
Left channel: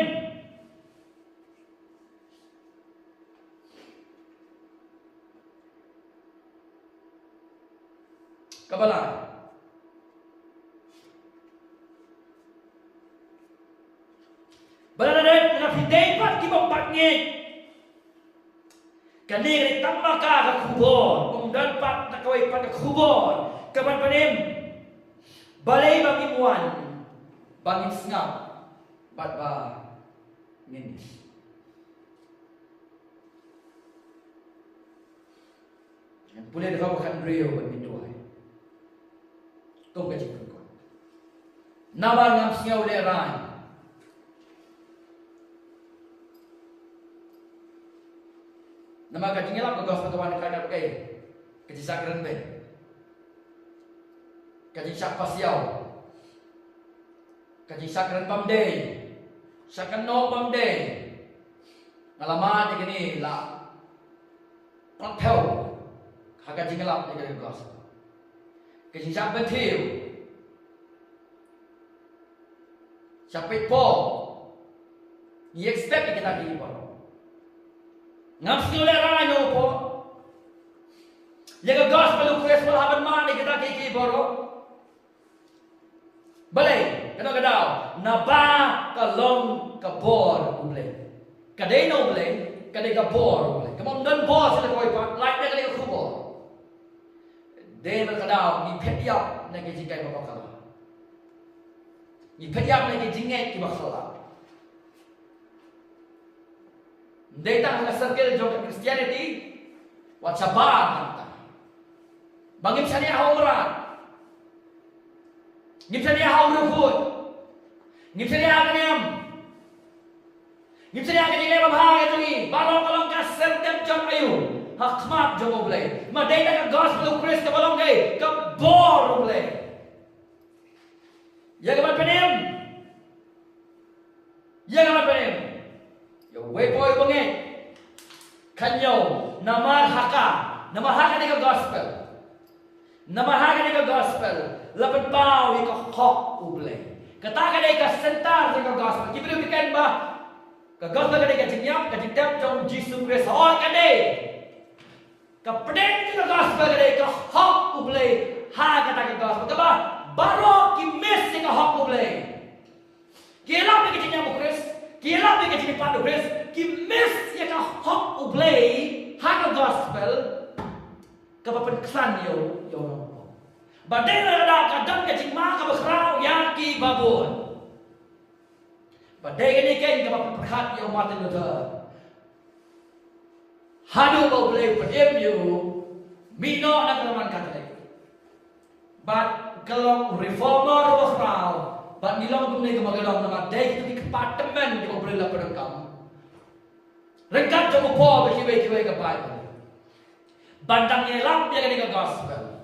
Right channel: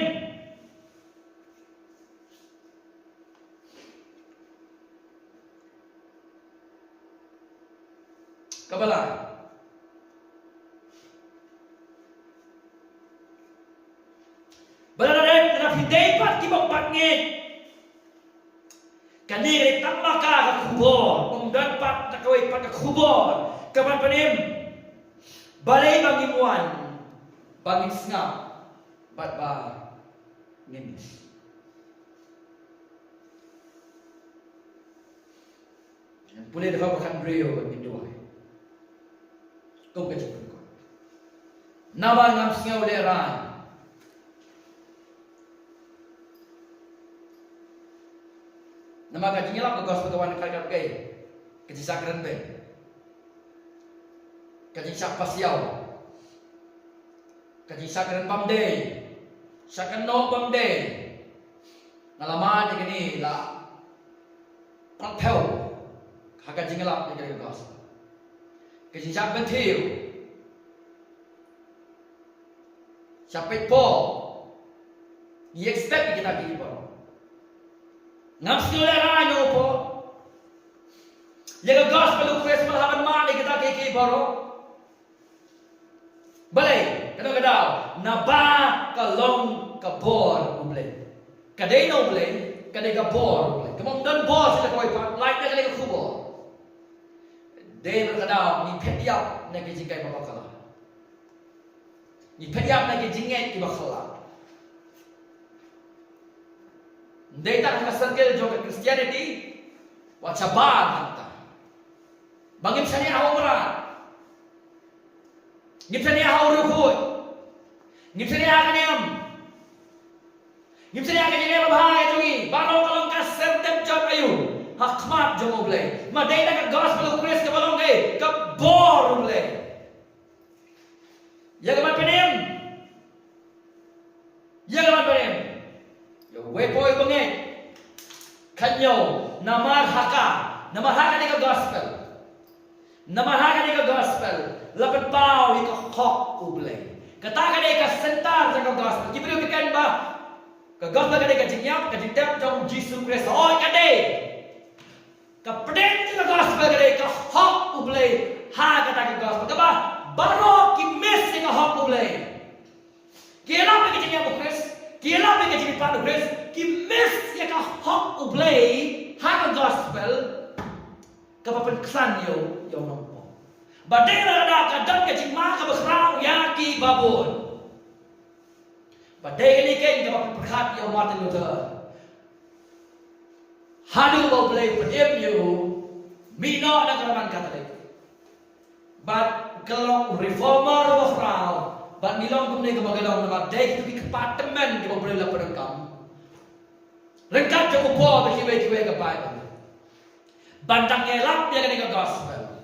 Kabalan. Berada dalam hidup kita pangit. Kaniri tambah ka kubur, kemudian pat takawai pat kubur. Kapan panim? Balai bagi muan, bagi sengap, bat ba nginis. Yang boleh dapat makan beliau bagi dua. Kau kecil kau. Nama ngam sengau leran. Nama kajinya lah gospel kawan kakak kay kaji sakran be kaji sak pasiau kaji sakran pamde sakran no pamde ngalaman ni la pantel kakak kaji ngelap ni kaji gospel kaji sak bentiu sampai po ni expect kita kaji po ngam sekali ranyo po. Jaga gospel Christ malaban mani kita kiki baro. Balay, kano kadaw naba kalong kabor ublay. Kaday no ublay, kaday kabor ublay. Kamong dan bor sila koy pa, like na kaday kubor. Day kadaw ni petyap na kijingkay mapakala. Ni petyap na kijingay kibakala. Data ka circle jong Christianity wa chabar hanta bangim sani ahomra ngipsani ahorufut ngipsani akaniam ngipsani akaniam bahaya jongi balong kalong ka sertem jong ayu hakmat jong oblay ma data ka gospel Christ ka balong kay ka bor oblay ya ka man penim boy bangit. Kanyo namarhaka ni ka gospel. Namarhaka ni ka gospel. Lapat pao ika hok ublay. Katakan ni ka sentar sa ka gospel. Kibiro kikan ba? Ka gospel ka ni ka jingyap ka ditep jong Jesus Christ. Hoy ka ni. Ka pedeng ka gospel ka ni ka hok ublay. Ha kata ka gospel. Ka ba? Baro ki miss ka hok ublay. Kailan ka jingyap mo Christ? Kailan ka jingyap pa Christ? Ki miss ya ka hok ublay. Ha ka gospel. Kapapan kesan yo nompo. Badai la kadang ka jingma ka bakrau ya ki babon. Badai ni kan kapapan perhat yo Martin Luther. Hadu ba boleh pedem yo mino na keraman Katolik. But kalau reformer bakrau, but milong kumne ka magalong na badai kita kepatemen ka boleh la perengkam. Rengkap joko po ba kiwe ka Bible. Bandang yelang dia kena gospel.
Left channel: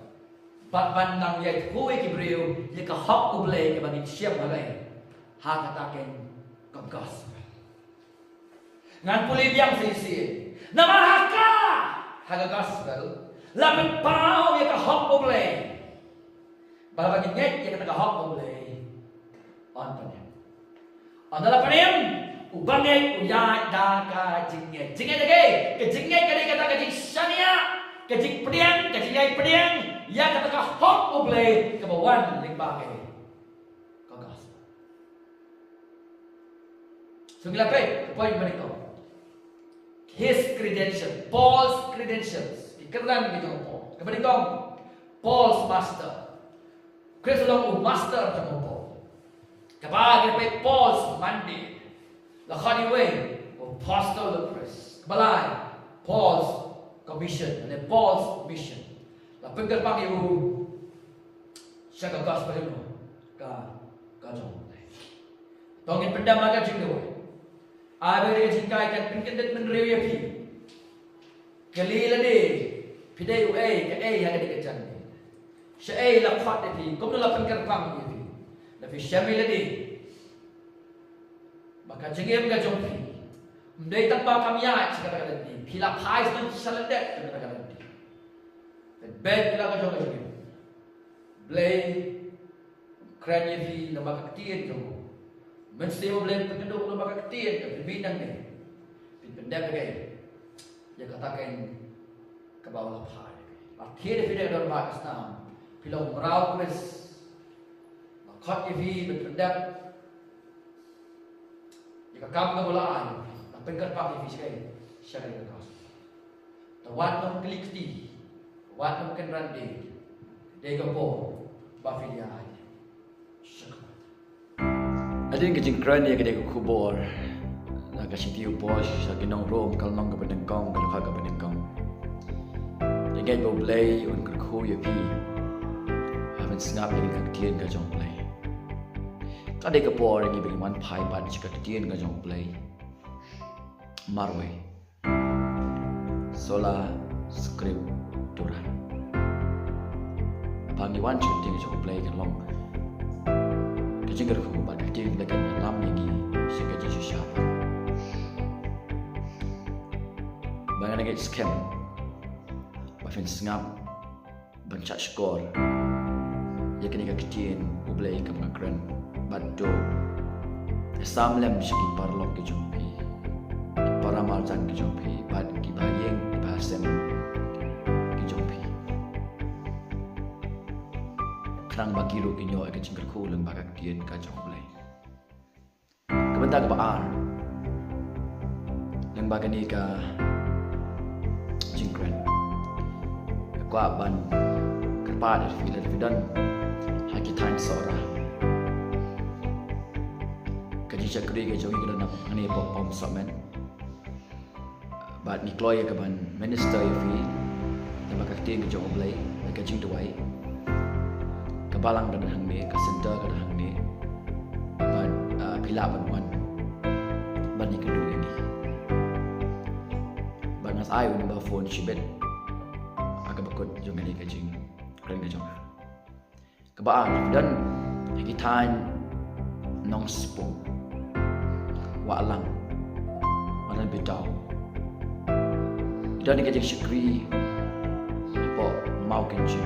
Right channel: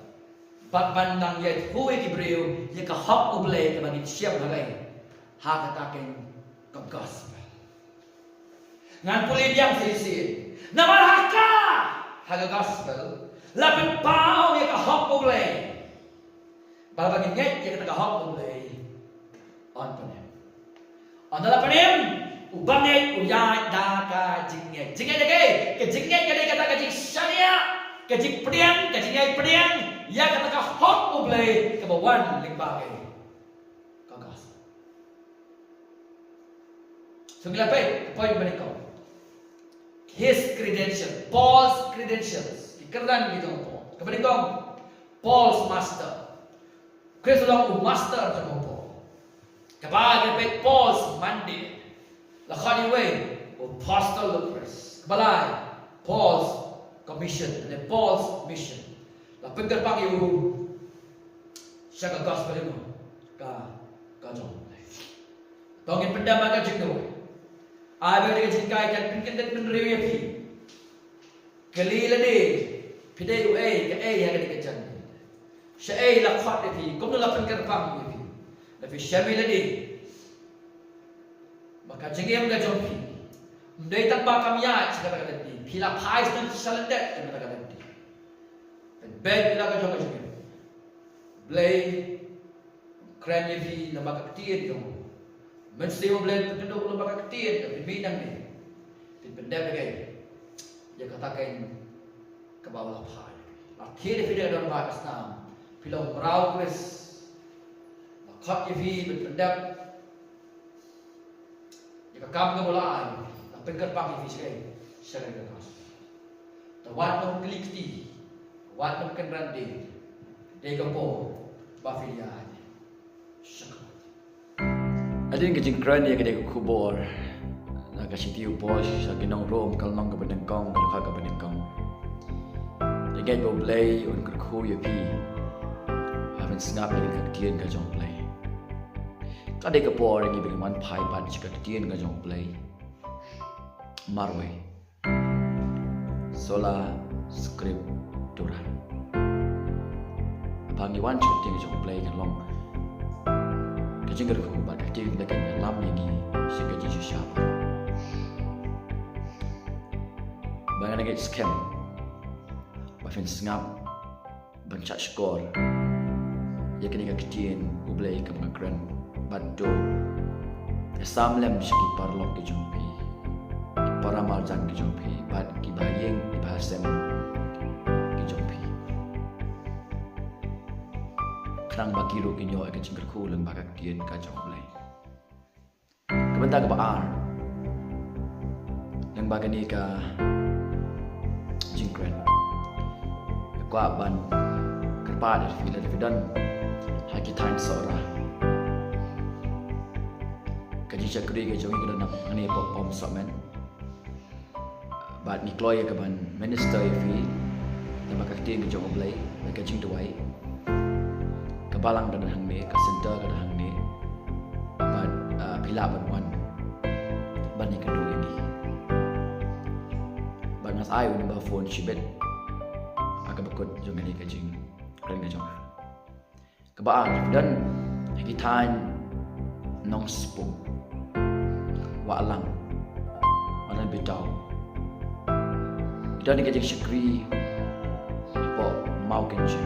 Bat bandang ye huwe kibreu ye ka hok ublay ka bagi siap balai. Ha kataken ka gospel. Ngan puli biang sisi. Namarhaka ha ka gospel. Lapit pao ye ka hok ublay. Bala bagi nget ye ka hok ublay. On panem. On dala panem ubanget uyai da ka jinget. Jinget lagi. Ke jinget ka kata ka jing syariah. Kajik pediang, kajik yai pediang, ya kata ka hok ublay kabawan limbake kagas. Sungilape, poin menikau. His credentials, Paul's credentials, ikeran gitu po. Kemenikau, Paul's master. Chris long master sama po. Kabagi pe Paul's mandate. Lakhani way, apostle of Christ. Balai, Paul's commission and Paul's mission. La pengker pang yu siya ka gospel yu ka jong. Tongin pendam aga jing doy. Ay ba ka jing kai kan pengken det men rew ya pi. Kalila de pide yu ka ya ka de jang. Siya la khat de pi kom no la pengker pang yu pi. La pi shamila de. Maka jingem ka jong pi. Mdai tak ba kam ya siya ka de. Pila pais dan salendet kena kata dia. Bed bila ka joga joga. Blay kranye vi lembaga ketien tu. Mesti blay penduduk lembaga ketien tu binang ni. Pendek lagi. Dia katakan ke bawah pai. Akhir video dalam bahasa Islam. Pila merau Chris. Makat vi pendek. Dia kam ke bola ai. Pengker pak vi sekali. Syarikat gospel. Tawat nom kelikti, tawat nom kenrande, degapo, bafilia aja. Syarikat. Adin kejing kran ya kedai kubur, nak kasih tiu pos, lagi nong rom kalau nong kebenengkong, kalau kau kebenengkong. Jangan boleh un kerku ya pi, haven sengap lagi kektian kajong play. Kadai kepor yang ibing man pai pan jika kektian kajong play. Marwe. Sola scriptura. Pangiwan shooting jong play kan long. Kajing gerku ba kajing dekat lam lagi sehingga jadi siapa. Banyak lagi scam. Bahkan sengap bancak skor. Ya kini kajing ublay ke mengakran bado. Samlem segi parlok ke jumpi. Para marjan ke jompi, bad ki bayeng di bahasem ke jompi. Kerang bagi ru kinyo ke cingker ku lembaga kien ka jomplay. Kebentar ke baar. Lembaga ni ka jingkren. Kwa ban kerpa dari fidan hakitain seorang. Kaji cakri ke jongi ke dalam ani pom somen. Bat ni kloy ke ban minister fi lembaga kien ke jong oblay ke jing tuai. Kebalang dan hang ni, ke center ke hang ni. Bat pila ban wan. Bat ni kedua ini. Bat nas ai ni ba phone shibet. Aga bakut jong ni ke jing kren ke jong. Kebaang dan hakitain nong spong. Wa lang. Mana dan betau. Idan ni kajing syukri po mau kenci.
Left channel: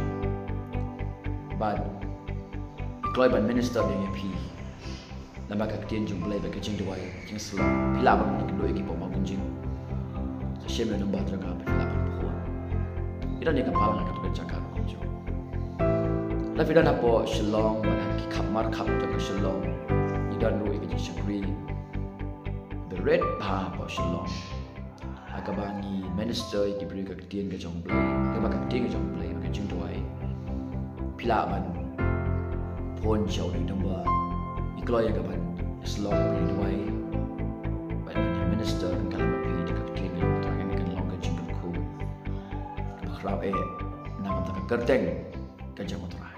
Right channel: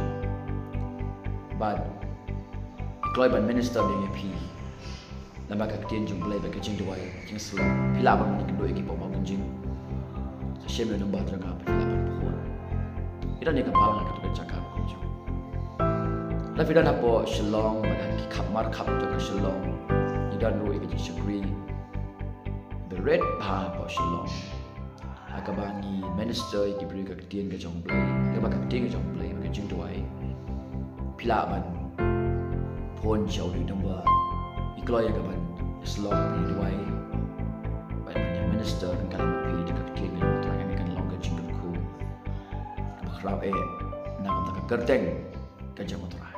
But ikloi ban minister ni pi. Lembaga ketien jung belai bagi kajing duai kajing selok. Pila ban ni kendoi ki po mau kenci. Sa syem nombor teranga pila ban pohon. Idan ni kapal nak tu cakap kenci. Lalu idan apa Shillong ban ki kamar kap tu ke Shillong. Idan roi kajing syukri. Bered pa po Shillong. Akabangi minister ki beri ka ketien ka jong play ka ba ka ketien ka jong play ka jing tuai pila ban phone show di number ikloi ka ban slot ni tuai ban minister kan kalam pi ka ketien ka terang kan long ka jing ku ka khrau na ka kerteng ka jong tuai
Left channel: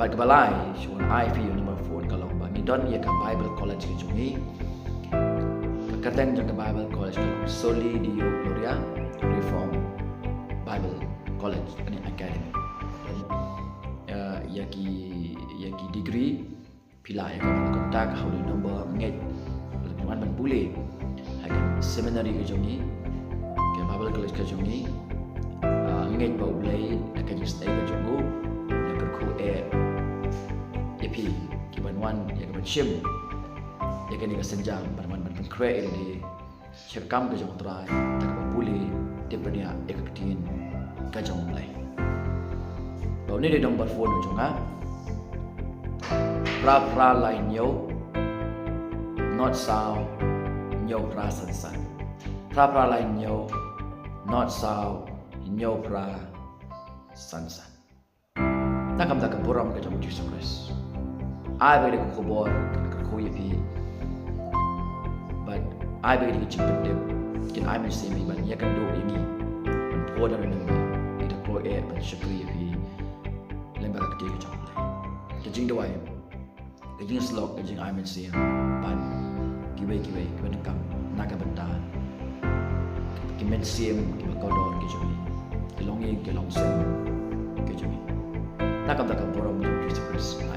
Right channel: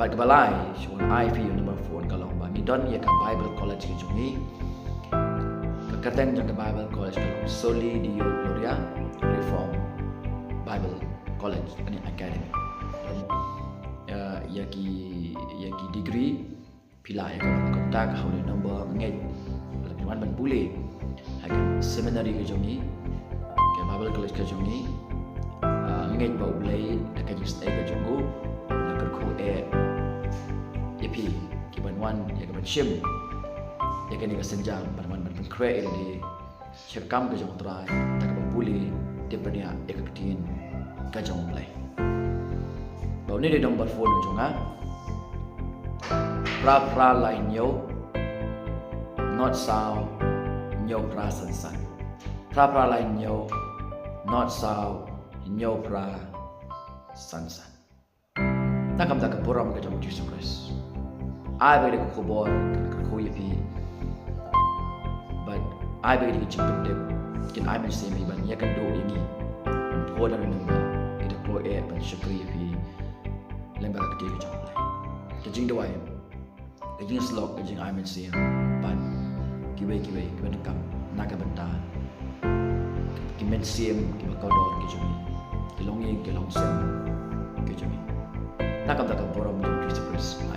Bagi balai, cuman IP number 4 kalau bagi don ia ke Bible College ke jungi, kekateng jang ke Bible College kalau Soli Dio Gloria Reform Bible College ini academy. Ia ki degree pila ia ke kontak hauli number nget lebih man ban boleh. Hakan seminary ke jungi, ke Bible College ke jungi, nget bau boleh dekat stay ke jungu, dekat ku Yapi, kiban wan, ya kiban shim, ya kini kesenjang, barman barman kre ini, syakam kejong terai, tak boleh daripada ya keketin kejong mulai. Bau ni dia nombor phone ujungnya, pra lain yo, not sao, yo pra sansan, pra lain yo, not sao, yo pra sansan. Takam tak boram kejong Jesus Christ. I bagi dia kubur, kerkui pi. But I bagi dia cepet dia. Kin I mesti mi ban ya kan do ini. Ban poda number. Ida klo ban syukri pi. Lembaga ketiga jomlai. Kejing dawai. Kejing slok kejing I mesti ban. Kibai nekam naga benta. Kimen sim kiba kodor kejumi. Kilong sem kejumi. Takam boram Jesus Christ. I